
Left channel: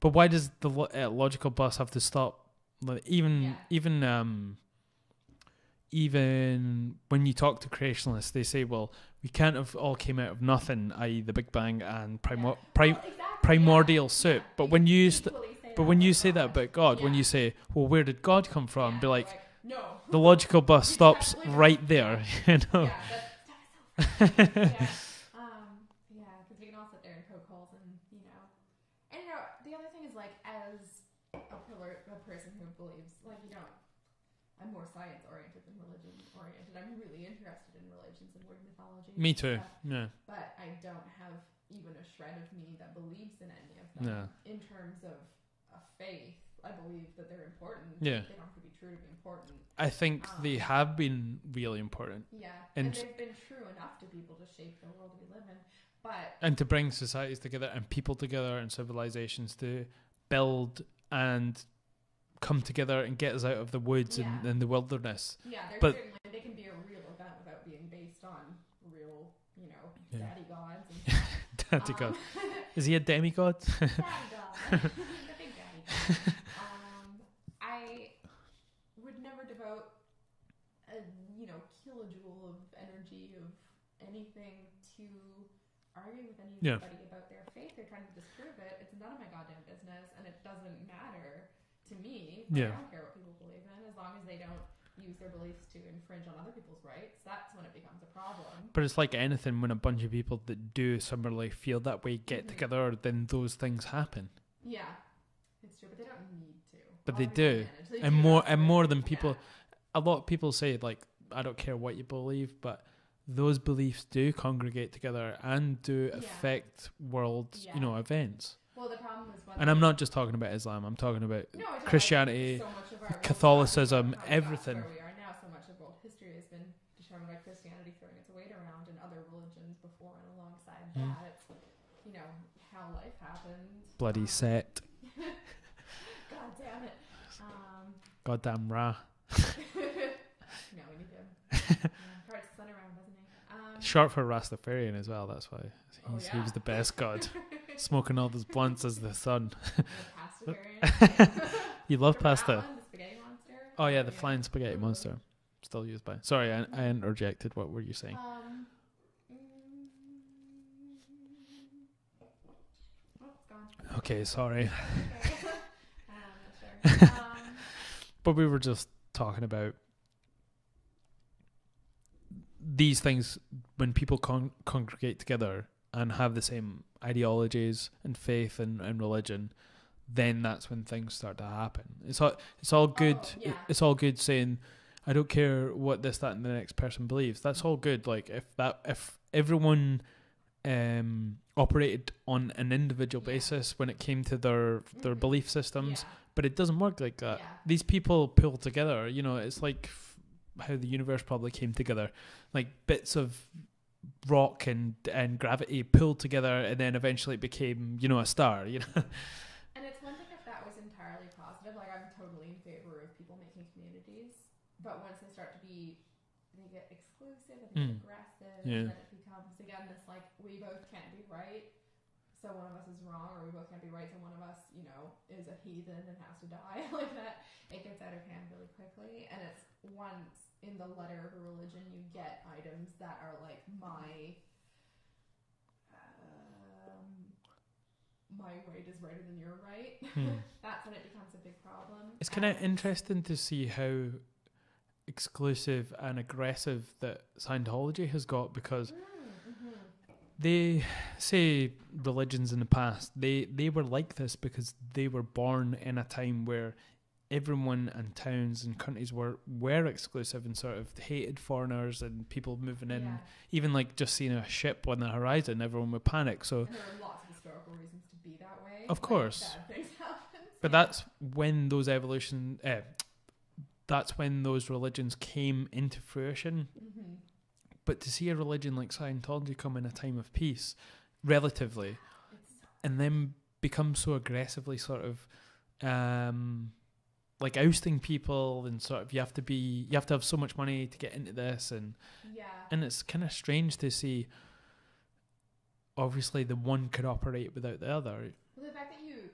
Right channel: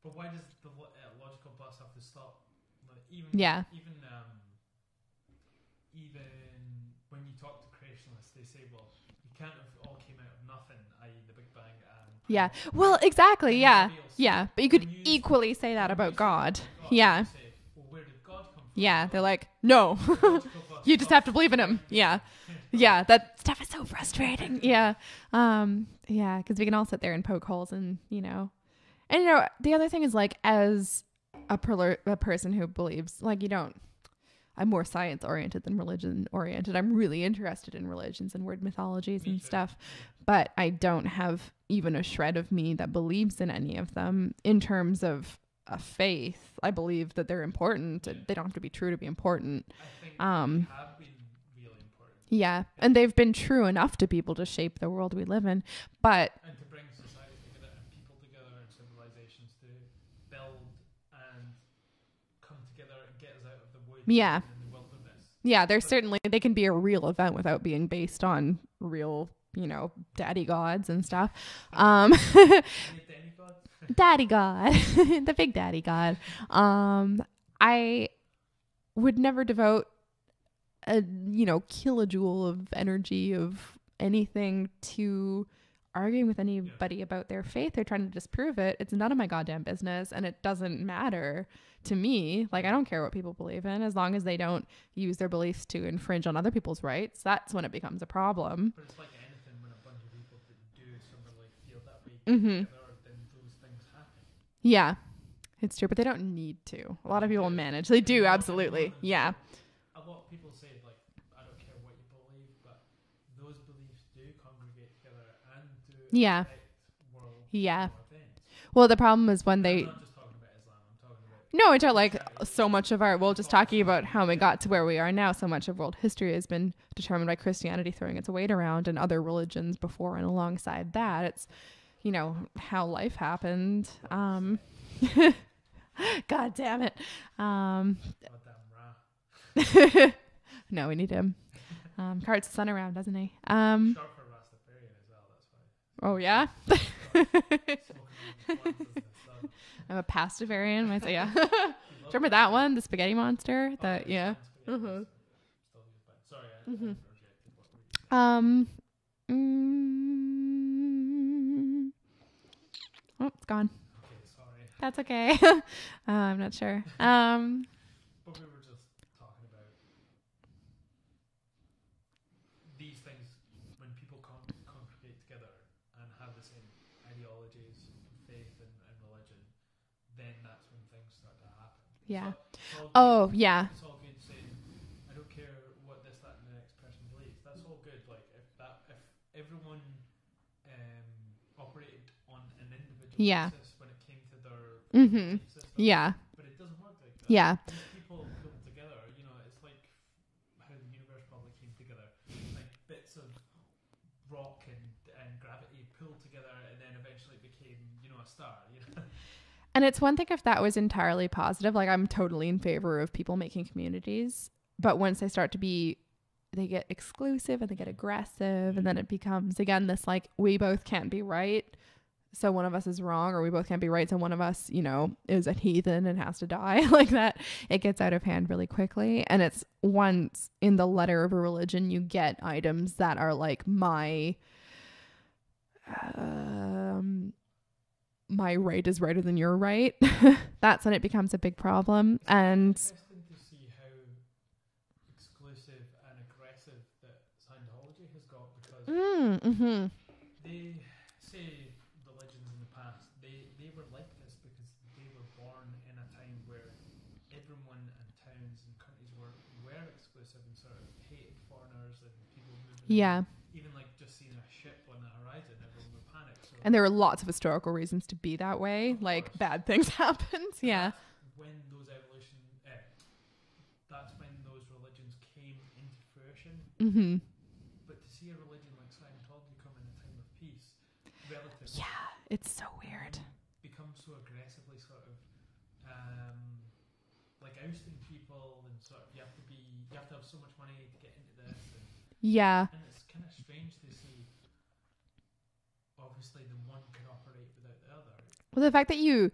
but why does the logical bus have to stop? Like, even when you talk to creationists, they say, well, we can't have all came out of nothing, i.e. the Big Bang and primordial soup. Yeah, but when you equally say that about God. Say that about God, when you say, well, where did God come from? Yeah, they're like, no. The logical bus you stops just have to believe in right him. there. Yeah. You know? Yeah, that stuff is so frustrating. Yeah. Yeah, because we can all sit there and poke holes and, you know, And the other thing is like, as a person who believes, like, I'm more science oriented than religion oriented. I'm really interested in religions and word mythologies and stuff. Yeah. But I don't have even a shred of me that believes in any of them. In terms of a faith, I believe that they're important. Yeah. They don't have to be true to be important. I think they have been really important. Yeah. And they've been true enough to be able to shape the world we live in. And to bring societies together and people together and civilizations to build and come together and get us out of the woods and the wilderness. Yeah, they can be a real event without being based on real, daddy gods and stuff. Is he a demigod? Daddy god. The big daddy god. I would never devote a, kilojoule of energy of anything to arguing with anybody about their faith. They're trying to disprove it. It's none of my goddamn business, and it doesn't matter to me. Like, I don't care what people believe in, as long as they don't use their beliefs to infringe on other people's rights. That's when it becomes a problem. But it's like anything, when a bunch of people that do similarly feel that way get together, then those things happen. Yeah, it's true, but they don't need to. A lot of people manage. They do, absolutely. And more than people. A lot of people say, like, I don't care what you believe, but those beliefs do congregate together and do affect world events. Well, the problem is when I'm not just talking about Islam. I'm talking about Christianity, like so much of our. We'll just talking about how we got to where we are now. So much of world history has been determined by Christianity throwing its weight around, and other religions before and alongside that. It's how life happened. Bloody Set. God damn it. Goddamn Ra. No, we need him. Carts the sun around, doesn't he? Short for Rastafarian as well, that's why. He's the best god. Smoking all those blunts as the sun. I'm a pastafarian. You love Remember pasta? That one? The spaghetti monster? Oh, the flying spaghetti monster. Still used by... Sorry, I interjected. What were you saying? Oh, it's gone. Okay, sorry. That's okay. I'm not sure. But we were just talking about these things when people congregate together and have the same ideologies and faith and religion, then that's when things start to happen. It's all good. Oh, yeah. It's all good saying, I don't care what this, that, and the next person believes. That's all good. Like if everyone operated on an individual basis when it came to their belief systems. Yeah. But it doesn't work like that. Yeah. These people pull together. It's like how the universe probably came together, like bits of rock and gravity pulled together, and then eventually it became a star. And it's one thing if that was entirely positive. Like, I'm totally in favor of people making communities, but once they start to be, they get exclusive and they get aggressive, and then it becomes again this like, we both can't be right, so one of us is wrong, or we both can't be right, so one of us is a heathen and has to die. Like that, it gets out of hand really quickly. And it's once in the letter of a religion you get items that are like my right is righter than your right. That's when it becomes a big problem. It's kind of interesting to see how exclusive and aggressive that Scientology has got, because they say religions in the past, they were like this because they were born in a time where everyone and towns and countries were exclusive and sort of hated foreigners and people moving in. Even like just seeing a ship on the horizon, everyone would panic. And there were lots of historical reasons to be that way. Of course. Bad things happened. But that's when those that's when those religions came into fruition. Mm-hmm. But to see a religion like Scientology come in a time of peace, relatively, it's so weird. And then become so aggressively sort of like ousting people, and sort of you have to have so much money to get into this, and it's kind of strange to see. Obviously, the one could operate without the other. Well, the fact that you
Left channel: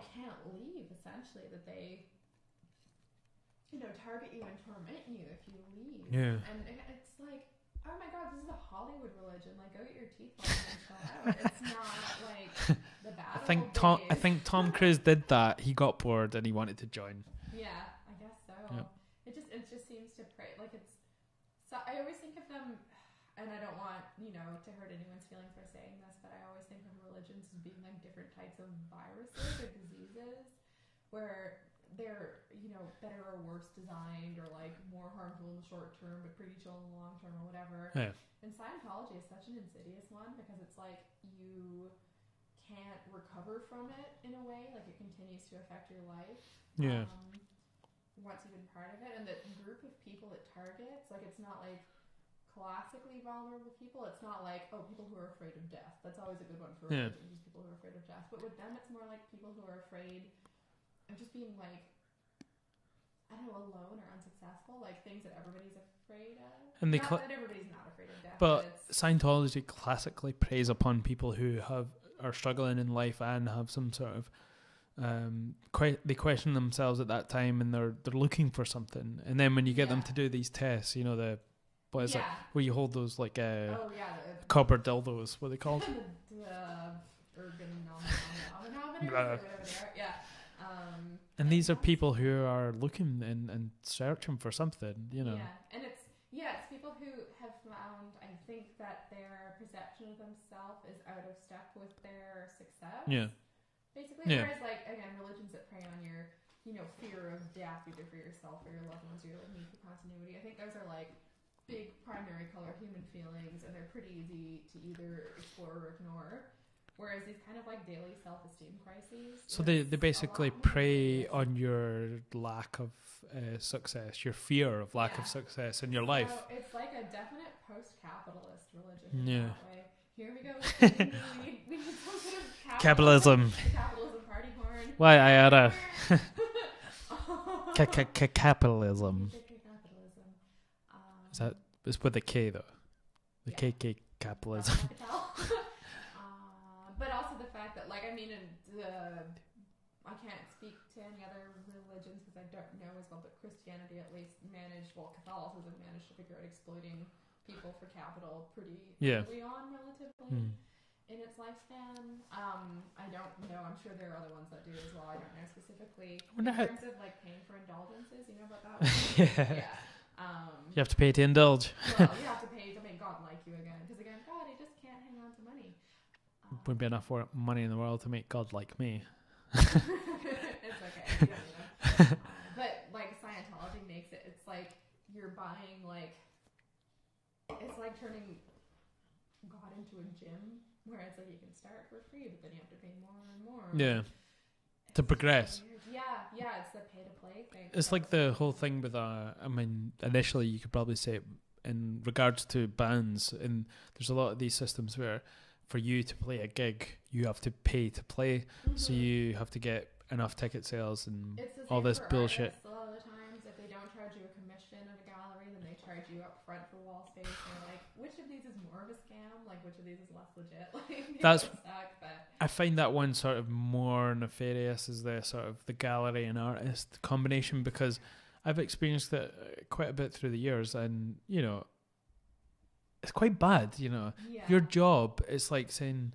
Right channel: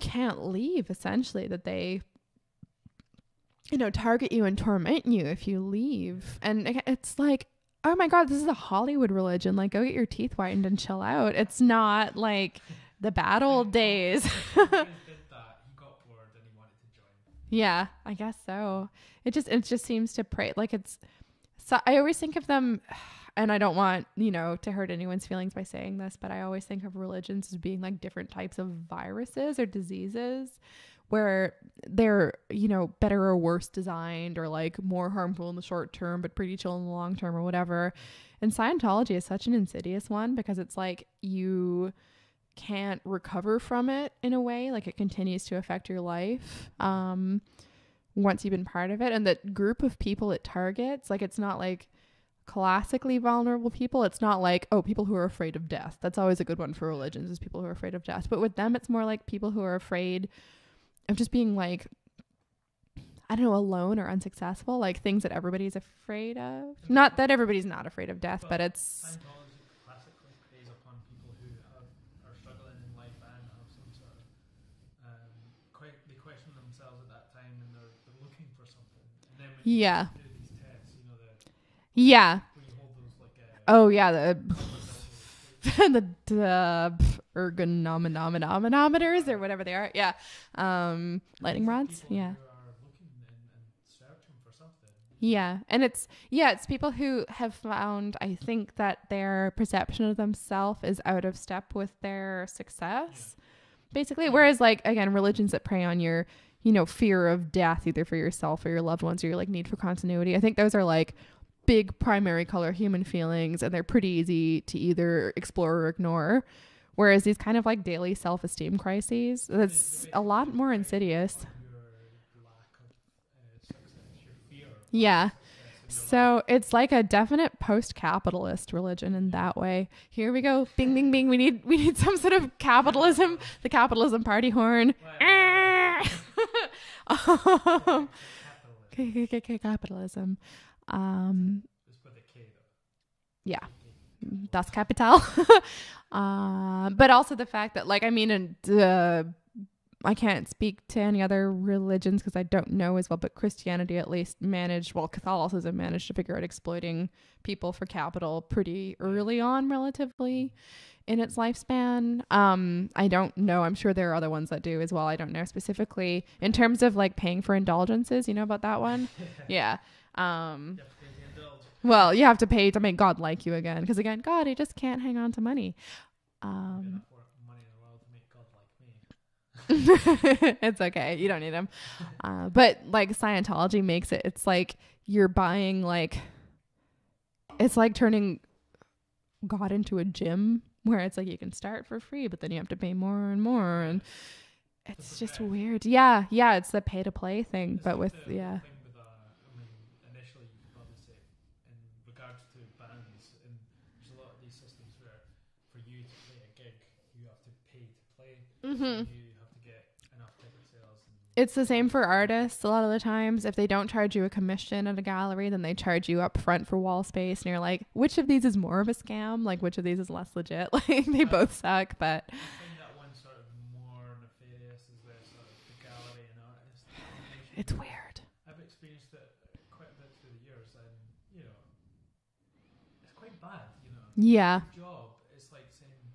can't leave, essentially, that they target you and torment you if you leave. Yeah. And it's like, oh my God, this is a Hollywood religion. Like, go get your teeth whitened and chill out. It's not like the bad old days. I think Tom Cruise did that. He got bored and he wanted to join. Yeah, I guess so. Yeah. It just seems to pray. Like, it's, so I always think of them, and I don't want, to hurt anyone's feelings by saying this, but I always think of religions as being like different types of viruses or diseases where they're, better or worse designed, or like more harmful in the short term, but pretty chill in the long term or whatever. Yeah. And Scientology is such an insidious one because it's like you can't recover from it in a way. Like it continues to affect your life. Yeah. Once you've been part of it, and that group of people it targets, like it's not like classically vulnerable people. It's not like, people who are afraid of death. That's always a good one for religions, is people who are afraid of death. But with them, it's more like people who are afraid of just being like, I don't know, alone or unsuccessful, like things that everybody's afraid of. Not that everybody's not afraid of death, but it's... Scientology classically preys upon people who are struggling in life and have some sort of they question themselves at that time, and they're looking for something. And then when you get them to do these tests, where you hold those like the copper dildos, what are they called? the ergonomanometers or whatever they are. And these are people who are looking and searching for something. And it's people who have found, I think, that their perception of themselves is out of step with their success. Basically, whereas like, again, religions that prey on your, fear of death, either for yourself or your loved ones, or your like need for continuity, I think those are like big primary color human feelings, and they're pretty easy to either explore or ignore. Whereas these kind of like daily self-esteem crises, so they basically a lot more insidious on your lack of success, your fear of lack of success in your life. So it's like a definite post-capitalist religion in that way. Here we go. Bing, bing, bing. We need some sort of capitalism. The capitalism party horn. Why I capitalism. Capitalism. It's with a K though. Yeah. KK capitalism. That's capital. But also the fact that, like, I mean, I can't speak to any other religions because I don't know as well, but Christianity at least Catholicism managed to figure out exploiting people for capital pretty early on, relatively in its lifespan. I don't know. I'm sure there are other ones that do as well. I don't know specifically in terms of like paying for indulgences. You know about that one? Yeah. You have to pay to indulge. Well, you have to pay to make God like you again. Because again, God, he just can't hang on to money. Wouldn't be enough money in the world to make God like me. It's okay. You don't need him. But like Scientology makes it, it's like you're buying like, it's like turning God into a gym where it's like you can start for free, but then you have to pay more and more. Yeah. To progress. Just weird. Yeah. It's the pay to play thing. It's like the whole thing with, initially you could probably say in regards to bands, and there's a lot of these systems where for you to play a gig, you have to pay to play. So you have to get enough ticket sales, and it's the same for artists. A lot of the times, if they don't charge you a commission at a gallery, then they charge you up front for wall space, and you're like, which of these is more of a scam? Like, which of these is less legit? Like, they both suck. But I find that one sort of more nefarious is the sort of the gallery and artist combination, because weird. I've experienced it quite a bit through the years, and it's quite bad. Your job is like saying,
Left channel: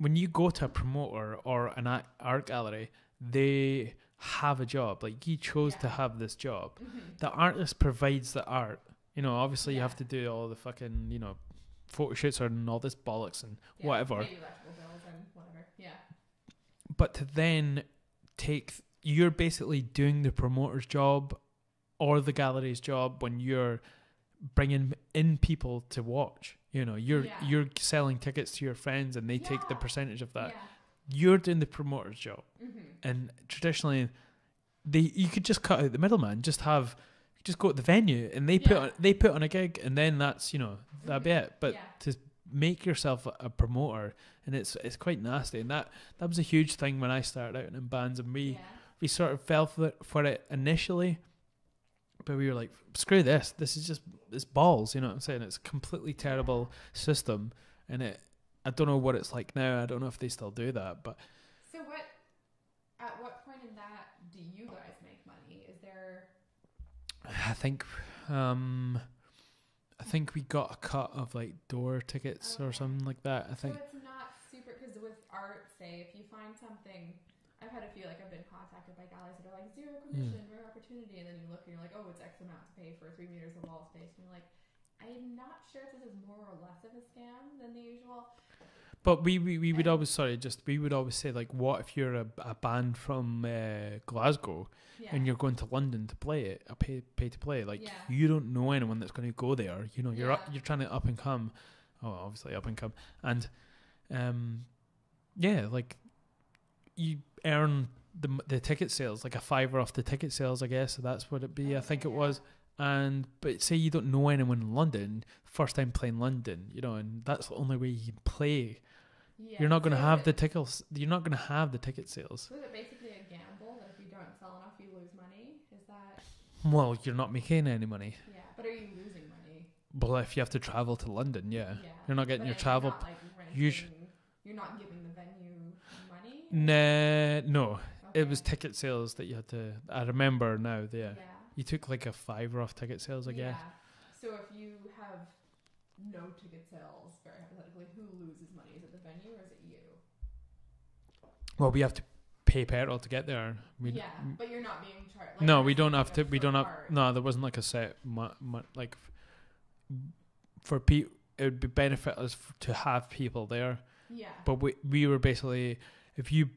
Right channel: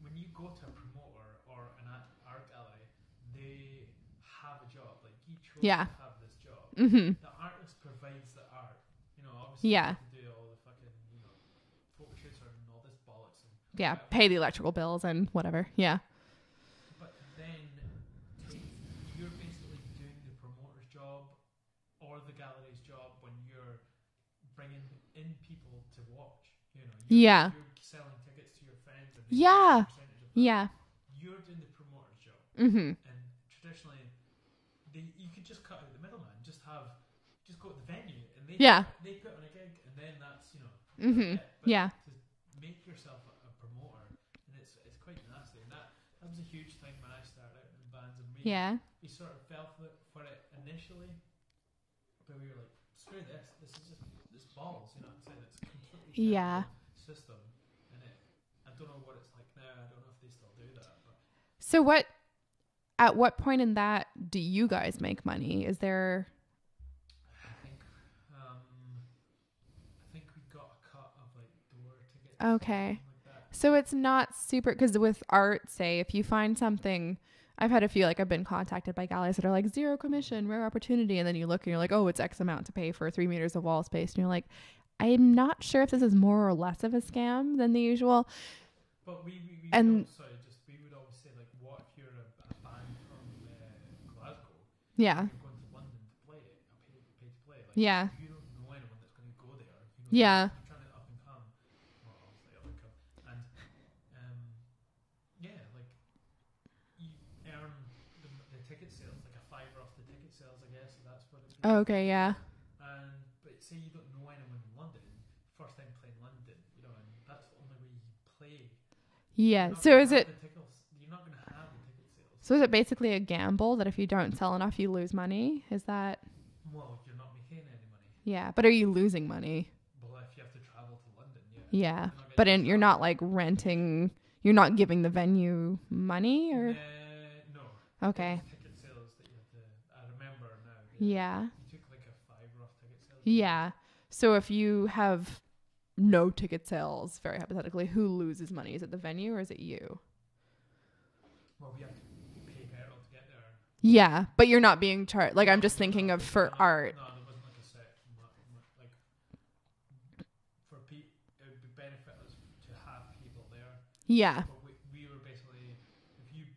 when you go to a promoter or an art gallery, they have a job. Like, you chose to have this job. The artist provides the art. Obviously you have to do all the fucking, photo shoots and all this bollocks and whatever. Pay the electrical bills and whatever. Yeah. But to then you're basically doing the promoter's job or the gallery's job when you're bringing in people to watch. You're selling tickets to your friends, and they take a percentage of that. Yeah. You're doing the promoter's job. And traditionally, you could just cut out the middleman. Just go to the venue, and they put on a gig, and then that's that'd be it. But to make yourself a promoter, and it's quite nasty. And that was a huge thing when I started out in bands, and we sort of fell for it initially, but we were like, screw this. This is just. It's balls, you know what I'm saying? It's a completely terrible system, and I don't know what it's like now. I don't know if they still do that, but so at what point in that do you guys make money? Is there? I think we got a cut of like door tickets or something like that. So it's not super, because with art, say if you find something. I've had a few, like I've been contacted by galleries that are like 0 commission, rare opportunity. And then you look and you're like, oh, it's X amount to pay for 3 meters of wall space. And you're like, I'm not sure if this is more or less of a scam than the usual. But we would always say, like, what if you're a band from Glasgow and you're going to London to play it, pay to play, like, you don't know anyone that's going to go there, you know, you're trying to up and come, and like, you earn the ticket sales, like a $5 off the ticket sales, I guess, so that's what it'd be. I think it was. And but say you don't know anyone in London, first time playing London, you know, and that's the only way you can play. Yeah, you're not going to have the tickets. You're not going to have the ticket sales. So is it basically a gamble that if you don't sell enough, you lose money? Is that? Well, you're not making any money. Yeah, but are you losing money? Well, if you have to travel to London, yeah. You're not getting. But you're not like renting. You're not giving the venue money? Or? No. Okay. It was ticket sales that you had to... I remember now. You took like a $5 off ticket sales again. Yeah. So if you have no ticket sales, very hypothetically, who loses money? Is it the venue or is it you? Well, we have to pay petrol to get there. But you're not being charged. Like, no, I'm just thinking of for art. No, there wasn't like a set... like, for people, it would be benefit us to have people there. Yeah. But we were basically, if you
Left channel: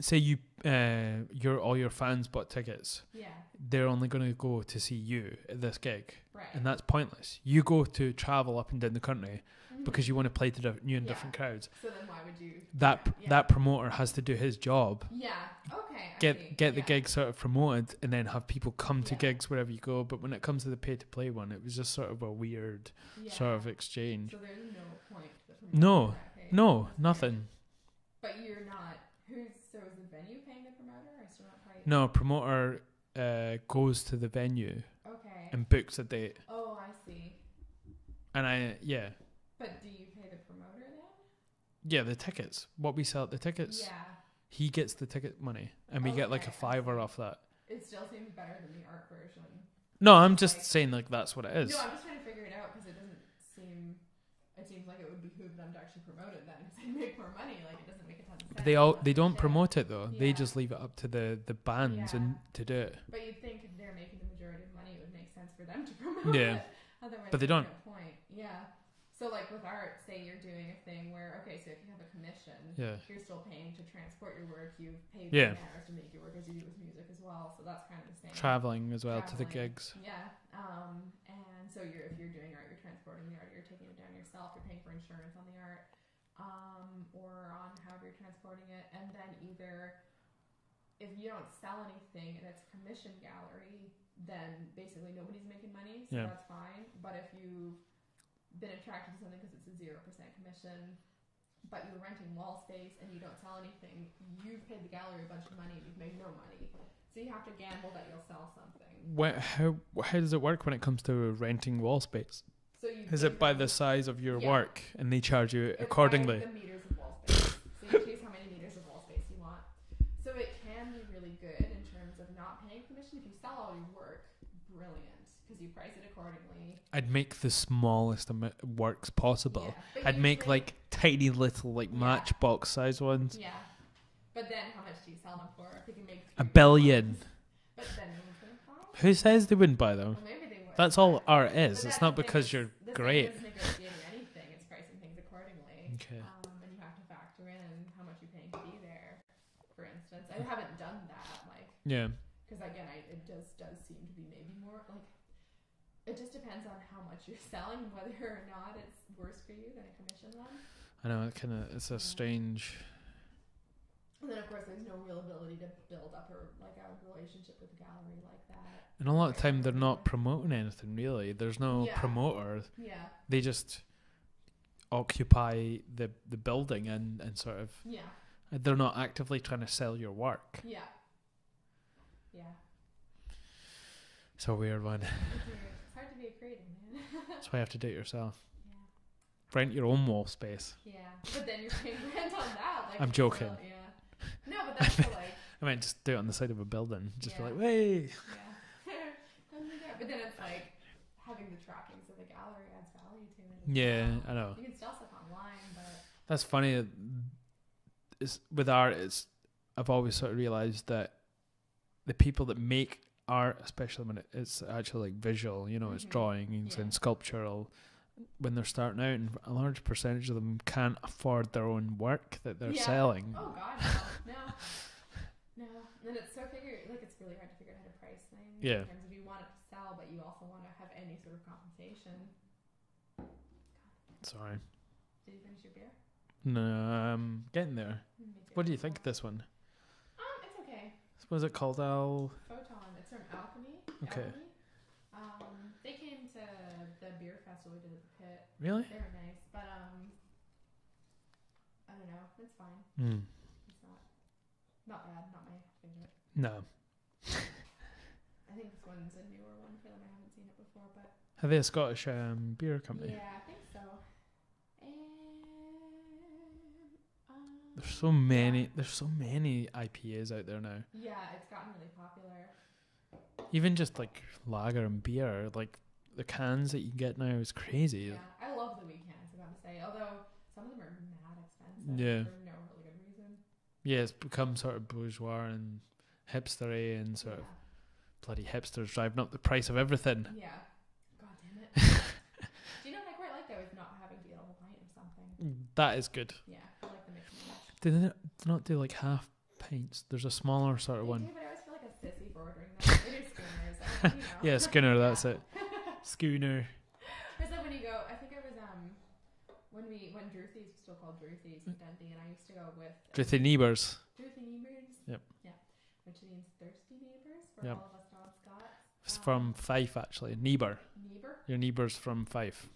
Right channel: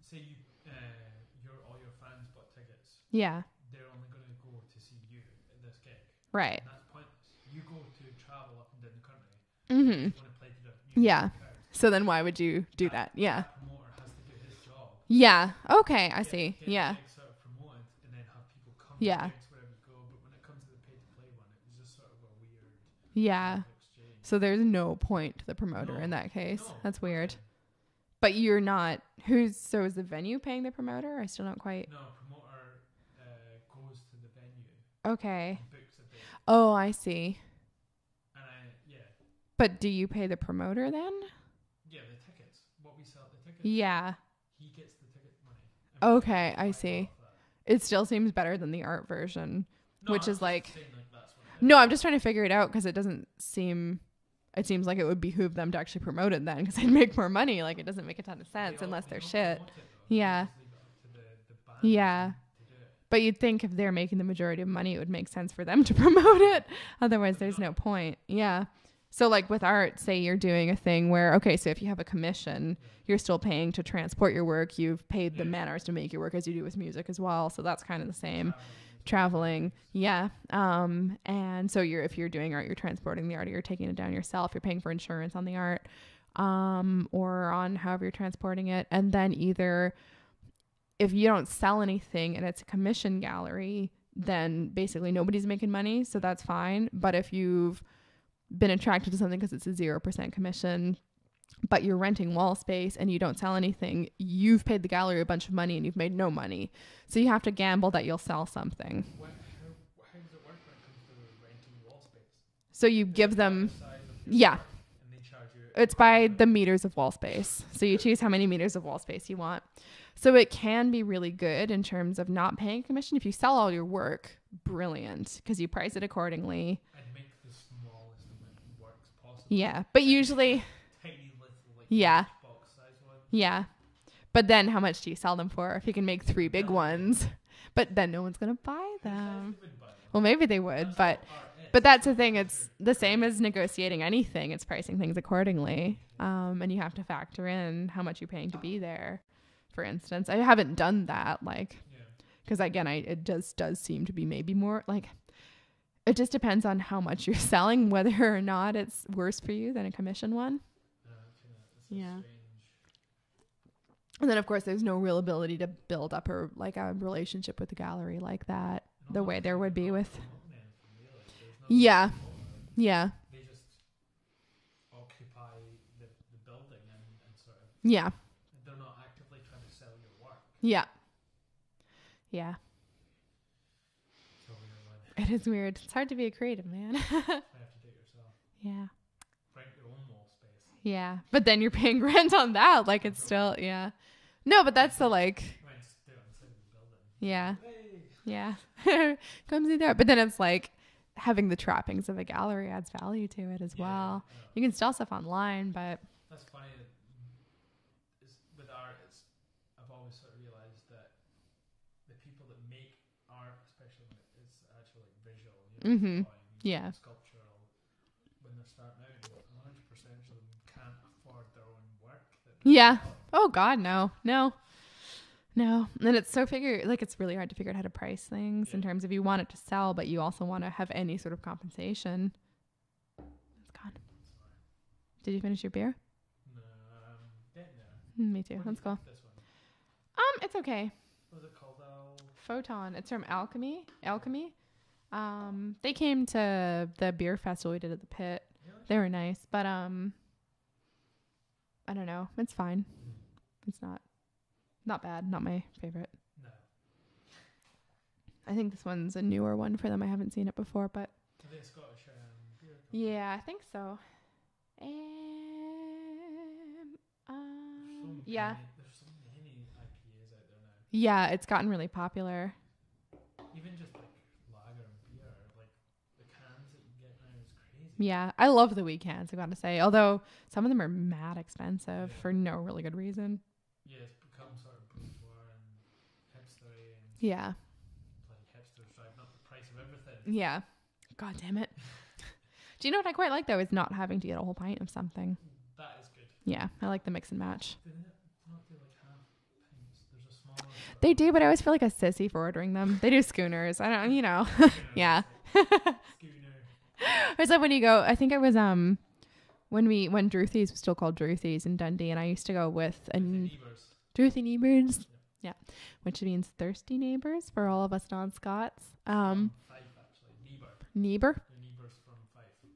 say all your fans bought tickets, they're only going to go to see you at this gig, right? And that's pointless. You go to travel up and down the country because you want to play to different crowds. So then why would you do that? That promoter has to do his job. Yeah. Okay, I see. Get the gig sort of promoted and then have people come to gigs wherever you go. But when it comes to the pay to play one, it was just sort of a weird sort of exchange. So there's no point to the promoter in that case. No, that's nothing. Weird. But you're not. So is the venue paying the promoter? I still don't quite. No, promoter goes to the venue. Okay. And books a date. Oh, I see. And But do you pay the promoter then? Yeah, the tickets. What we sell at the tickets. Yeah. He gets the ticket money. And we get like a $5 off that. It still seems better than the art version. No, I'm just saying like that's what it is. No, I'm just trying to figure it out because it doesn't seem... It seems like it would behoove them to actually promote it then because they'd make more money. Like, it doesn't make a ton of sense. They don't promote it though. Yeah. They just leave it up to the bands to do it. But you'd think if they're making the majority of money, it would make sense for them to promote it. Otherwise, there's no point. Yeah. So like with art, say you're doing a thing where, okay, so if you have a commission, you're still paying to transport your work. You've paid the man hours to make your work as you do with music as well. So that's kind of the same. Traveling as well. Traveling. To the gigs. Yeah. And so if you're doing art, you're transporting the art, or you're taking it down yourself. You're paying for insurance on the art, or on however you're transporting it. And then either if you don't sell anything and it's a commission gallery, then basically nobody's making money. So that's fine. But if you've been attracted to something because it's a 0% commission, but you're renting wall space and you don't sell anything, you've paid the gallery a bunch of money and you've made no money. So you have to gamble that you'll sell something. How does it work when it comes to renting wall space? So you give them by the size of your work and they charge you it's accordingly. By the meters of wall space. So you choose how many meters of wall space you want. So it can be really good in terms of not paying commission. If you sell all your work, brilliant, because you price it accordingly. I'd make the smallest works possible. Yeah, but I'd usually make like tiny little matchbox size ones. Yeah, but then how much do you sell them for? If you can make 3 big ones, but then no one's gonna buy. Who says they wouldn't buy them? Well, maybe they would. That's all art is. But that's the thing. It's the same as negotiating anything. It's pricing things accordingly. Okay. And you have to factor in how much you're paying to be there. For instance, I haven't done that. Because again, it just does seem to be maybe more like, it just depends on how much you're selling, whether or not it's worse for you than a commission one. I know, it's a strange. And then of course there's no real ability to build up a relationship with the gallery like that. And a lot of time they're not promoting anything really. There's no promoter. Yeah. They just occupy the building and sort of. Yeah. They're not actively trying to sell your work. Yeah. Yeah. It's a weird one. It is weird. It's hard to be a creative, man. That's why you have to do it yourself. Yeah. Rent your own wall space. Yeah. But then you're paying rent on that. Like, it's joking. Still, yeah. No, but that's the like. I mean, just do it on the side of a building. Just like, hey. Yeah. Come see there. But then it's like having the trappings of a gallery adds value to it as well. Yeah, I know. You can sell stuff online, but. That's funny. With art, I've always sort of realized that the people that make art, especially when it's actually like visual, it's drawing and sculptural. When they're starting out, and a large percentage of them can't afford their own work that they're selling. Oh God, no. And it's it's really hard to figure out how to price things in terms of you want it to sell, but you also want to have any sort of compensation. It's gone. Sorry. Did you finish your beer? No, I'm getting there. Me too. What do you think of this one? It's okay. What is it called? Photon. It's from Alchemy. Okay. Alchemy. They came to the beer festival we did at the Pit. Really? They were nice, but I don't know. It's fine. It's not bad. Not my favorite. No. I think this one's a newer one for them. I haven't seen it before, but are they a Scottish beer company? Yeah, I think so. There's so many. Yeah. There's so many IPAs out there now. Yeah, it's gotten really popular. Even just like lager and beer, like the cans that you get now is crazy. Yeah, I love the wee cans, I gotta say. Although some of them are mad expensive for no really good reason. Yeah, it's become sort of bourgeois and hipstery and sort of bloody hipsters driving up the price of everything. Yeah. God damn it. Do you know what I quite like though is not having to get a whole pint of something. That is good. Yeah, I like the mix and match. Do they not do like half pints? There's a smaller sort of They do, but I always feel like a sissy for ordering them. They do schooners. I don't, Yeah, schooner, that's it. Schooner. It's like when you go, I think it was when Druthy's was still called Druthy's in Dundee, and I used to go with Druthy neighbours. Druthy neighbours. Yep. Yeah. Which means thirsty neighbours for all of us non-Scots. It's from Fife, actually. Neighbour. Your neighbour's from Fife.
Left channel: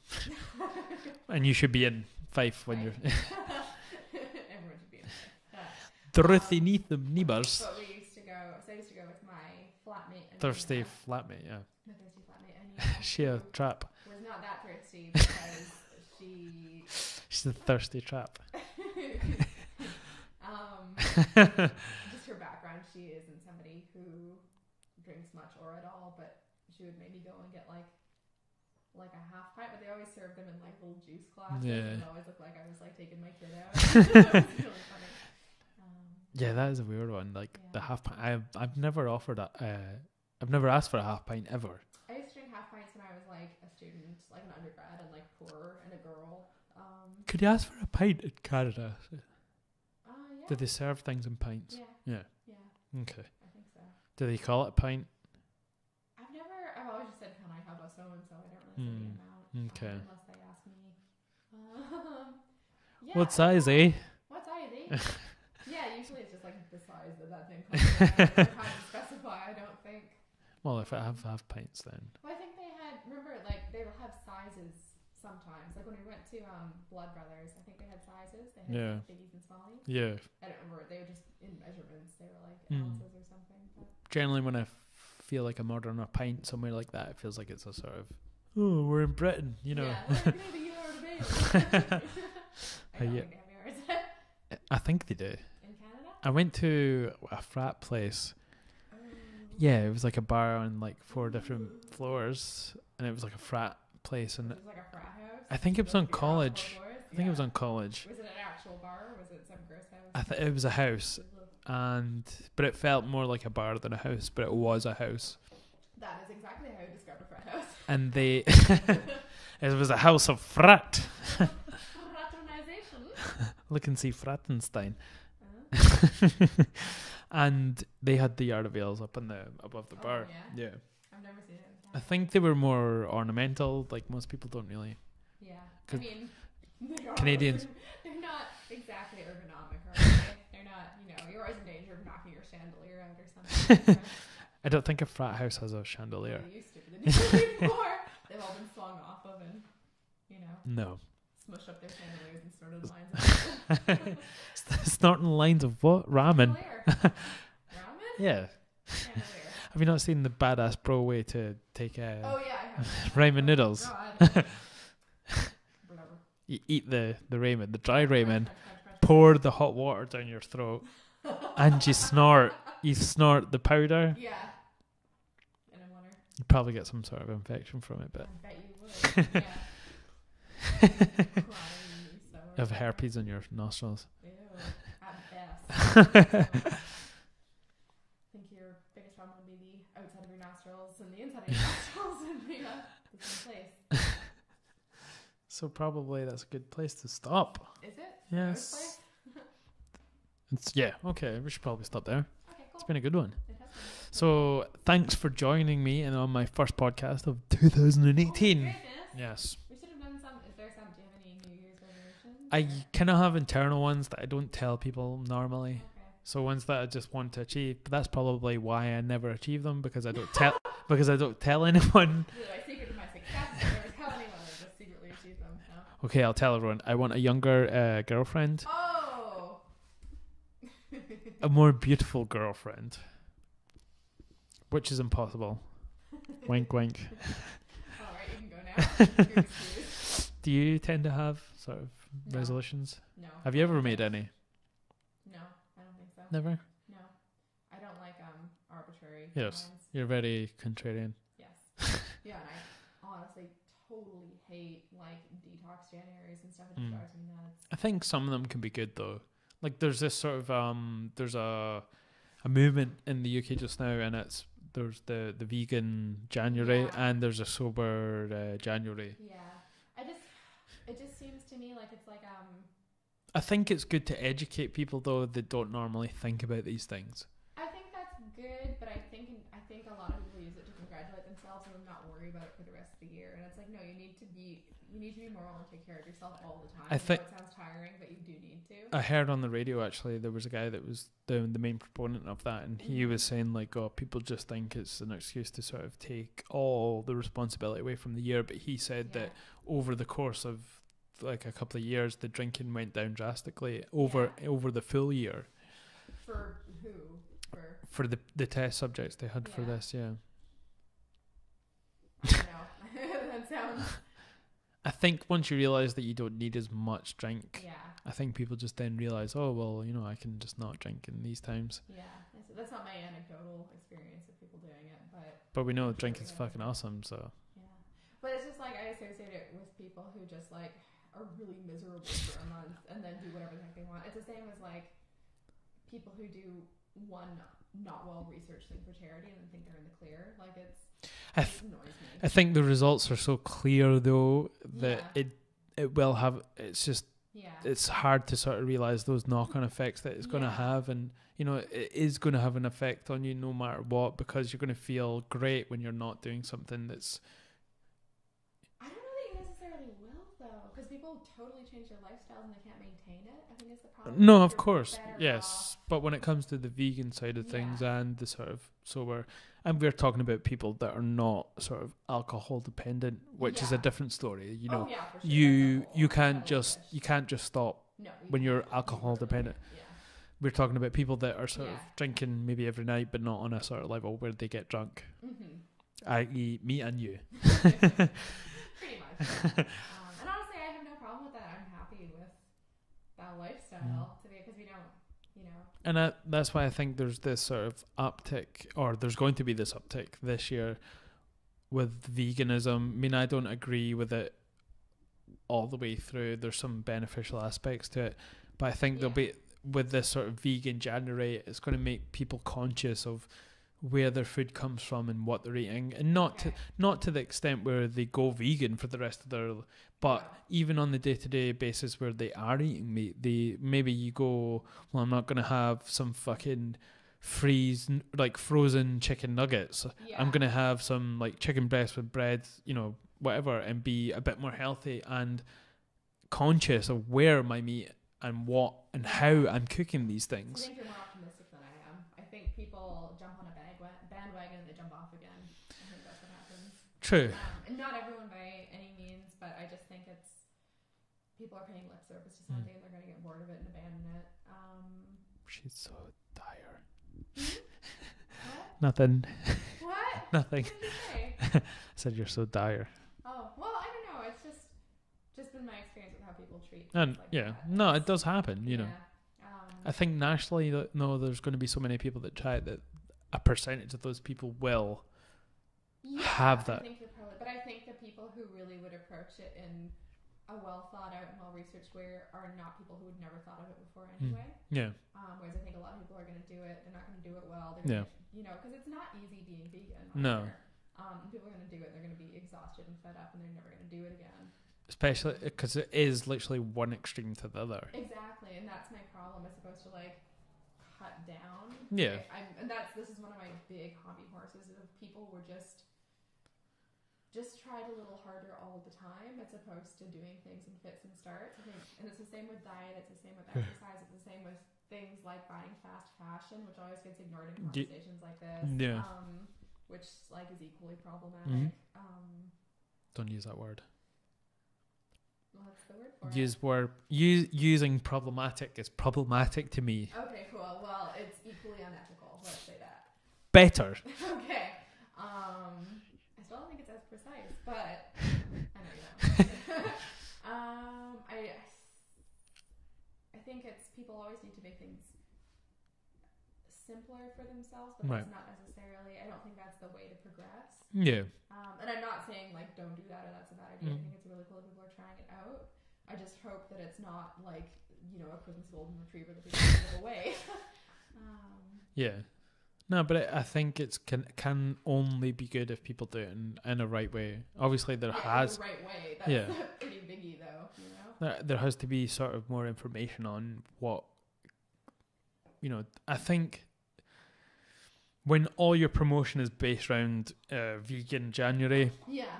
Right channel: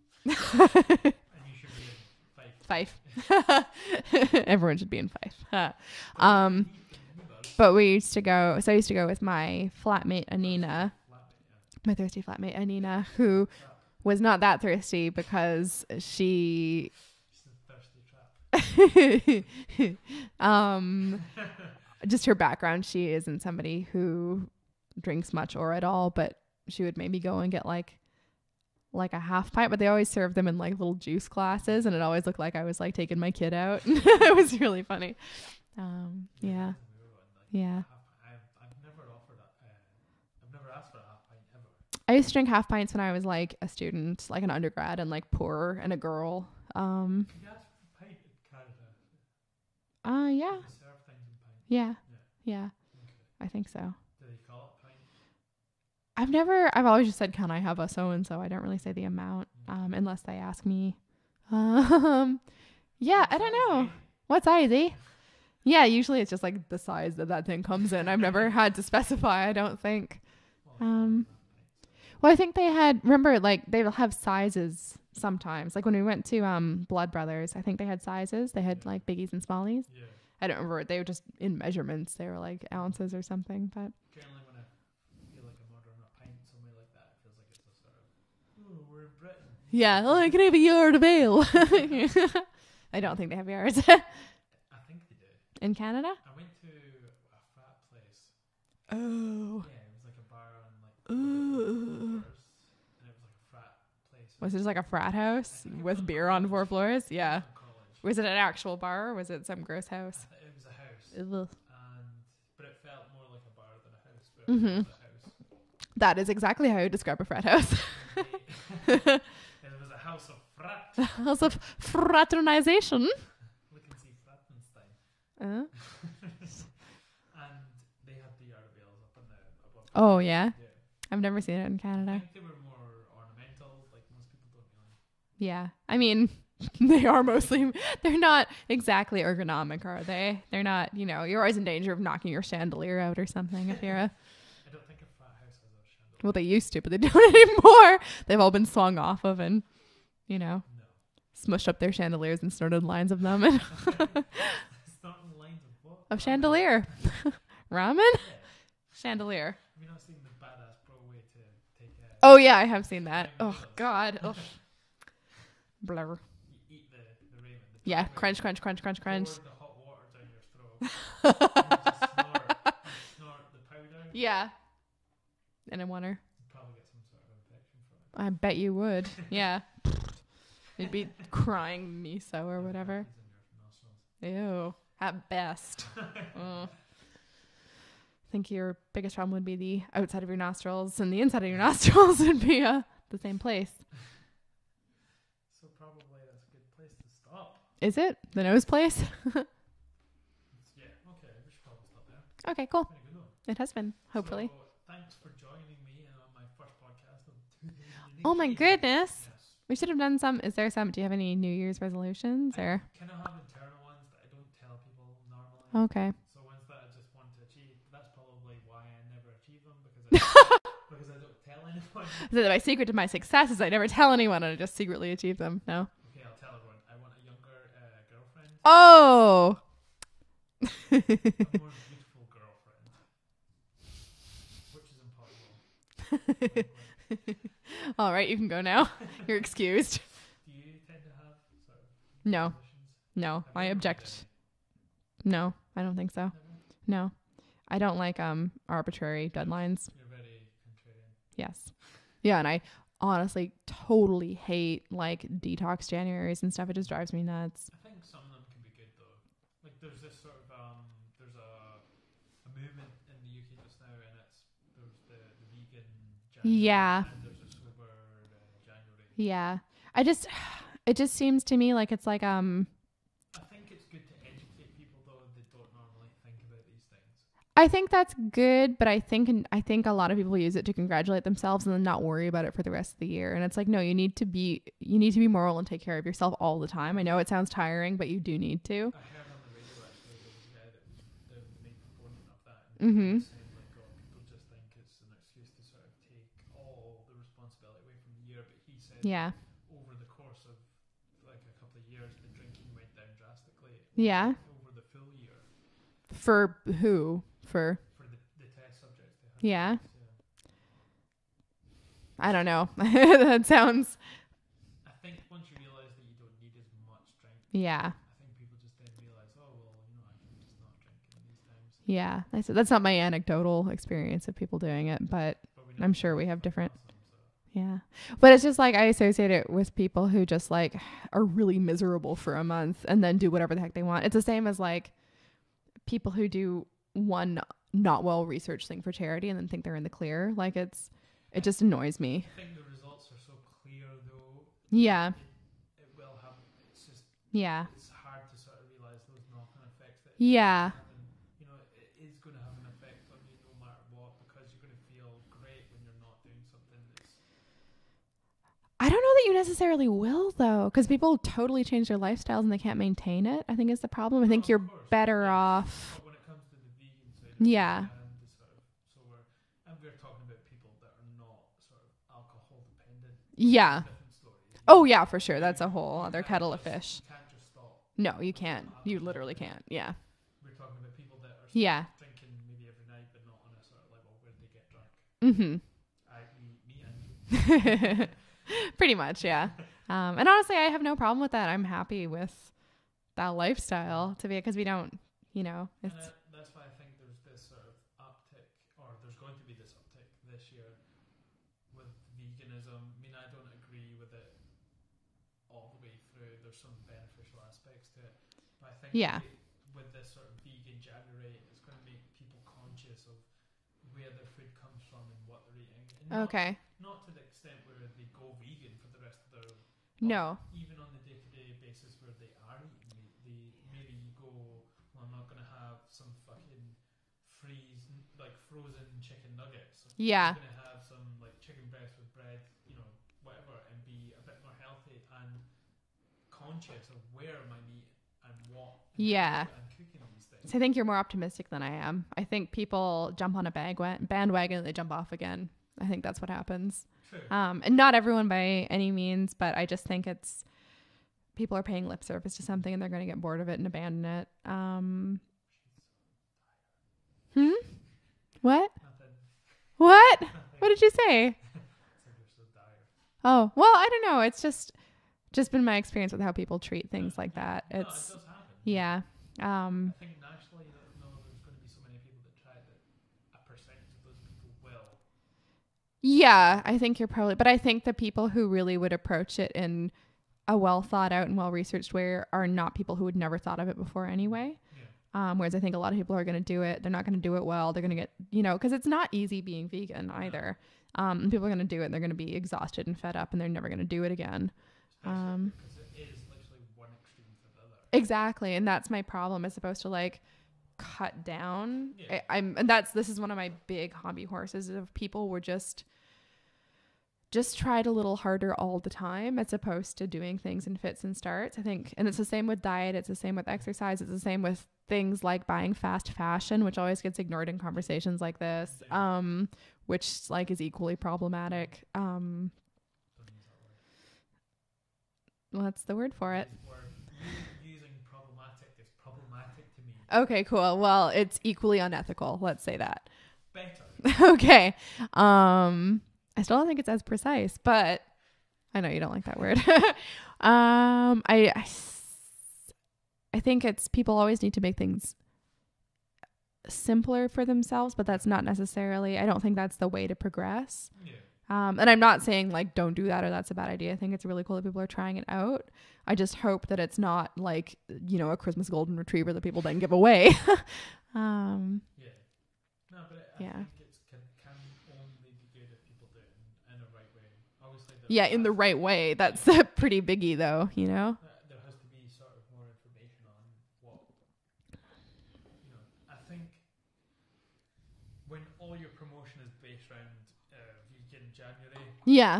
And you should be in Fife. Everyone should be in Fife. Neighbours. But I used to go with my flatmate, Anina. My thirsty flatmate, Anina, who was not that thirsty because she's a thirsty trap. Just her background, she isn't somebody who drinks much or at all, but she would maybe go and get like a half pint, but they always serve them in like little juice glasses, and it always looked like I was like taking my kid out. It was really funny. That is a weird one. Like the half pint. I've never offered I've never asked for a half pint ever. I used to drink half pints when I was like a student, like an undergrad, and like poorer and a girl. Could you ask for a pint in Canada? Yeah. Do they serve things in pints? Yeah. Yeah. Yeah. Okay. I think so. Do they call it a pint? I've always just said, can I have a so-and-so? I don't really say the amount, unless they ask me. Yeah. What size, eh? What size, eh? Yeah, usually it's just like the size that thing comes in. I've never had to specify, I don't think. Well, if I have pints then. Well, I think remember, like, they'll have sizes sometimes. Like when we went to Blood Brothers, I think they had sizes. They had like biggies and smallies. Yeah. I don't remember. They were just in measurements. They were like ounces or something. But generally when I feel like I'm ordering a pint somewhere like that, it feels like it's a sort of, oh, we're in Britain. Yeah, I can have a yard of ale. I don't think they have yards. I think they do. In Canada? I went to a frat place. Oh. Yeah, it was like a bar on like 4 different floors, and it was like a frat place. Was it just like a frat house? I think it was with on beer college. On 4 floors? Yeah. It was on college. Was it an actual bar or was it some gross house? It was a house. But it felt more like a bar than a house, but it was a house. That is exactly how you describe a frat house. And it was a house of frat. A house of fraternization. Look and see Frattenstein. And they had the yard of ales up above the bar. Oh, yeah? Yeah. I've never seen it in Canada. I think they were more ornamental. Like most people don't really. Yeah. I mean, they are mostly, they're not exactly ergonomic, are they? They're not, you're always in danger of knocking your chandelier out or something. I don't think a frat house has a chandelier. Well, they used to, but they don't anymore. They've all been swung off of and, No. Smushed up their chandeliers and snorted lines of ramen. Snorting lines of what? Ramen. Chandelier. Ramen? Yeah. Chandelier. Have you not seen the badass bro way to take a... Oh, yeah, I have seen that. Ramen noodles. God. Blur. You eat the ramen, the dry ramen. Crunch. Pour the hot water down your throat. And you snort. You snort the powder. Yeah. And I wonder. You'd probably get some sort of infection from it. I bet you would. Yeah. You'd be crying miso or whatever. Have herpes in your nostrils. Ew. At best. think your biggest problem would be the outside of your nostrils, and the inside of your nostrils would be the same place. So probably that's a good place to stop. Is it? The nose place? Okay. We should probably stop there. Okay, cool. It's been a good one. It has been. Hopefully. So thanks for joining me on my first podcast of 2018. Oh my goodness. Yes. We should have done some. Do you have any New Year's resolutions? I kind of have internal ones that I don't tell people normally. Okay. So ones that I just want to achieve, but that's probably why I never achieve them, because I don't tell anyone. So my secret to my success is I never tell anyone and I just secretly achieve them. No. Okay, I'll tell everyone. I want a younger girlfriend. Oh. A more beautiful girlfriend, which is impossible. Wink, wink. All right, you can go now. You're excused. Do you tend to have sort of resolutions? No. Have you ever made any? No, I don't think so. Never? No. I don't like arbitrary deadlines. Yes, you're very contrarian. Yes. Yeah, and I honestly totally hate like detox Januaries and stuff. It just drives me nuts. I think some of them can be good though. Like there's this sort of there's a movement in the UK just now, and there's the vegan January and there's a sober January. Yeah. It just seems to me like it's like I think it's good to educate people though that don't normally think about these things. I think that's good, but I think a lot of people use it to congratulate themselves and then not worry about it for the rest of the year. And it's like, no, you need to be moral and take care of yourself all the time. I know it sounds tiring, but you do need to. I heard on the radio actually there was a guy that was the main proponent of that, and he was saying like, oh, people just think it's an excuse to sort of take all the responsibility away from the year. But he said that over the course of like a couple of years, the drinking went down drastically over the full year. For who? For the test subjects they had for this, I don't know. That sounds... I think once you realize that you don't need as much drink, I think people just then realize, oh, well, I can just not drink in these times. Yeah. That's not my anecdotal experience of people doing it, but we know I'm sure we have different... awesome, so. Yeah. But it's just like I associate it with people who just like are really miserable for a month and then do whatever the heck they want. It's the same as like people who do one not well researched thing for charity and then think they're in the clear. Like it just annoys me. I think the results are so clear though. That it will have. It's just it's hard to sort of realize those knock-on effects that it's going to have, and it is going to have an effect on you no matter what, because you're going to feel great when you're not doing something that's. I don't know that you necessarily will though, because people totally change their lifestyles and they can't maintain it. I think is the problem. No, I think you're of course, better off. But when it comes to the vegan side of things and the sort of sober, and we're talking about people that are not sort of alcohol dependent, which is a different story. For sure. That's a whole kettle of fish. You can't just stop. No, you when can't. You're alcohol dependent. Can't. Yeah. We're talking about people that are sort of drinking maybe every night, but not on a sort of level where they get drunk. Mm-hmm. I.e. me and you. Pretty much, yeah. And honestly, I have no problem with that. I'm happy with that lifestyle to be, because we don't, And that's why I think there's this sort of uptick, or there's going to be this uptick this year with veganism. I mean, I don't agree with it all the way through. There's some beneficial aspects to it. But I think there'll be, with this sort of vegan January, it's going to make people conscious of where their food comes from and what they're eating, and not to the extent where they go vegan for the rest of their, but even on the day-to-day basis where they are eating meat, maybe you go, well, I'm not going to have some fucking frozen chicken nuggets. I'm going to have some like chicken breast with bread, whatever, and be a bit more healthy and conscious of where my meat and what and how I'm cooking these things. So I think you're more optimistic than I am. I think people jump on a bandwagon and they jump off again. I think that's what happens. True. And not everyone by any means, but I just think it's people are paying lip service to something and they're going to get bored of it and abandon it. She's so dire. What? Nothing. What? Nothing. What did you say? I said you're so dire. Oh, well, I don't know. It's just been my experience with how people treat things like that. No, it does happen. Yeah. I think nationally, there's going to be so many people that try it that a percentage of those people will. Yeah, I think you're probably, but I think the people who really would approach it in a well thought out and well researched way are not people who would never thought of it before anyway. Yeah. Whereas I think a lot of people are going to do it. They're not going to do it well. They're going to get, you know, because it's not easy being vegan either. And people are going to do it and they're going to be exhausted and fed up and they're never going to do it again. Especially because it is literally one extreme to the other. Exactly. And that's my problem. It's supposed to like cut down. Yeah. This is one of my big hobby horses of people were just tried a little harder all the time as opposed to doing things in fits and starts, I think. And it's the same with diet. It's the same with exercise. It's the same with things like buying fast fashion, which always gets ignored in conversations like this, which like is equally problematic. Don't use that word. What's the word for it? Using problematic is problematic to me. Okay, cool. Well, it's equally unethical. Let's say that. Better. Okay. I still don't think it's as precise, but I know you don't like that word. I think it's people always need to make things simpler for themselves, but that's not necessarily, I don't think that's the way to progress. Yeah. And I'm not saying like don't do that or that's a bad idea. I think it's really cool that people are trying it out. I just hope that it's not like, you know, a Christmas golden retriever that people then give away. Yeah. No, but I think it can only be good if people do it in a right way. Obviously, in the right way. That's a pretty biggie, though. You know, there has to be sort of more information on what, you know. I think when all your promotion is based around vegan January, you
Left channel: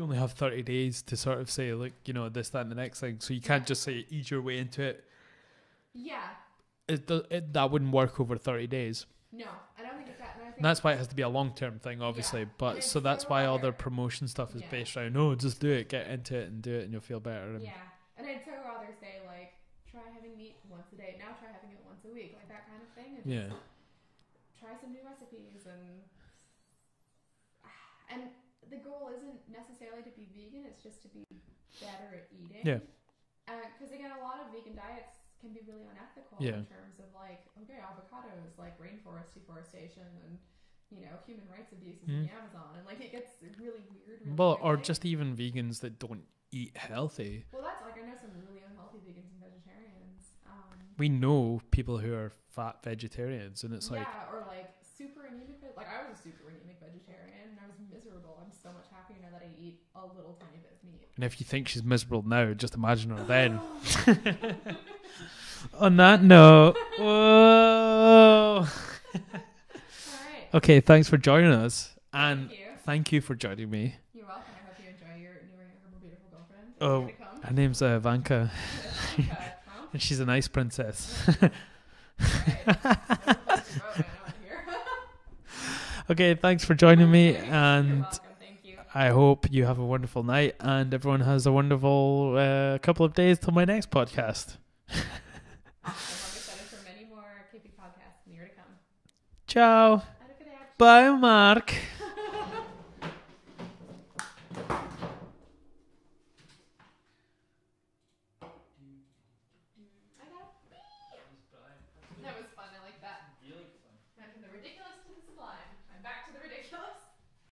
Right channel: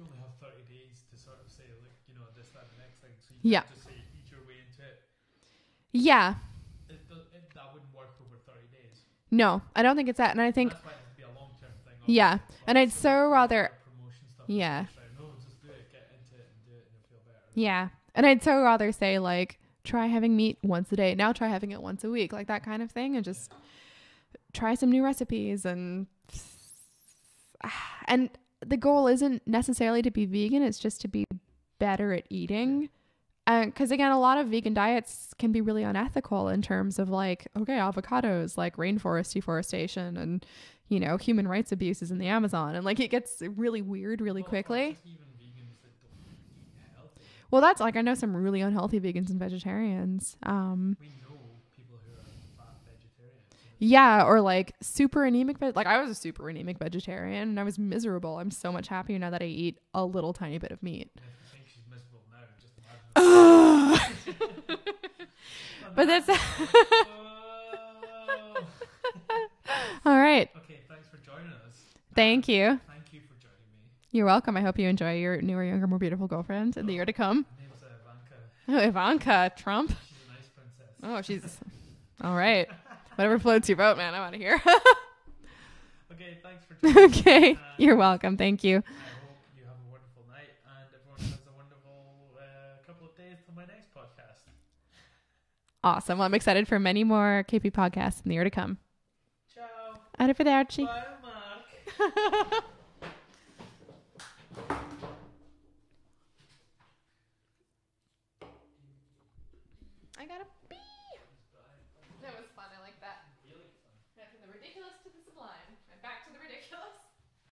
only have 30 days to sort of say, like, you know, this, that, and the next thing. So you can't just say ease your way into it. Yeah, that wouldn't work over 30 days. No, I don't think it's that. And I think that's why it has to be a long-term thing, obviously. But and so that's why all their promotion stuff is based around, just do it, get into it and do it and you'll feel better. And I'd so rather say like, try having meat once a day. Now try having it once a week, like that kind of thing. And just try some new recipes. And the goal isn't necessarily to be vegan. It's just to be better at eating. Because again, a lot of vegan diets can be really unethical in terms of like, avocados, like rainforest deforestation and, you know, human rights abuses in the Amazon. And like, it gets really weird really quickly. Or just even vegans that don't eat healthy. Well, that's like, I know some really unhealthy vegans and vegetarians. We know people who are fat vegetarians. And it's or like super anemic. Like I was a super anemic vegetarian and I was miserable. I'm so much happier now that I eat a little tiny bit of meat. And if you think she's miserable now, just imagine her then. On that note, whoa. All right. Okay, thanks for joining us. Thank you. Thank you for joining me. You're welcome. I hope you enjoy your newer, younger, more beautiful girlfriend in the year to come. Her name's Ivanka. Ivanka Trump. And she's an ice princess. Oh, she's... All right. Whatever floats your boat, man. I'm out of here. Okay, thanks for joining me. And you're welcome. Thank you. I hope you have a wonderful night and everyone has a wonderful couple of days till my next podcast. Awesome. Well, I'm excited for many more KP podcasts in the year to come. Ciao. Arrivederci. Bye, Mark.